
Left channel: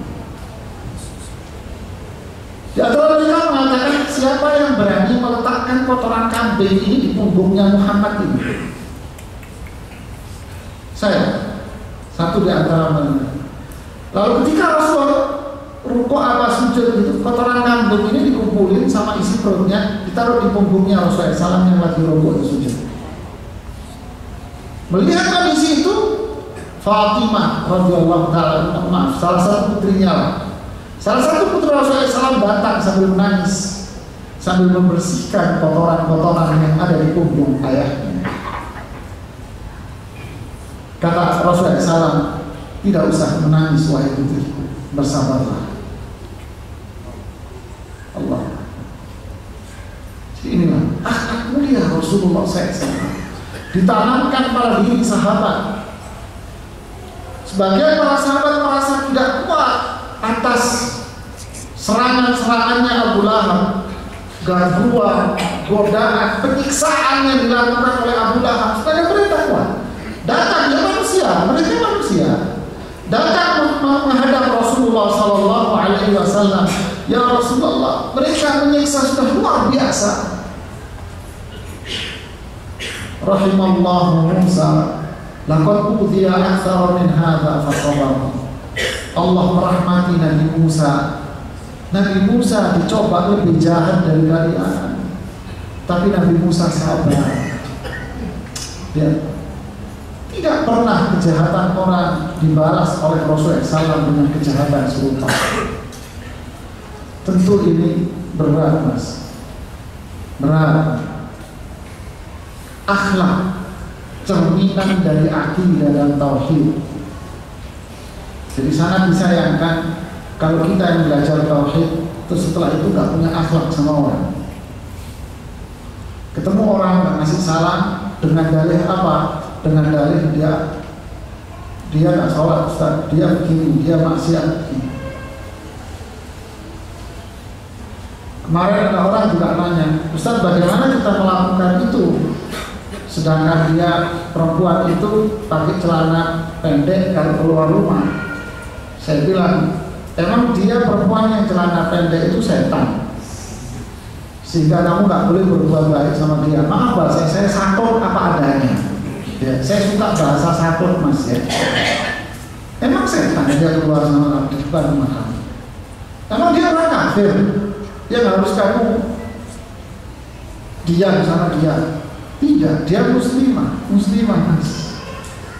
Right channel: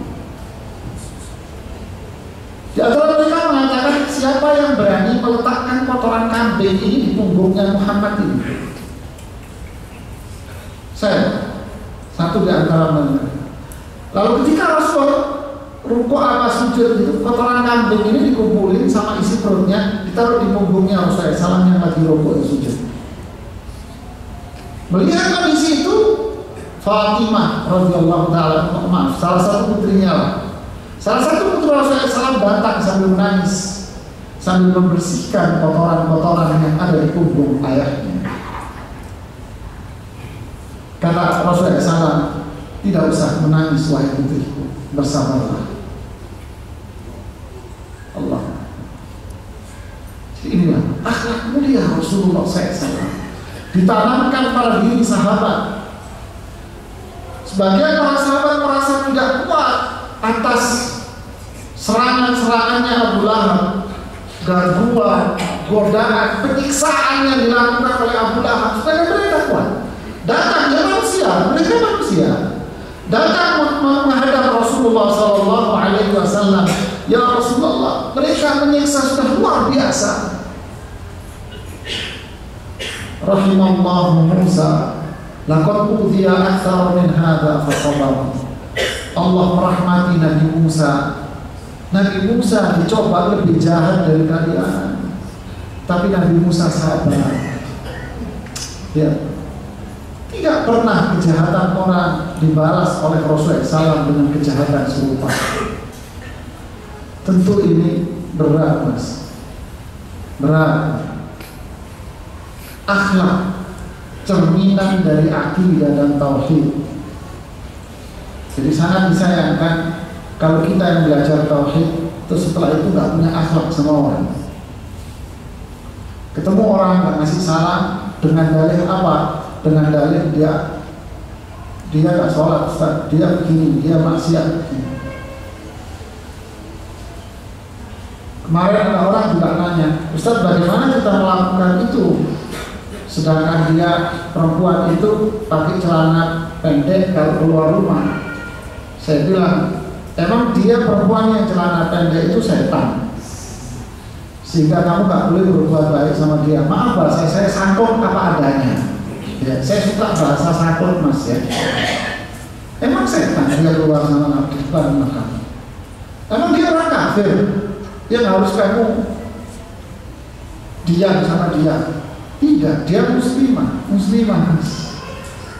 Di antara mereka mengatakan, siapa yang berani meletakkan kotoran kambing ini di punggungnya Muhammad ini? Saya, satu di antara mereka. Lalu ketika Rasul rukuk apa sujud itu, kotoran kambing ini dikumpulin sama isi perutnya, ditaruh di punggungnya Rasulullah SAW yang lagi rukuk dan sujud. Melihat kondisi itu, Fatimah radhiyallahu taala, maaf, salah satu putrinya Salah satu putra Rasulullah SAW datang sambil menangis, sambil membersihkan kotoran-kotoran yang ada di punggung ayahnya. Kata Rasulullah SAW, tidak usah menangis wahai putriku, bersabarlah. Allah. Jadi inilah akhlak mulia Rasulullah SAW, ditanamkan pada diri sahabat. Sebagian para sahabat merasa tidak kuat atas serangan-serangannya Abu Lahab, gangguan, godaan, penyiksaan yang dilakukan oleh Abu Lahab. Supaya mereka kuat. Datang, dia manusia, mereka manusia. Datang menghadap Rasulullah SAW. Ya Rasulullah, mereka menyiksa sudah luar biasa. Rahimallahu Musa, laqad udhiya aktsara min hadza fasabar. Allah merahmati Nabi Musa. Nabi Musa dicoba lebih jahat dari kalian, tapi Nabi Musa sabar. Dia tidak pernah kejahatan orang dibalas oleh Rasulullah SAW dengan kejahatan serupa. Tentu ini berat, Mas. Berat. Akhlak, cerminan dari akidah dan tauhid. Jadi sangat disayangkan kalau kita yang belajar tauhid, terus setelah itu nggak punya akhlak sama orang. Ketemu orang nggak ngasih salam dengan dalih apa? Dengan dalih dia nggak sholat, Ustaz, dia begini, dia maksiat. Kemarin ada orang juga nanya, Ustaz, bagaimana kita melakukan itu? Sedangkan dia perempuan itu pakai celana pendek kalau keluar rumah. Saya bilang, emang dia perempuan yang celana pendek itu setan, sehingga kamu nggak boleh berbuat baik sama dia. Maaf bahasa saya sakut apa adanya. Ya, saya suka bahasa sakut, Mas, ya. Emang setan dia keluar sama depan rumah kamu? Emang dia orang kafir yang harus kamu diam sama dia? Tidak, dia muslimah, Mas.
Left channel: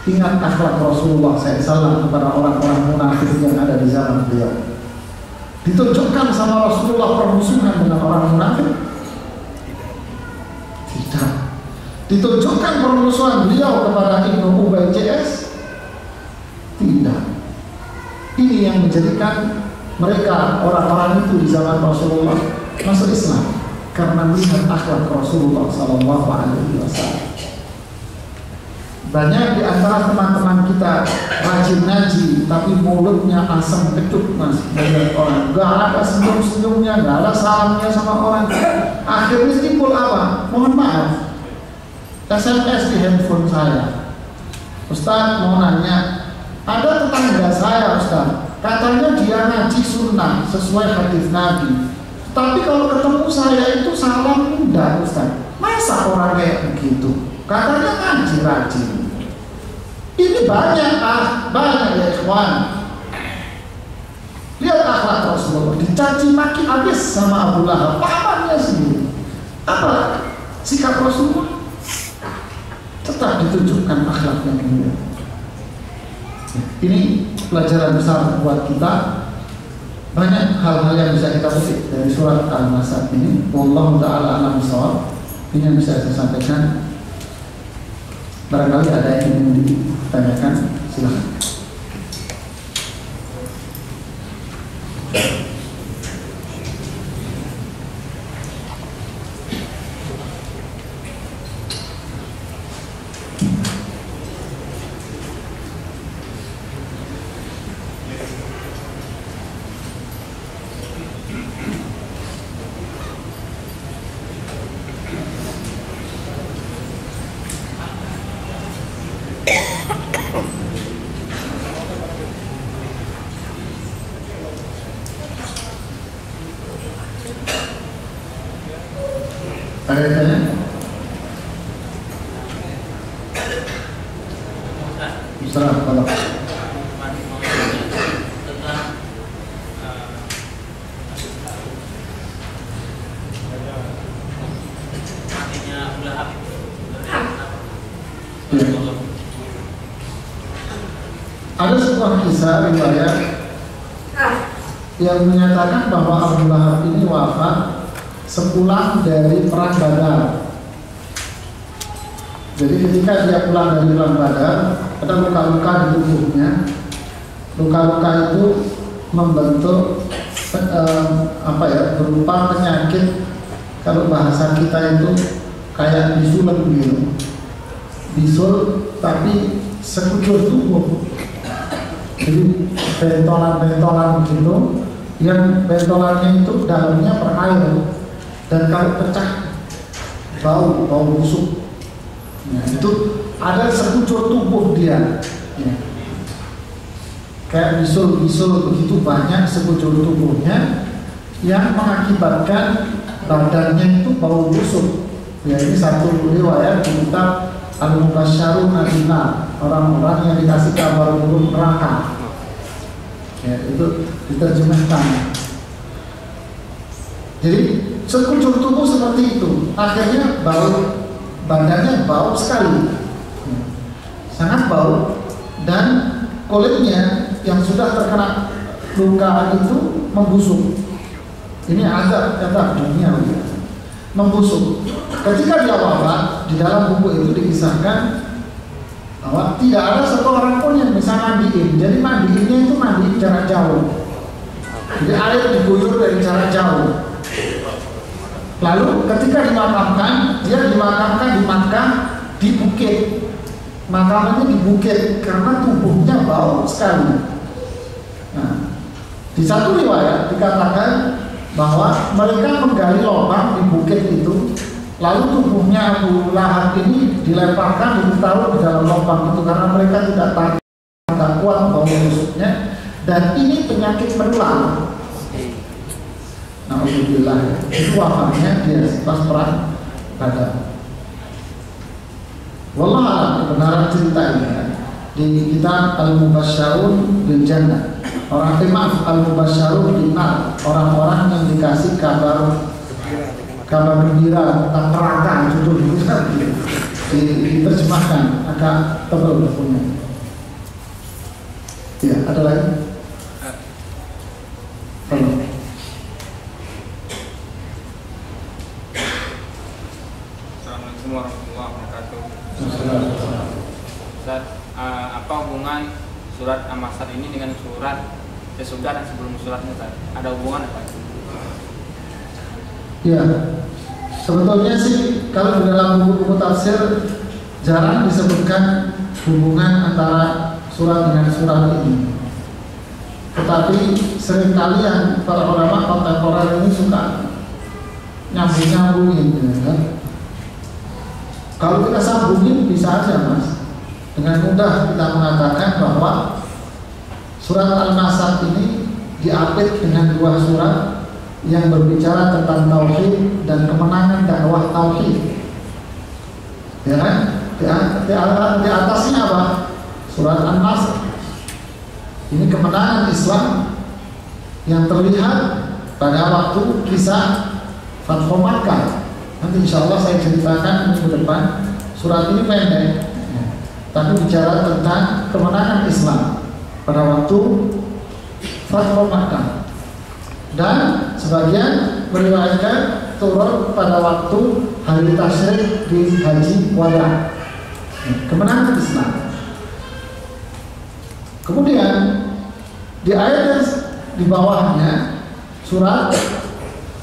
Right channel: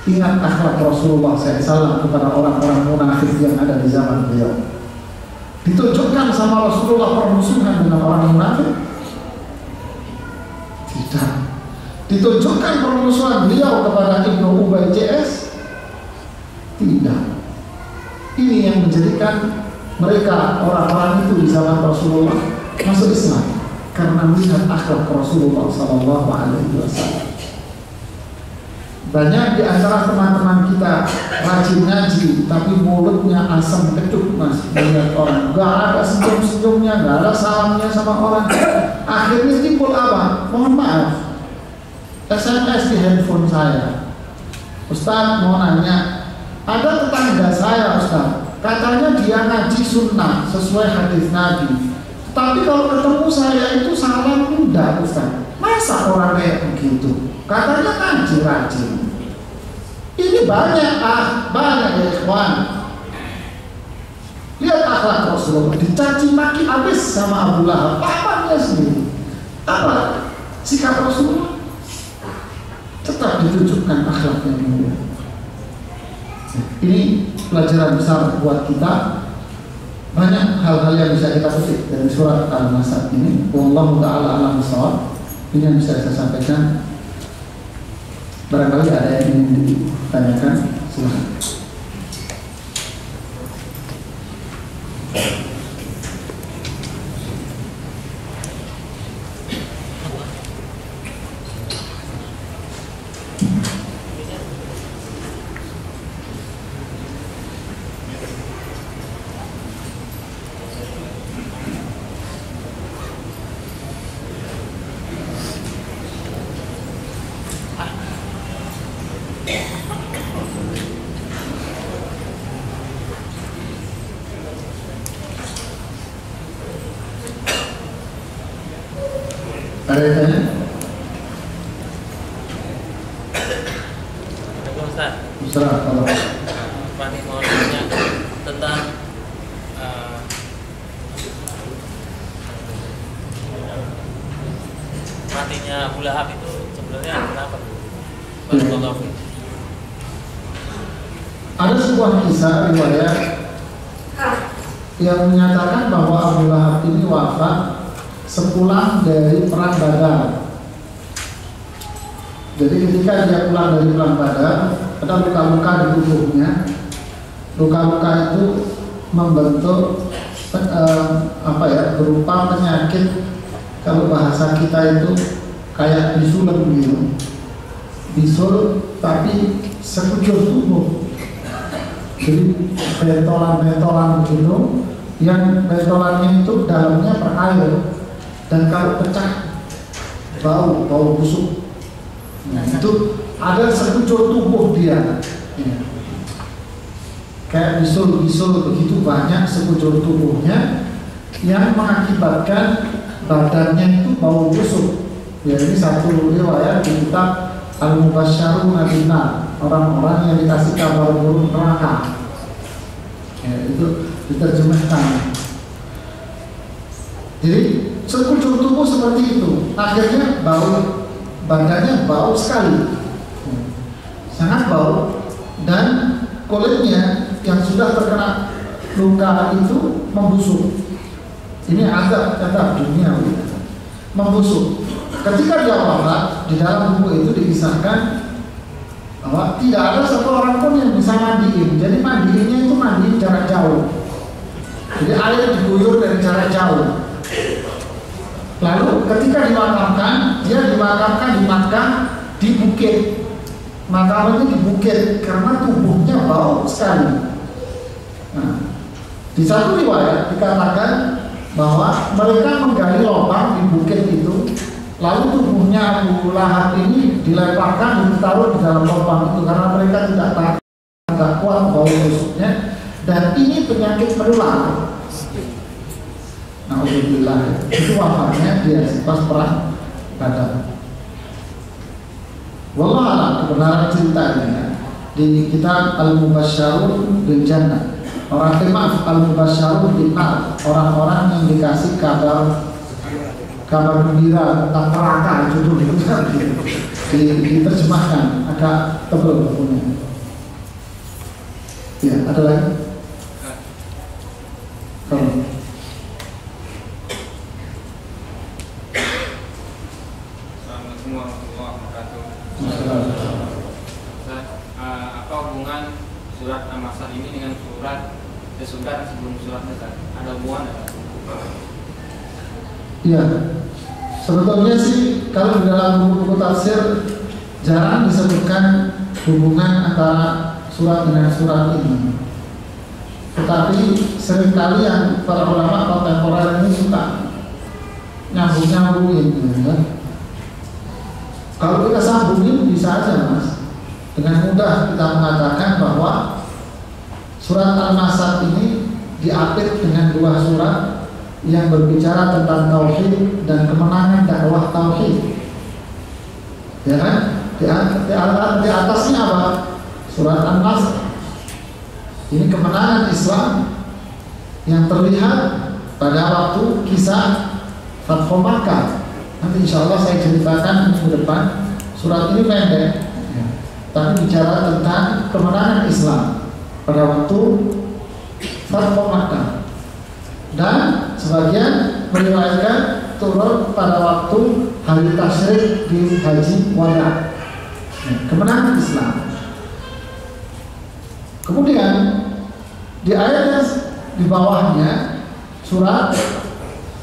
Ingat akhlak Rasulullah SAW kepada orang-orang munafik yang ada di zaman beliau. Ditunjukkan sama Rasulullah permusuhan dengan orang munafik? Tidak. Ditunjukkan permusuhan beliau kepada Ibnu Ubay CS? Tidak. Ini yang menjadikan mereka, orang-orang itu di zaman Rasulullah, masuk Islam karena melihat akhlak Rasulullah SAW. Banyak di antara teman-teman kita rajin ngaji, tapi mulutnya asam kecut, Mas. Melihat orang, gak ada senyum-senyumnya, gak ada salamnya sama orang. Akhirnya timbul apa? Mohon maaf, SMS di handphone saya. Ustaz mau nanya, ada tetangga saya, Ustaz, katanya dia ngaji sunnah sesuai hadis Nabi, tapi kalau ketemu saya itu salam mudah, Ustaz. Masa orang kayak begitu? Katanya ngaji rajin. Ini banyak ya ikhwan. Lihat akhlak Rasulullah, dicaci maki habis sama Abu Lahab, pamannya sendiri. Apa sikap Rasulullah? Tetap ditunjukkan akhlak yang mulia. Ini pelajaran besar buat kita. Banyak hal-hal yang bisa kita petik dari surat Al-Masad ini. Wallahu ta'ala a'lam bishawab. Ini yang bisa saya sampaikan. Barangkali ada yang ingin ditanyakan, silakan. Ada yang tanya? Ustaz, kalau mau tanya tentang matinya Abu Lahab itu sebenarnya kenapa? Ada sebuah kisah riwayat yang menyatakan bahwa Abu Lahab ini wafat sepulang dari perang Badar. Jadi ketika dia pulang dari perang Badar, ada luka-luka di tubuhnya. Luka-luka itu membentuk berupa penyakit, kalau bahasa kita itu kayak bisulan gitu. Bisul tapi sekujur tubuh. Jadi bentolan-bentolan begitu, yang bentolannya itu dalamnya berair, dan kalau pecah bau busuk. Nah, itu ada sekujur tubuh dia. Ya. Kayak bisul begitu banyak sekujur tubuhnya yang mengakibatkan badannya itu bau busuk. Ya, ini satu riwayat di kitab Al-Mubasysyarun Bil-Nar, orang-orang yang dikasih kabar buruk neraka. Ya, itu diterjemahkan. Jadi sekujur tubuh seperti itu, akhirnya badannya bau sekali, sangat bau, dan kulitnya yang sudah terkena luka itu membusuk. Ini azab dunia, membusuk. Ketika dia wafat, di dalam buku itu dikisahkan bahwa tidak ada satu orang pun yang bisa mandiin. Jadi mandiinnya itu mandiin jarak jauh. Jadi air diguyur dari jarak jauh. Lalu ketika dimakamkan, dia dimakamkan di Makkah di bukit. Makamannya di bukit karena tubuhnya bau sekali. Nah, di satu riwayat dikatakan bahwa mereka menggali lubang di bukit itu, lalu tubuhnya Abu Lahab ini dilemparkan, ditaruh di dalam lubang itu karena mereka tidak kuat bau busuknya, dan ini penyakit menular. Alhamdulillah, itu wafatnya dia pas perang Badar. Wallahualam kebenaran ceritanya di kitab Al-Mubasysyarun Bil Jannah. Al-Mubasysyarun Bil Nar, orang-orang yang dikasih kabar gembira tentang neraka, judul itu diterjemahkan agak tebal bukunya. Ya, ada lagi? Assalamualaikum warahmatullahi wabarakatuh. Apa hubungan surat Al-Masad ini dengan surat sesudah sebelum surat Al-Masad? Ada hubungan apa? Ya, sebetulnya sih kalau di dalam buku-buku tafsir jarang disebutkan hubungan antara surat dengan surat ini. Tetapi seringkali yang para ulama kontemporer ini suka nyambung-nyambungin, ya kan? Kalau kita sambungin bisa aja, Mas. Dengan mudah kita mengatakan bahwa surat Al-Masad ini diapit dengan dua surat yang berbicara tentang tauhid dan kemenangan dakwah tauhid. Ya kan? Di atasnya apa? Surat An-Nasr. Ini kemenangan Islam yang terlihat pada waktu kisah Fathu Makkah. Nanti insya Allah saya ceritakan minggu depan. Surat ini pendek, tapi bicara tentang kemenangan Islam pada waktu Fathu Makkah. Dan sebagian meriwayatkan turun pada waktu hari tasyrik di Haji Wada. Kemenangan Islam. Kemudian di ayat di bawahnya surat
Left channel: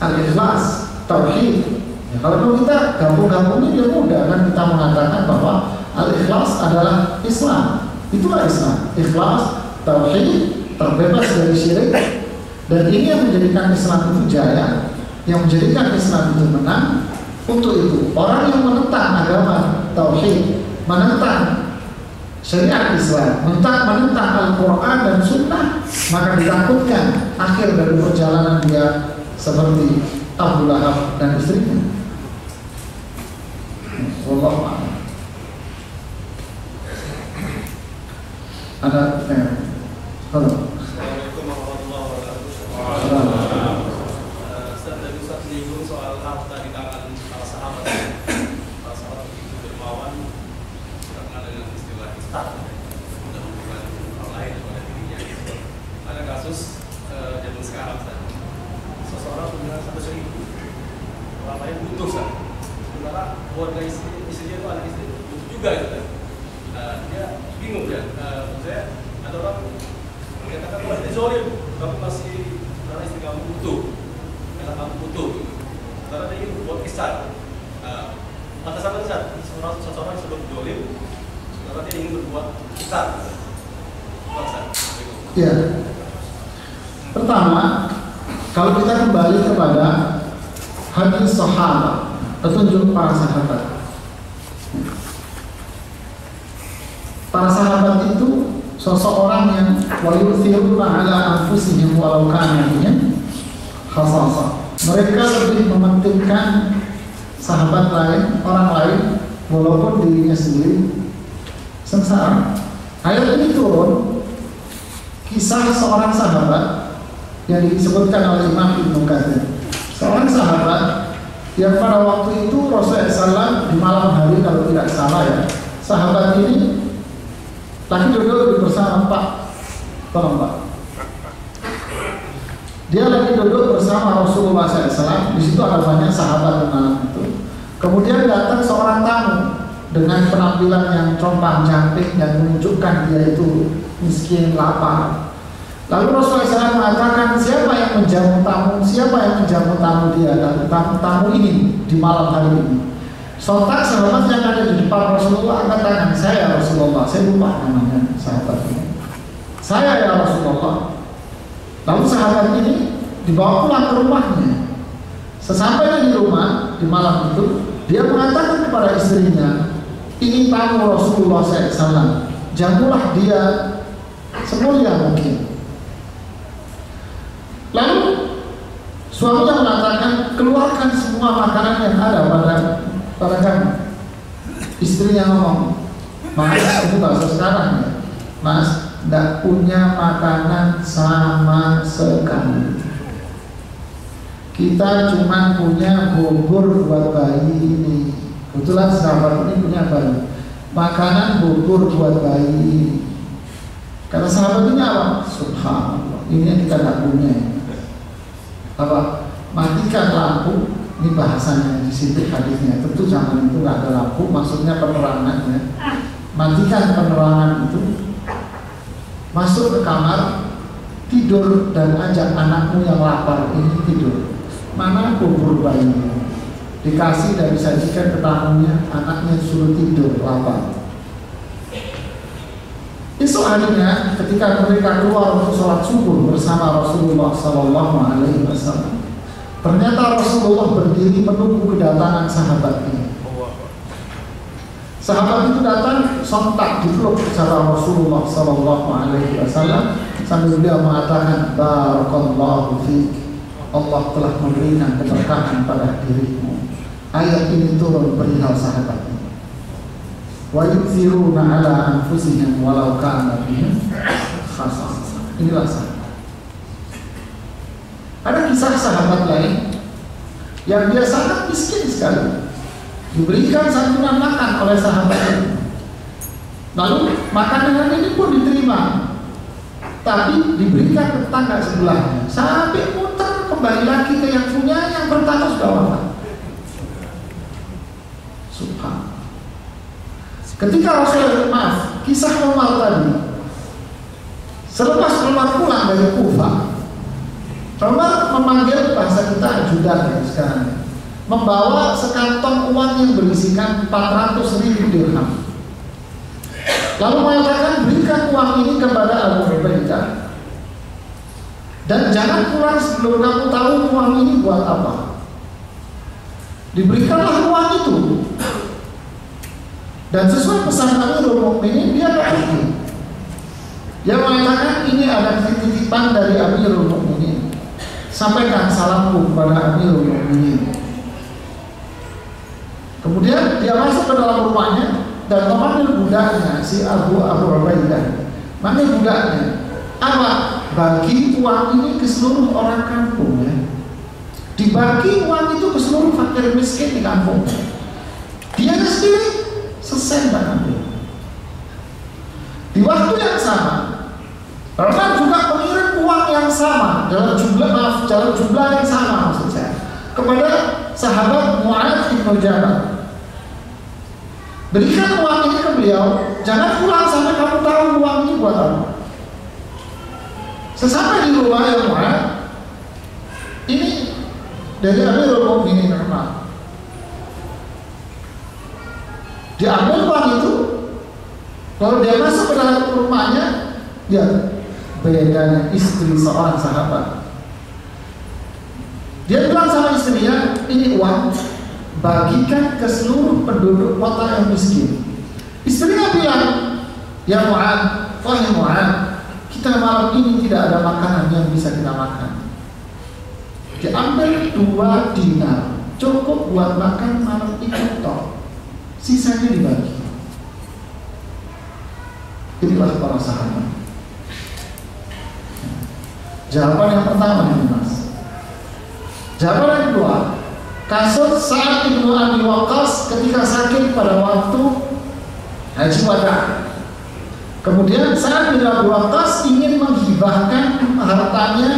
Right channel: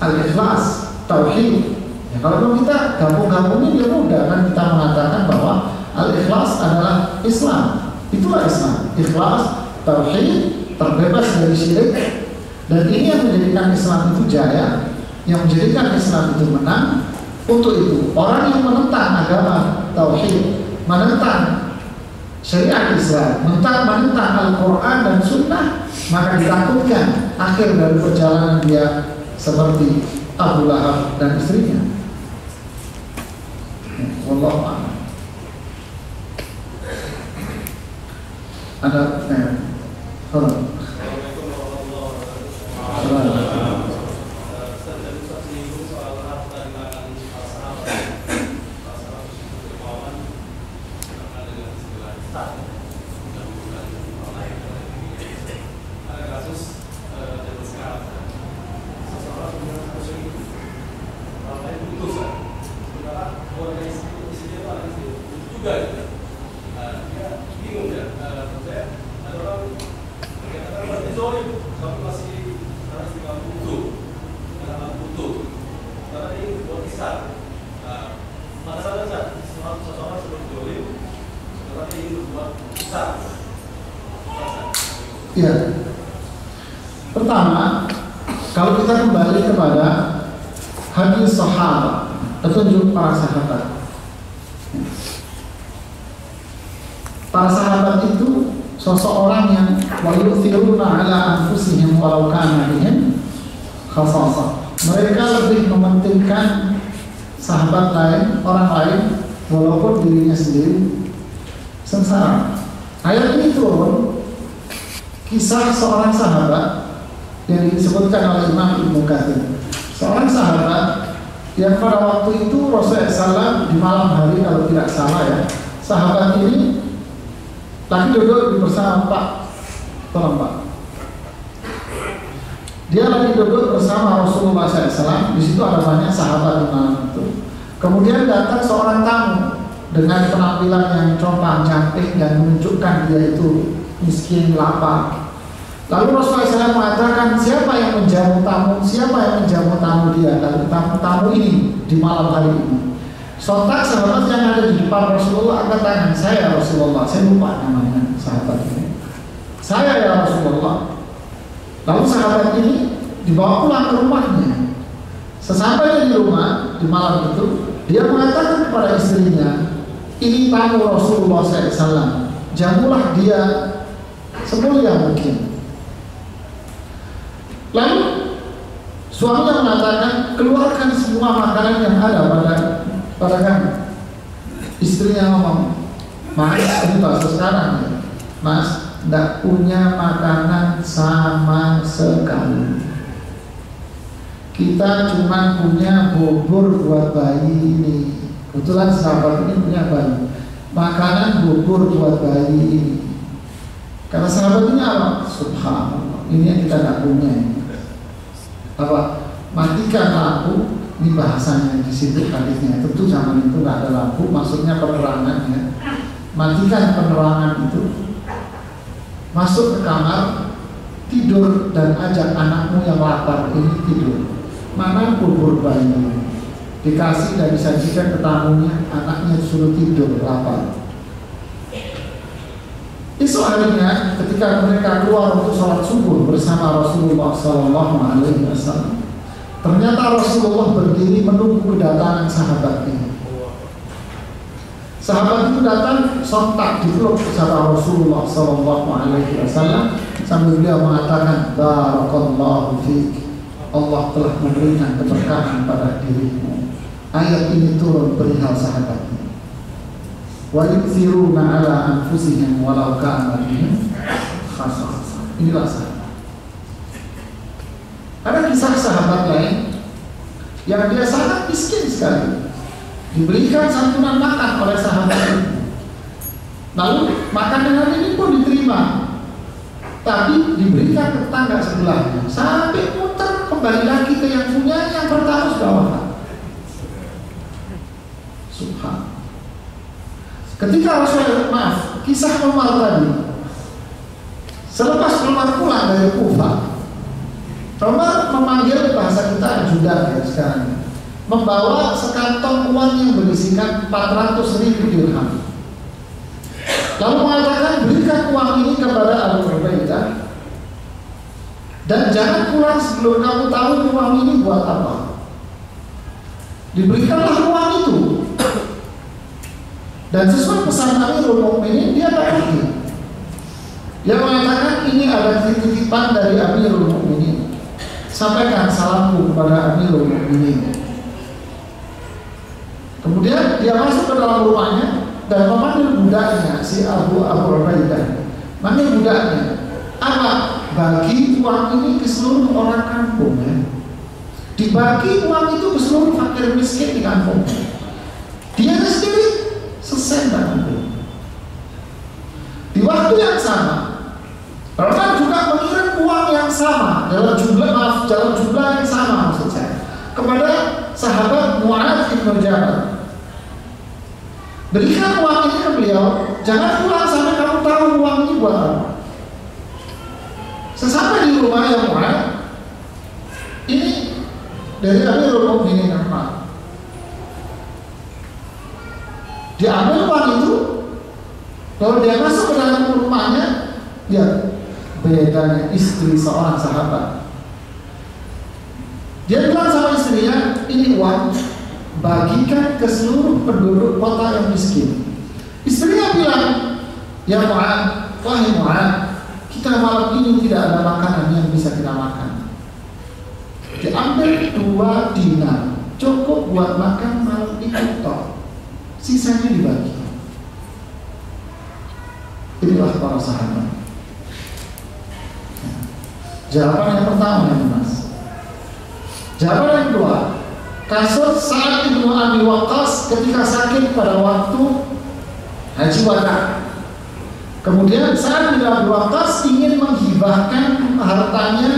Al-Ikhlas, Tauhid. Ya, kalau kita gabung-gabungin dia mudah kan, kita mengatakan bahwa Al-Ikhlas adalah Islam. Itulah Islam. Ikhlas, Tauhid, terbebas dari syirik. Dan ini yang menjadikan Islam itu jaya, yang menjadikan Islam itu menang. Untuk itu, orang yang menentang agama Tauhid, menentang syariat Islam, menentang Al-Quran dan Sunnah, maka ditakutkan akhir dari perjalanan dia seperti Abu Lahab dan istrinya. Wallahu a'lam. Ada halo. Ada kasus zaman sekarang Ya. Pertama, kalau kita kembali kepada hadis sahabat, petunjuk para sahabat. Para sahabat itu sosok orang yang wayuthiruna ala anfusihim walau kana bihim khasasah. Mereka lebih mementingkan sahabat lain, orang lain, walaupun dirinya sendiri sengsara. Ayat ini turun kisah seorang sahabat yang disebutkan oleh Imam Ibnu Katsir. Seorang sahabat yang pada waktu itu Rasulullah SAW di malam hari kalau tidak salah ya, sahabat ini lagi duduk bersama Pak, tolong Pak. Dia lagi duduk bersama Rasulullah SAW. Di situ ada banyak sahabat di malam itu. Kemudian datang seorang tamu dengan penampilan yang compang-camping dan menunjukkan dia itu miskin, lapar. Lalu Rasulullah SAW mengatakan, siapa yang menjamu tamu? Siapa yang menjamu tamu dia dan tamu ini di malam hari ini? Sontak sahabat yang ada di depan Rasulullah angkat tangan, saya Rasulullah. Saya lupa namanya sahabat ini. Saya ya Rasulullah. Lalu sahabat ini dibawa pulang ke rumahnya. Sesampainya di rumah di malam itu, dia mengatakan kepada istrinya, ini tamu Rasulullah SAW, jamulah dia semulia mungkin. Lalu suaminya mengatakan, keluarkan semua makanan yang ada pada kami. Istrinya ngomong, Mas, ini bahasa sekarang ya, Mas, tidak punya makanan sama sekali. Kita cuma punya bubur buat bayi ini. Kebetulan sahabat ini punya bayi. Makanan bubur buat bayi ini. Kata sahabat ini apa? Subhanallah, ini yang kita tidak punya. Apa? Matikan lampu. Ini bahasanya di situ hadisnya. Tentu zaman itu nggak ada lampu, maksudnya penerangan ya. Matikan penerangan itu. Masuk ke kamar, tidur dan ajak anakmu yang lapar ini tidur. Mana bubur bayi? Dikasih dan disajikan ke tamunya, anaknya suruh tidur lapar. Esok harinya ketika mereka keluar untuk sholat subuh bersama Rasulullah SAW, ternyata Rasulullah berdiri menunggu kedatangan sahabat ini. Sahabat itu datang sontak dipeluk sama Rasulullah SAW sambil beliau mengatakan, Barakallahu fiik, Allah telah memberikan keberkahan pada dirimu. Ayat ini turun perihal sahabat ini. Wa yu'thiruna ala anfusihim walau kana bihim khasasah. Inilah sahabat. Ada kisah sahabat lain yang dia sangat miskin sekali, diberikan santunan makan oleh sahabat ini. Lalu makanan ini pun diterima, tapi diberikan ke tetangga sebelahnya. Sampai muter kembali lagi ke yang punya, yang pertama sudah wafat. Subhanallah. Ketika Rasulullah, kisah Umar tadi, selepas Umar pulang dari Kufah, Umar memanggil bahasa kita ajudan ya sekarang, membawa sekantong uang yang berisikan 400.000 dirham. Lalu mengatakan, berikan uang ini kepada Abu Ubaidah dan jangan pulang sebelum kamu tahu uang ini buat apa. Diberikanlah uang itu. Dan sesuai pesan Amirul Mukminin, dia pergi. Dia mengatakan, ini ada titipan dari Amirul Mukminin. Sampaikan salamku kepada Amirul Mukminin. Kemudian dia masuk ke dalam rumahnya dan memanggil budaknya, si Abu Ubaidah. Manggil budaknya, apa? Bagi uang ini ke seluruh orang kampung ya. Dibagi uang itu ke seluruh fakir miskin di kampung. Dia sendiri sesen dan ambil. Di waktu yang sama, Umar juga mengirim uang yang sama dalam jumlah yang sama maksud saya kepada sahabat Mu'adz bin Jabal. Berikan uang ini ke beliau, jangan pulang sampai kamu tahu uang ini buat apa. Sesampai di rumah yang Mu'adz, ini dari Amirul Mukminin Umar, diambil uang itu, Kalau dia masuk ke dalam rumahnya, ya bedanya istri seorang sahabat. Dia bilang sama istrinya, ini uang, bagikan ke seluruh penduduk kota yang miskin. Istrinya bilang, ya Mu'ad, wahai Mu'ad, kita malam ini tidak ada makanan yang bisa kita makan. Diambil 2 dinar, cukup buat makan malam itu toh. Sisanya dibagi. Inilah para sahabat. Jawaban yang pertama yang Mas. Jawaban yang kedua, kasus Sa'ad bin Abi Waqqas ketika sakit pada waktu Haji Wada. Kemudian Sa'ad bin Abi Waqqas ingin menghibahkan hartanya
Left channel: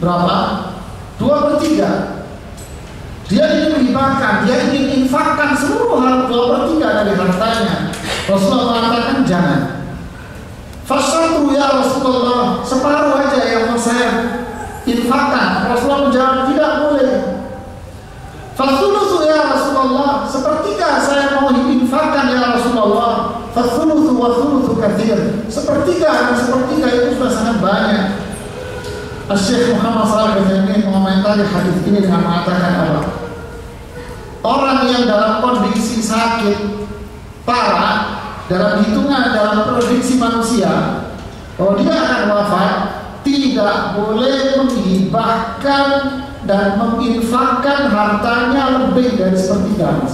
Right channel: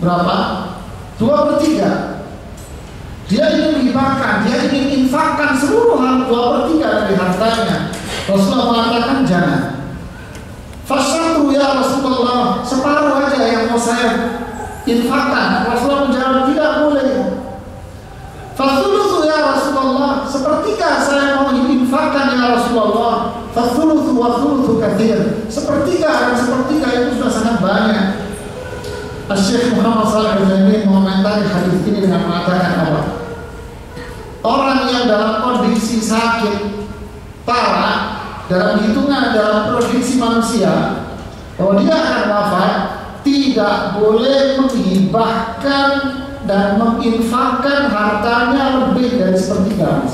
berapa? 2/3. Dia ingin menghibahkan, dia ingin infakkan seluruh 2/3 dari hartanya. Rasulullah mengatakan jangan. Fasyatu ya Rasulullah, separuh aja yang mau saya infakkan. Rasulullah menjawab tidak boleh. Fathuluthu ya Rasulullah, sepertiga saya mau infakkan ya Rasulullah. Fathuluthu wa thuluthu kathir, sepertiga dan sepertiga itu sudah sangat banyak. Syekh Muhammad Shalih Al-Utsaimin mengomentari hadis ini dengan mengatakan apa? Orang yang dalam kondisi sakit parah, dalam hitungan dalam prediksi manusia bahwa dia akan wafat, tidak boleh menghibahkan dan menginfakkan hartanya lebih dari sepertiga.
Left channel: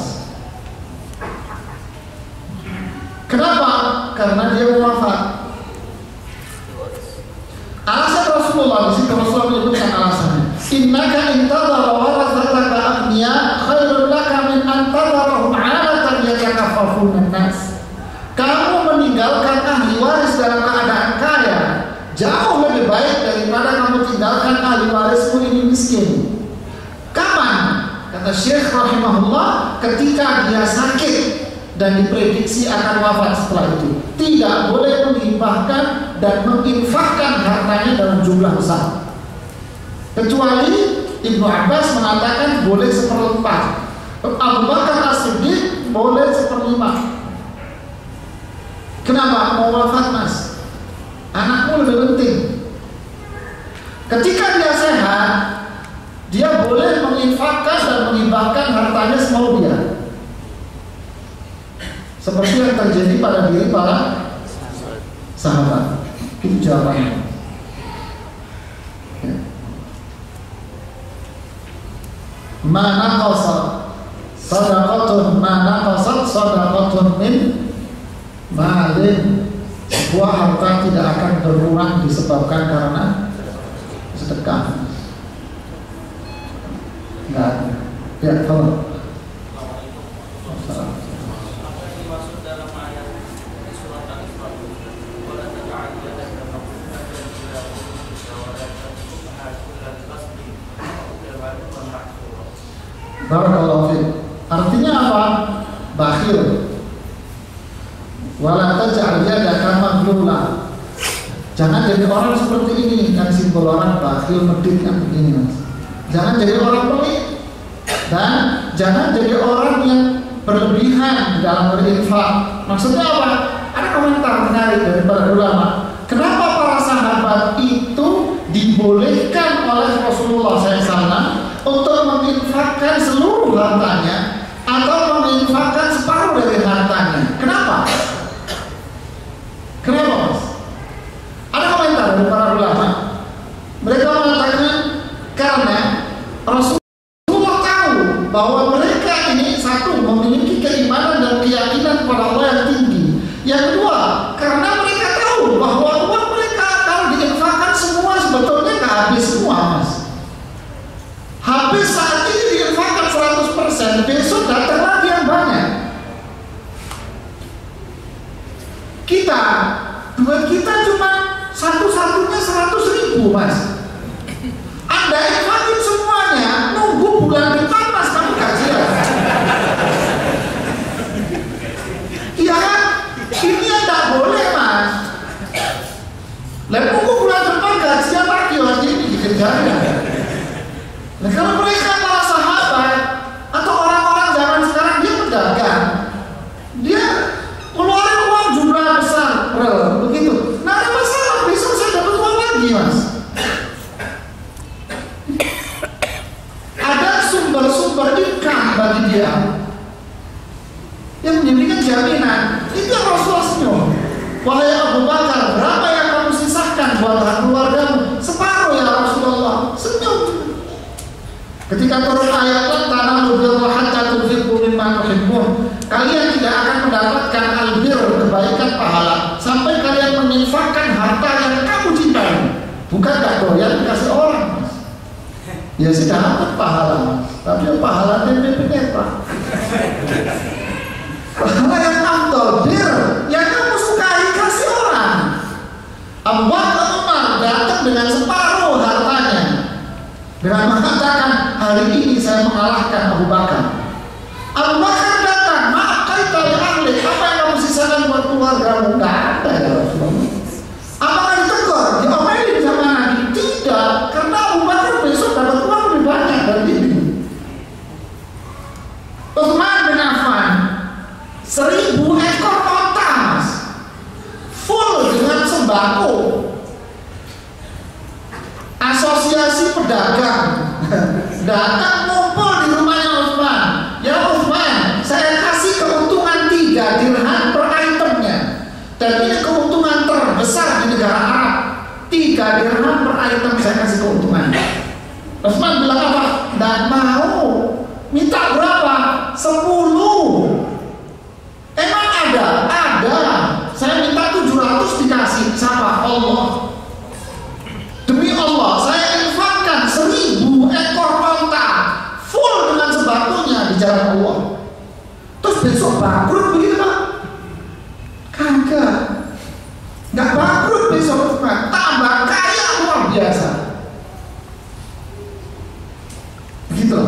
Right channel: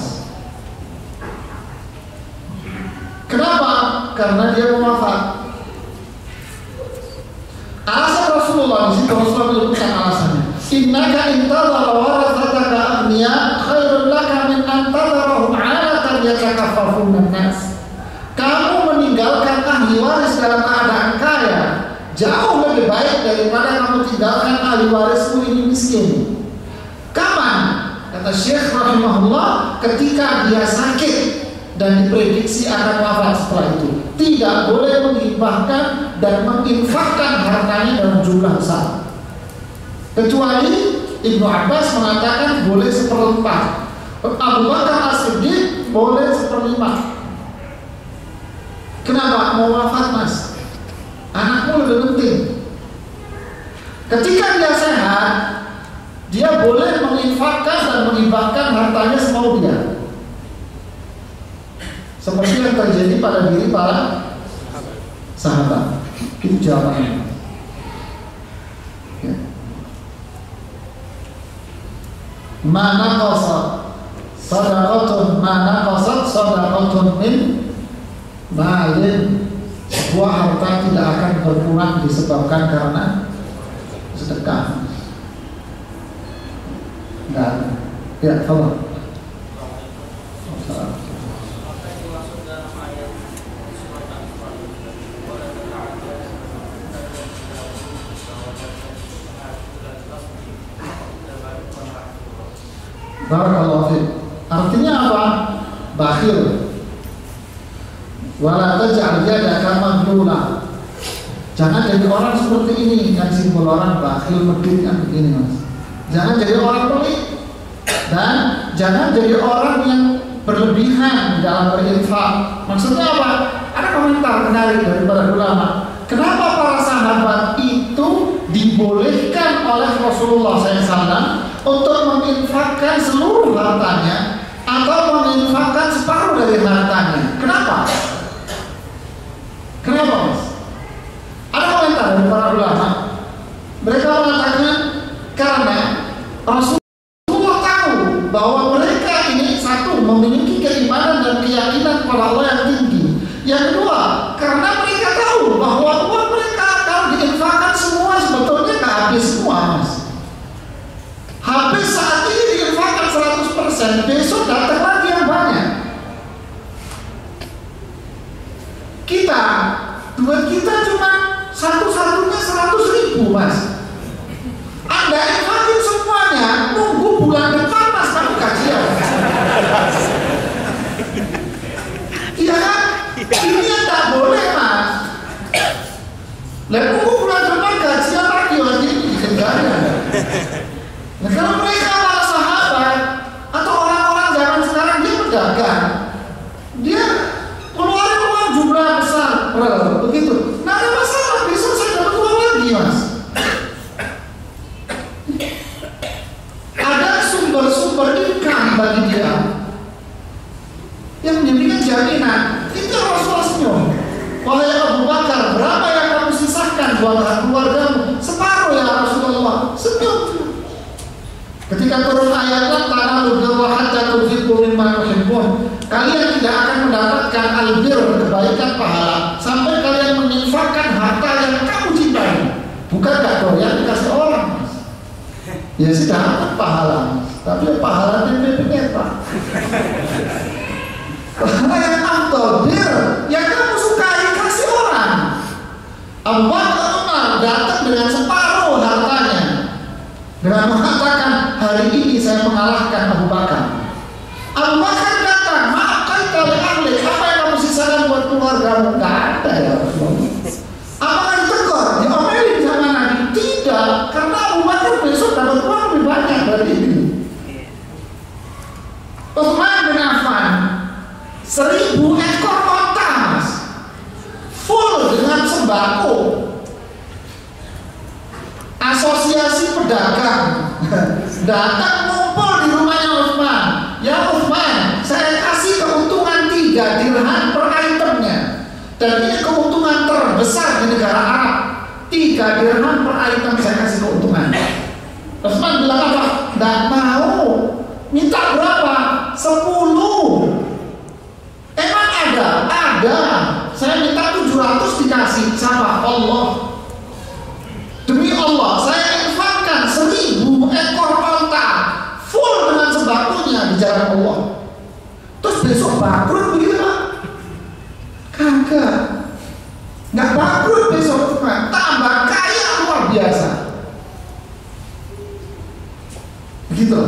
Kenapa? Karena dia wafat. Alasan Rasulullah di situ, Rasulullah menyebutkan alasannya. Innaka intadhara warathataka aghniya khairun laka min antadharahum 'alatan yatakaffafun nas. Kamu meninggalkan ahli waris dalam keadaan kaya jauh lebih baik daripada kamu tinggalkan ahli warismu ini miskin. Kapan? Kata Syekh rahimahullah, ketika dia sakit dan diprediksi akan wafat setelah itu. Tidak boleh menghibahkan dan menginfakkan hartanya dalam jumlah besar. Kecuali Ibnu Abbas mengatakan boleh 1/4. Abu Bakar As-Siddiq boleh 1/5. Kenapa? Mau wafat Mas, anakmu lebih penting. Ketika dia sehat, dia boleh menginfakkan dan menghibahkan hartanya semau dia, seperti yang terjadi pada diri para sahabat. Itu jawabannya. Ya. Mana qasad sadaqatun, mana qasad sadaqatun min malin. Sebuah harta tidak akan berkurang disebabkan karena sedekah. Enggak. Ya, kalau barakallahu fiik. Artinya apa? Bakhil. Wala taj'al yadaka maghlula. Jangan jadi orang seperti ini, kan simbol orang bakhil, medit kan begini Mas. Jangan jadi orang pelit dan jangan jadi orang yang berlebihan dalam berinfak. Maksudnya apa? Ada komentar menarik dari para ulama. Kenapa para sahabat itu dibolehkan oleh Rasulullah SAW untuk menginfakkan seluruh hartanya atau menginfakkan separuh dari hartanya? Kenapa? Kenapa Mas? Ada komentar dari para ulama. Mereka mengatakan karena Rasulullah tahu bahwa mereka ini satu memiliki keimanan dan keyakinan kepada Allah yang tinggi. Yang kedua, karena mereka tahu bahwa uang mereka kalau diinfakkan semua sebetulnya nggak habis semua Mas. Habis saat ini diinfakkan 100%, besok datang lagi yang banyak. Duit kita cuma satu-satunya 100.000 Mas. Anda infakin semuanya, nunggu bulan depan Mas kamu gajian. Iya kan? Ini yang tak boleh Mas. Lalu nunggu bulan depan gajian lagi lagi ini dikejarnya. Nah kalau mereka para sahabat atau orang-orang zaman sekarang dia pedagang, dia keluarin uang Wahai Abu Bakar, berapa yang kamu sisakan buat keluargamu? Separuh ya Rasulullah. Senyum. Ketika turun ayat lan tanalul birra hatta tunfiqu mimma tuhibbun, kalian tidak akan mendapatkan albir, kebaikan pahala, sampai kalian menginfakkan harta yang kamu cintai. Bukan gak doyan dikasih orang, Mas. Ya sih dapat pahala, tapi ya pahala tempe-tempe Pak. Pahala yang afdal, bir yang kamu sukai kasih orang. Abu Bakar Umar datang dengan separuh hartanya dengan mengatakan, hari ini saya mengalahkan Abu Bakar. Abu Bakar datang, maaf kali ahli, apa yang kamu sisakan buat keluargamu? Gak ada ya Rasulullah. Apakah ditegur, diomelin sama Nabi? Tidak, karena Abu Bakar besok dapat uang lebih banyak dari ini. Utsman bin Affan 1000 ekor onta, Mas, full dengan sembako. Asosiasi pedagang datang ngumpul di rumahnya Utsman. Ya Utsman, saya kasih keuntungan 3 dirham per itemnya, dan ini keuntungan terbesar di negara Arab. 3 dirham per item saya kasih keuntungan. Utsman bilang apa? Nggak mau. Minta berapa? 10. Emang ada? Ada. Saya minta 700 dikasih. Sama Allah. Demi Allah, saya infakkan 1000 ekor onta full dengan sembakonya di jalan Allah. Terus besok bangkrut begitu Pak? Kagak. Nggak bangkrut besok, Pak. Tambah kaya luar biasa. Begitu.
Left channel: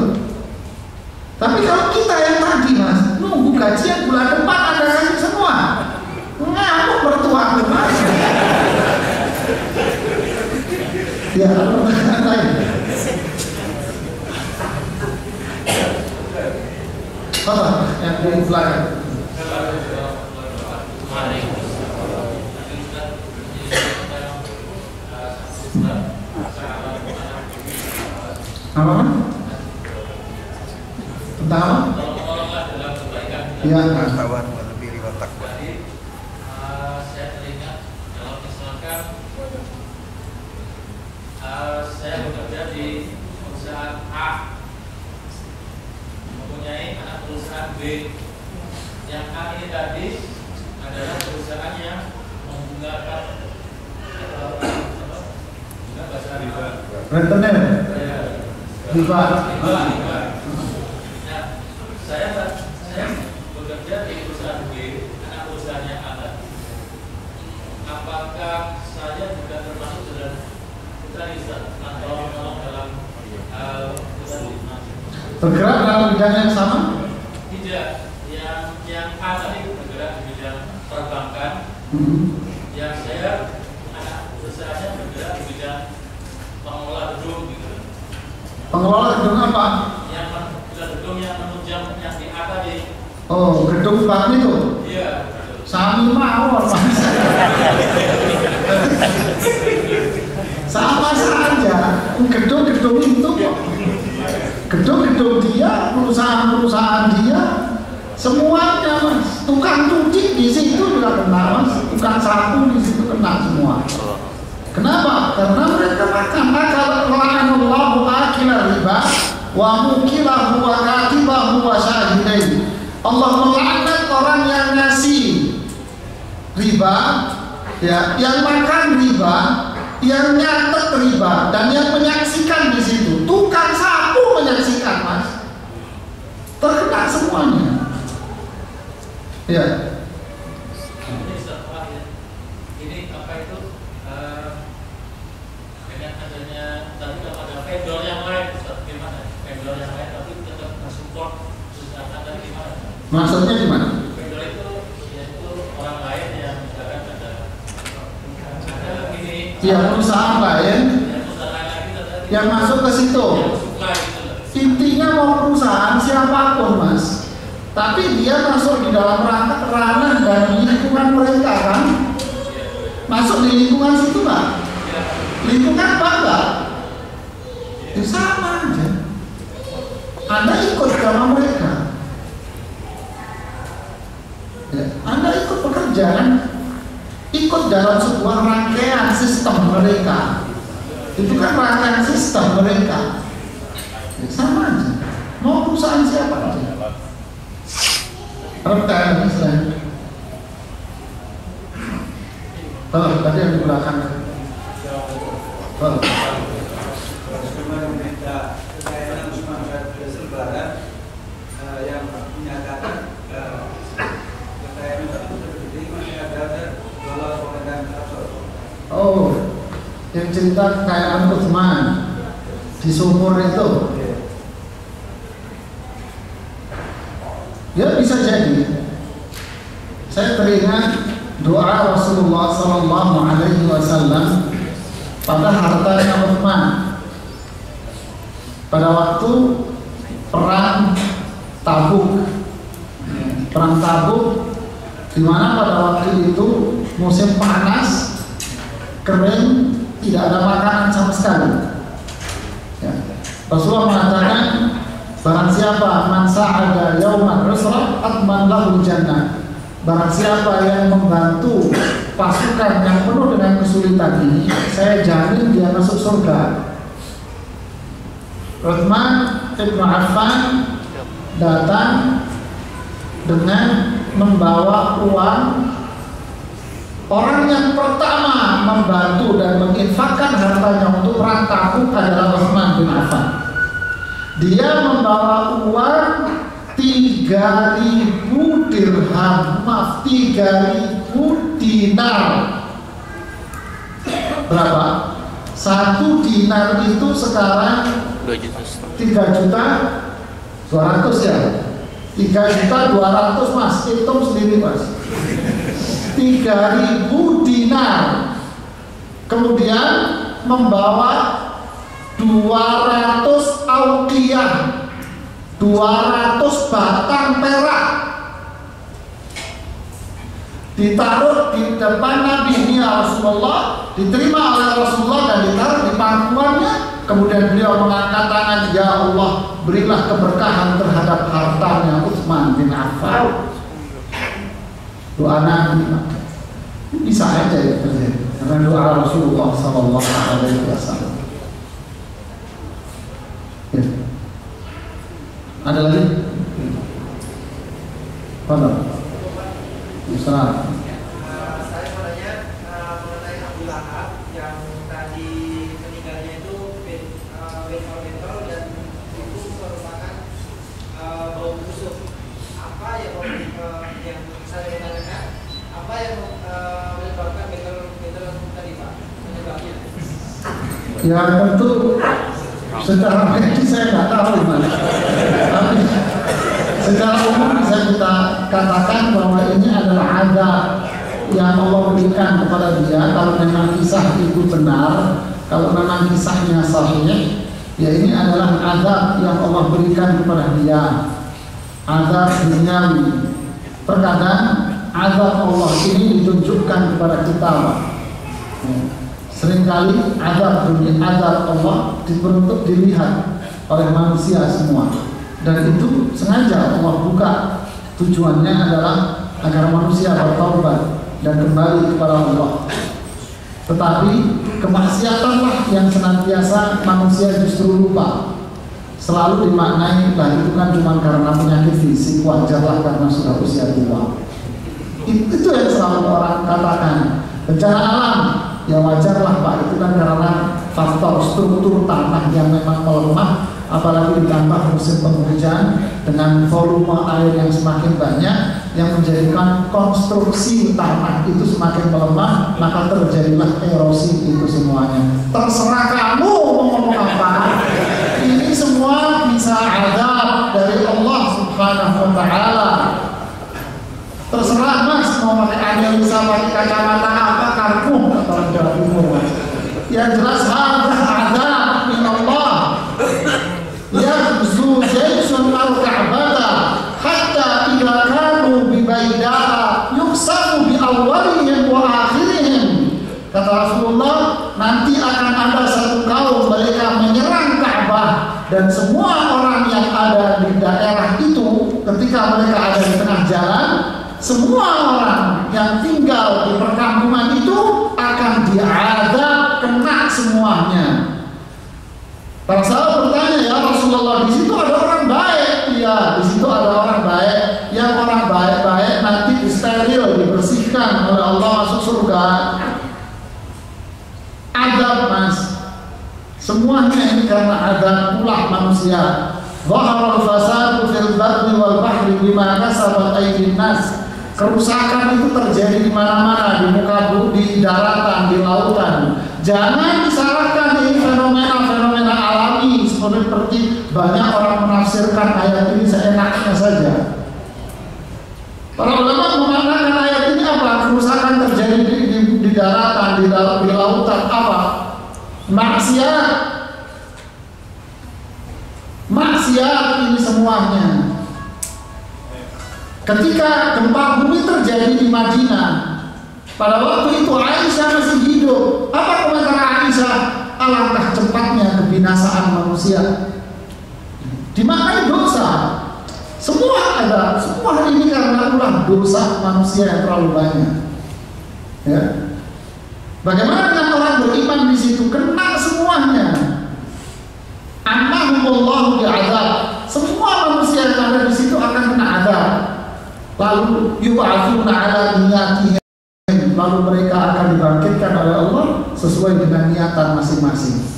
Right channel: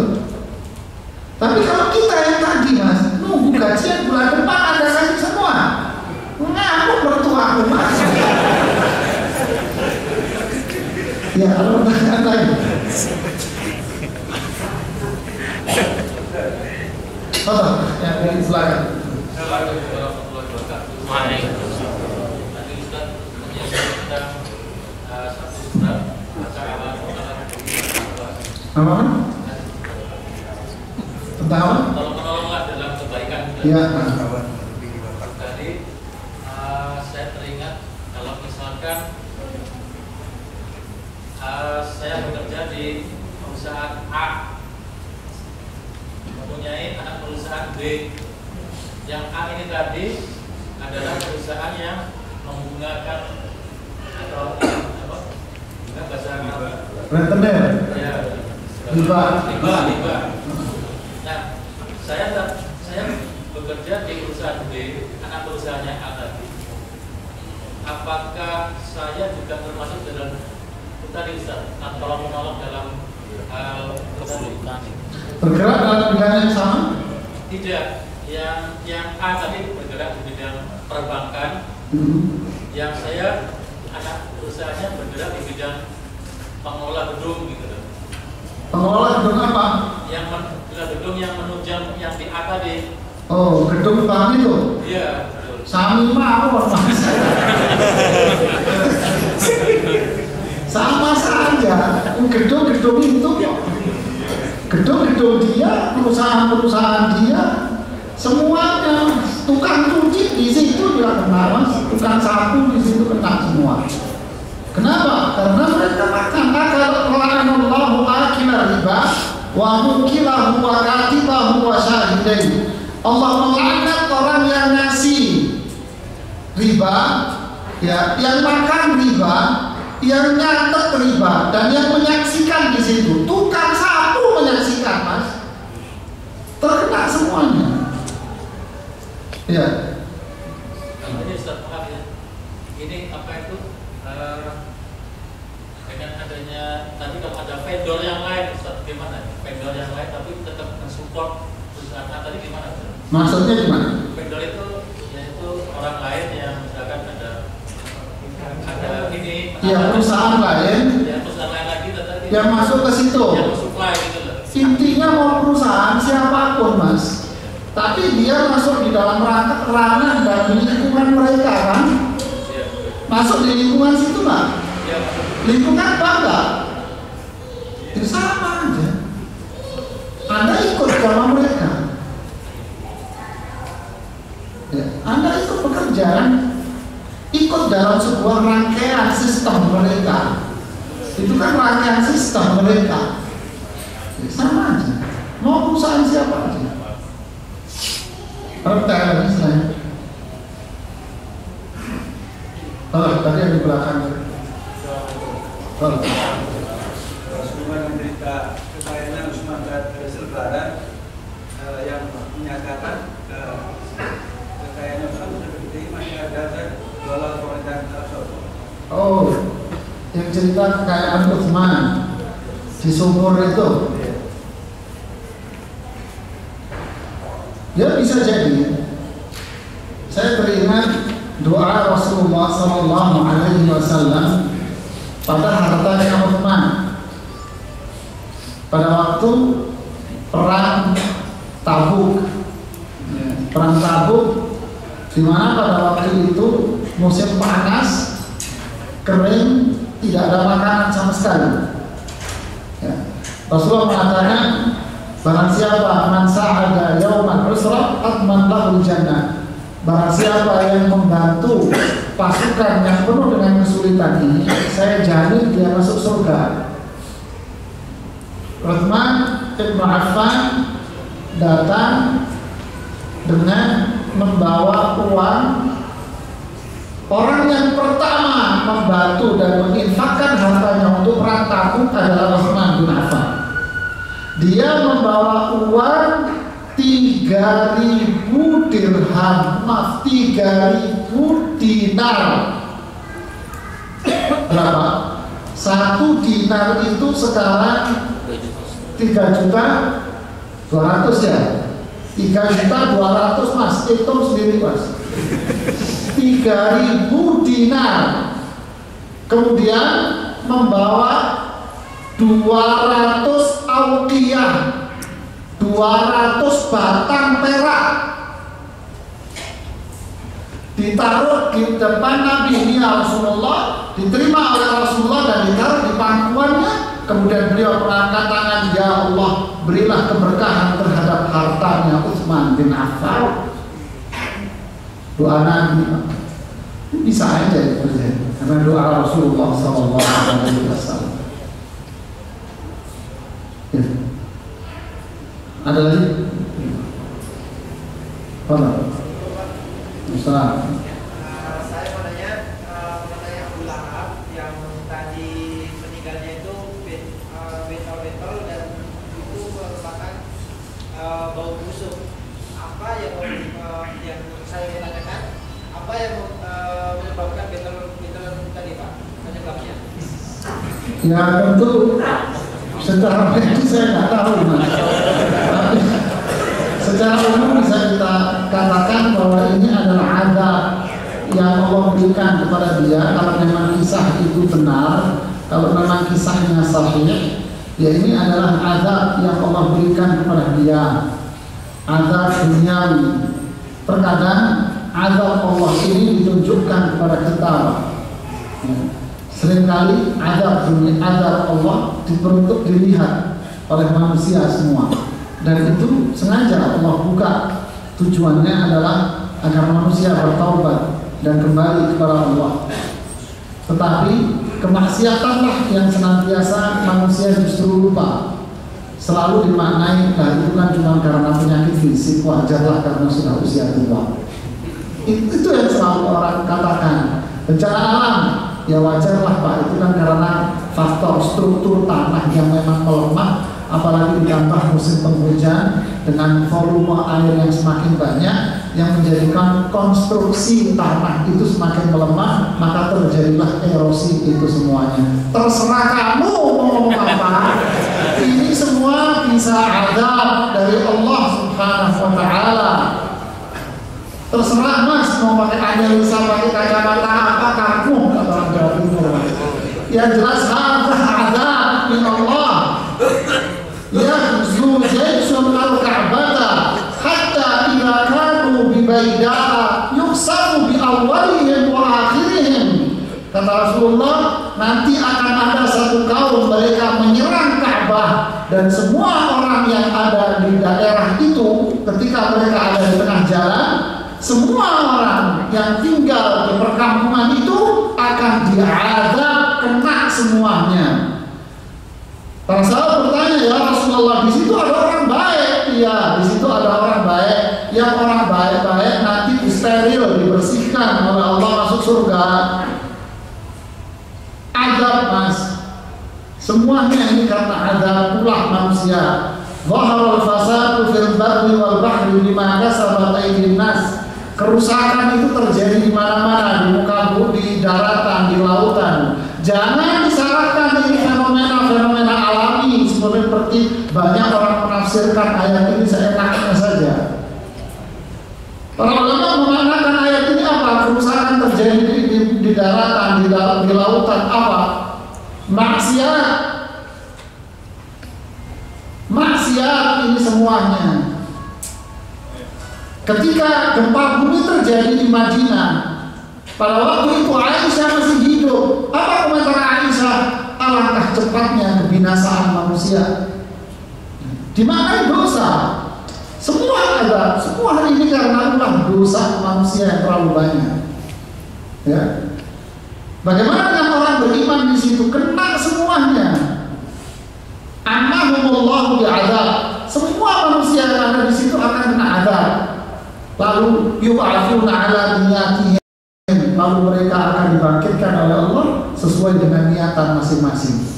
Tapi kalau kita yang tadi, Mas, nunggu gajian bulan depan Anda kasih semua, ngamuk mertuaku, Mas. Ya, ada pertanyaan lain. Apa yang di belakang? Apa? Tentang apa? Tolong-tolonglah dalam kebaikan. Ya. Jadi saya teringat kalau misalkan saya bekerja di perusahaan A, mempunyai anak perusahaan B. Yang A ini tadi adalah perusahaan yang menggunakan bahasa Rentenir. ya, Riba. riba. Nah, saya bekerja di perusahaan B, anak perusahaannya A tadi. Apakah saya juga termasuk dalam tadi Ustaz, atau menolong dalam Bergerak dalam bidang yang sama? Tidak. Yang A tadi bergerak di bidang perbankan. Yang saya anak usahanya bergerak di bidang pengelola gedung gitu. Pengelola gedung apa? Yang gedung yang menunjang yang di A tadi. Oh, gedung bank itu? Iya, betul. Sami mawon, Mas. Sama saja, gedung-gedung itu kok. Gedung-gedung dia, perusahaan-perusahaan dia, semuanya, Mas. Tukang cuci di situ juga kena, Mas. Tukang sapu di situ kena semua. Kenapa? Karena mereka makan akal la'anallahu akila riba wa mukilahu wa katibahu wa syahidain. Allah melaknat orang yang ngasih riba, ya, yang makan riba, yang nyatet riba, dan yang menyaksikan di situ. Tukang sapu menyaksikan, Mas. Terkena semuanya. Ya. Ini apa itu? Dengan adanya tadi kalau ada vendor yang lain, gimana? Vendor yang lain tapi tetap mensupport perusahaan tadi gimana? Maksudnya gimana? Vendor itu yaitu orang lain yang misalkan ada ini. Ya, perusahaan lain. Ya, perusahaan lain lagi tadi. Yang masuk ke situ. Yang supply gitu loh. Intinya mau perusahaan siapapun, Mas. Tapi dia masuk di dalam ranah dan lingkungan mereka, kan? Masuk di lingkungan situ nggak? Ya. Lingkungan bangga. Ya sama aja. Anda ikut sama mereka. Ya, Anda ikut pekerja, kan? ikut dalam sebuah rangkaian sistem mereka. Itu kan rangkaian sistem mereka. Ya, sama aja. Mau perusahaan siapa aja. Kalau kita lagi selain. Kalau tadi yang di belakang. Kalau sebagaimana berita kekayaan Usman Faisal Barat yang menyatakan kekayaan tersebut diterima ada dolar pemerintahan Arab Saudi. oh, yang cerita kekayaan Utsman di sumur itu. Ya bisa jadi. Saya teringat doa Rasulullah Sallallahu Alaihi Wasallam pada hartanya Utsman pada waktu perang Tabuk. Perang Tabuk, di mana pada waktu itu musim panas, kering, tidak ada makanan sama sekali. Ya. Rasulullah mengatakan, barang siapa man sa'ada yauman usra atman lahul jannah. Barang siapa yang membantu pasukan yang penuh dengan kesulitan ini, saya jamin dia masuk surga. Utsman bin Affan datang dengan membawa uang. Orang yang pertama membantu dan menginfakkan hartanya untuk perang Tabuk adalah Utsman bin Affan. Dia membawa uang 3.000 dirham, maaf 3.000 dinar. Berapa? 1 dinar itu sekarang 3.200.000 ya. 3.200.000 mas, hitung sendiri mas. 3.000 dinar. Kemudian membawa 200 auqiyah, 200 batang perak, ditaruh di depan Nabi ini Rasulullah, diterima oleh Rasulullah dan ditaruh di pangkuannya. Kemudian beliau mengangkat tangan, ya Allah, berilah keberkahan terhadap hartanya Utsman bin Affan. Doa Nabi bisa aja ya terjadi karena doa Rasulullah Sallallahu Alaihi Wasallam. Ya. Ada lagi? Pada Ustaz. Saya mau nanya mengenai Abu Lahab yang tadi meninggalnya itu bentol-bentol dan itu merupakan bau busuk. Apa yang saya tanyakan? Apa yang menyebabkan bentol tadi Pak? Penyebabnya? Ya tentu secara medis saya nggak tahu mas. Tapi secara umum bisa kita katakan bahwa ini adalah azab yang Allah berikan kepada dia. Kalau memang kisah itu benar, kalau memang kisahnya sahih, ya ini adalah azab yang Allah berikan kepada dia, azab duniawi. Terkadang azab Allah ini ditunjukkan kepada kita, Pak. Ya. Seringkali azab dunia, azab Allah diperuntuk dilihat oleh manusia semua. Dan itu sengaja Allah buka. Tujuannya adalah agar manusia bertaubat dan kembali kepada Allah. Tetapi kemaksiatanlah yang senantiasa manusia justru lupa. Selalu dimaknai, lah itu kan cuma karena penyakit fisik, wajarlah karena sudah usia tua. Itu yang selalu orang katakan. Bencana alam, ya wajarlah Pak, itu kan karena faktor struktur tanah yang memang melemah. Apalagi ditambah musim penghujan dengan volume air yang semakin banyak, yang menjadikan konstruksi tanah itu semakin melemah, maka terjadilah erosi itu semuanya. Terserah kamu mau ngomong apa. Ini semua bisa azab dari Allah Subhanahu wa Ta'ala. Terserah mas mau pakai analisa, pakai kacamata apa, karpung kata orang Jawa Timur. Yang jelas azab min Allah. Yaghzu jaysun al-Ka'bata hatta idza kanu bi Baidaa yuqsamu bi awwalihim wa akhirihim. Kata Rasulullah, nanti akan ada satu kaum mereka menyerang Ka'bah, dan semua orang yang ada di daerah itu ketika mereka ada di tengah jalan, semua orang yang tinggal di perkampungan juga adab, Mas. Semuanya ini karena adab ulah manusia. Zaharal fasadu fil barri wal bahri bima kasabat aydin nas. Kerusakan itu terjadi di mana-mana, di muka bumi, di daratan, di lautan. Jangan disalahkan ini fenomena-fenomena alami seperti banyak orang menafsirkan ayat ini seenaknya saja. Para ulama memaknakan ayat ini apa? Kerusakan terjadi di daratan, di lautan, apa? Maksiat. Maksiat ini semuanya. Ketika gempa bumi terjadi di Madinah, pada waktu itu Aisyah masih hidup. Apa komentar Aisyah? Alangkah cepatnya kebinasaan manusia. Dimaknai dosa. Semua ada, semua hari ini karena ulah dosa manusia yang terlalu banyak. Ya. Bagaimana dengan orang beriman di situ? Kena semuanya. Annahumullahu bi'adzab. Semua manusia yang ada di situ akan kena azab. Lalu yub'atsuna 'ala niyatihim. Lalu mereka akan dibangkitkan oleh Allah sesuai dengan niatan masing-masing.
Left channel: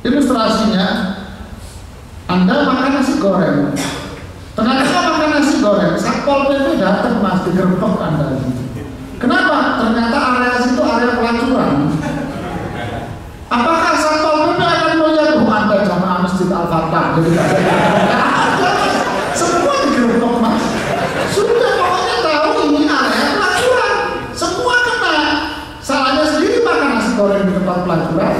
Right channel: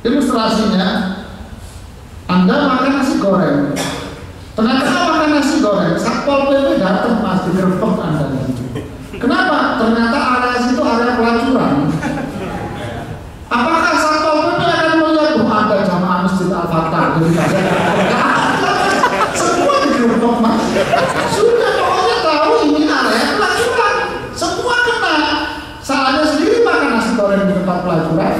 Ilustrasinya, Anda makan nasi goreng. Ternyata makan nasi goreng, Satpol PP datang, Mas, digerebek Anda. Kenapa? Ternyata area situ area pelacuran. Apakah Satpol PP akan melihat Anda jamaah Masjid Al-Fatah? Jadi semua digerebek, Mas. Sudah pokoknya tahu ini area pelacuran. Semua kena. Salahnya sendiri makan nasi goreng di tempat pelacuran.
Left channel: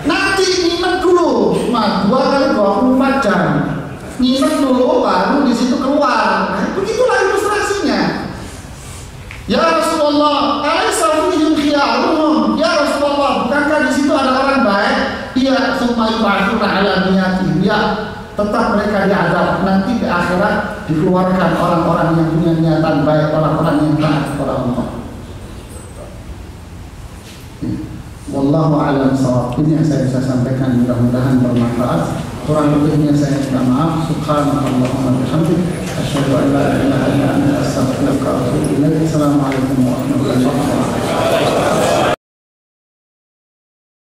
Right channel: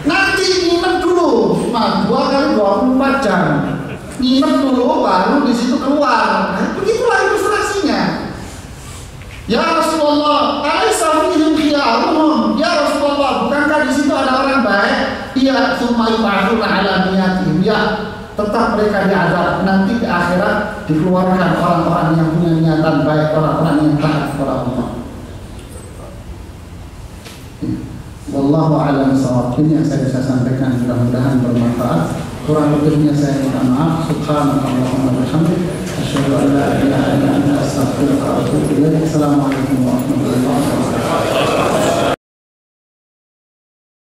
Nanti nginep dulu, Mas, 2 kali 24 jam. Nginep dulu, baru di situ keluar. Nah, begitulah ilustrasinya. Ya Rasulullah, alaysa fihim khiyaruhum? Ya Rasulullah, bukankah di situ ada orang baik? Iya, summa yub'atsuna 'ala niyatihim. Ya, tetap mereka diazab. Nanti di akhirat dikeluarkan orang-orang yang punya niatan baik, orang-orang yang taat kepada Allah. Wallahu a'lam bishawab. Ini yang saya bisa sampaikan, mudah-mudahan bermanfaat. Kurang lebihnya saya minta maaf. Subhanallahumma bihamdik, asyhadu an la ilaha illa anta, astaghfiruka wa atubu ilaik. Assalamualaikum warahmatullahi wabarakatuh.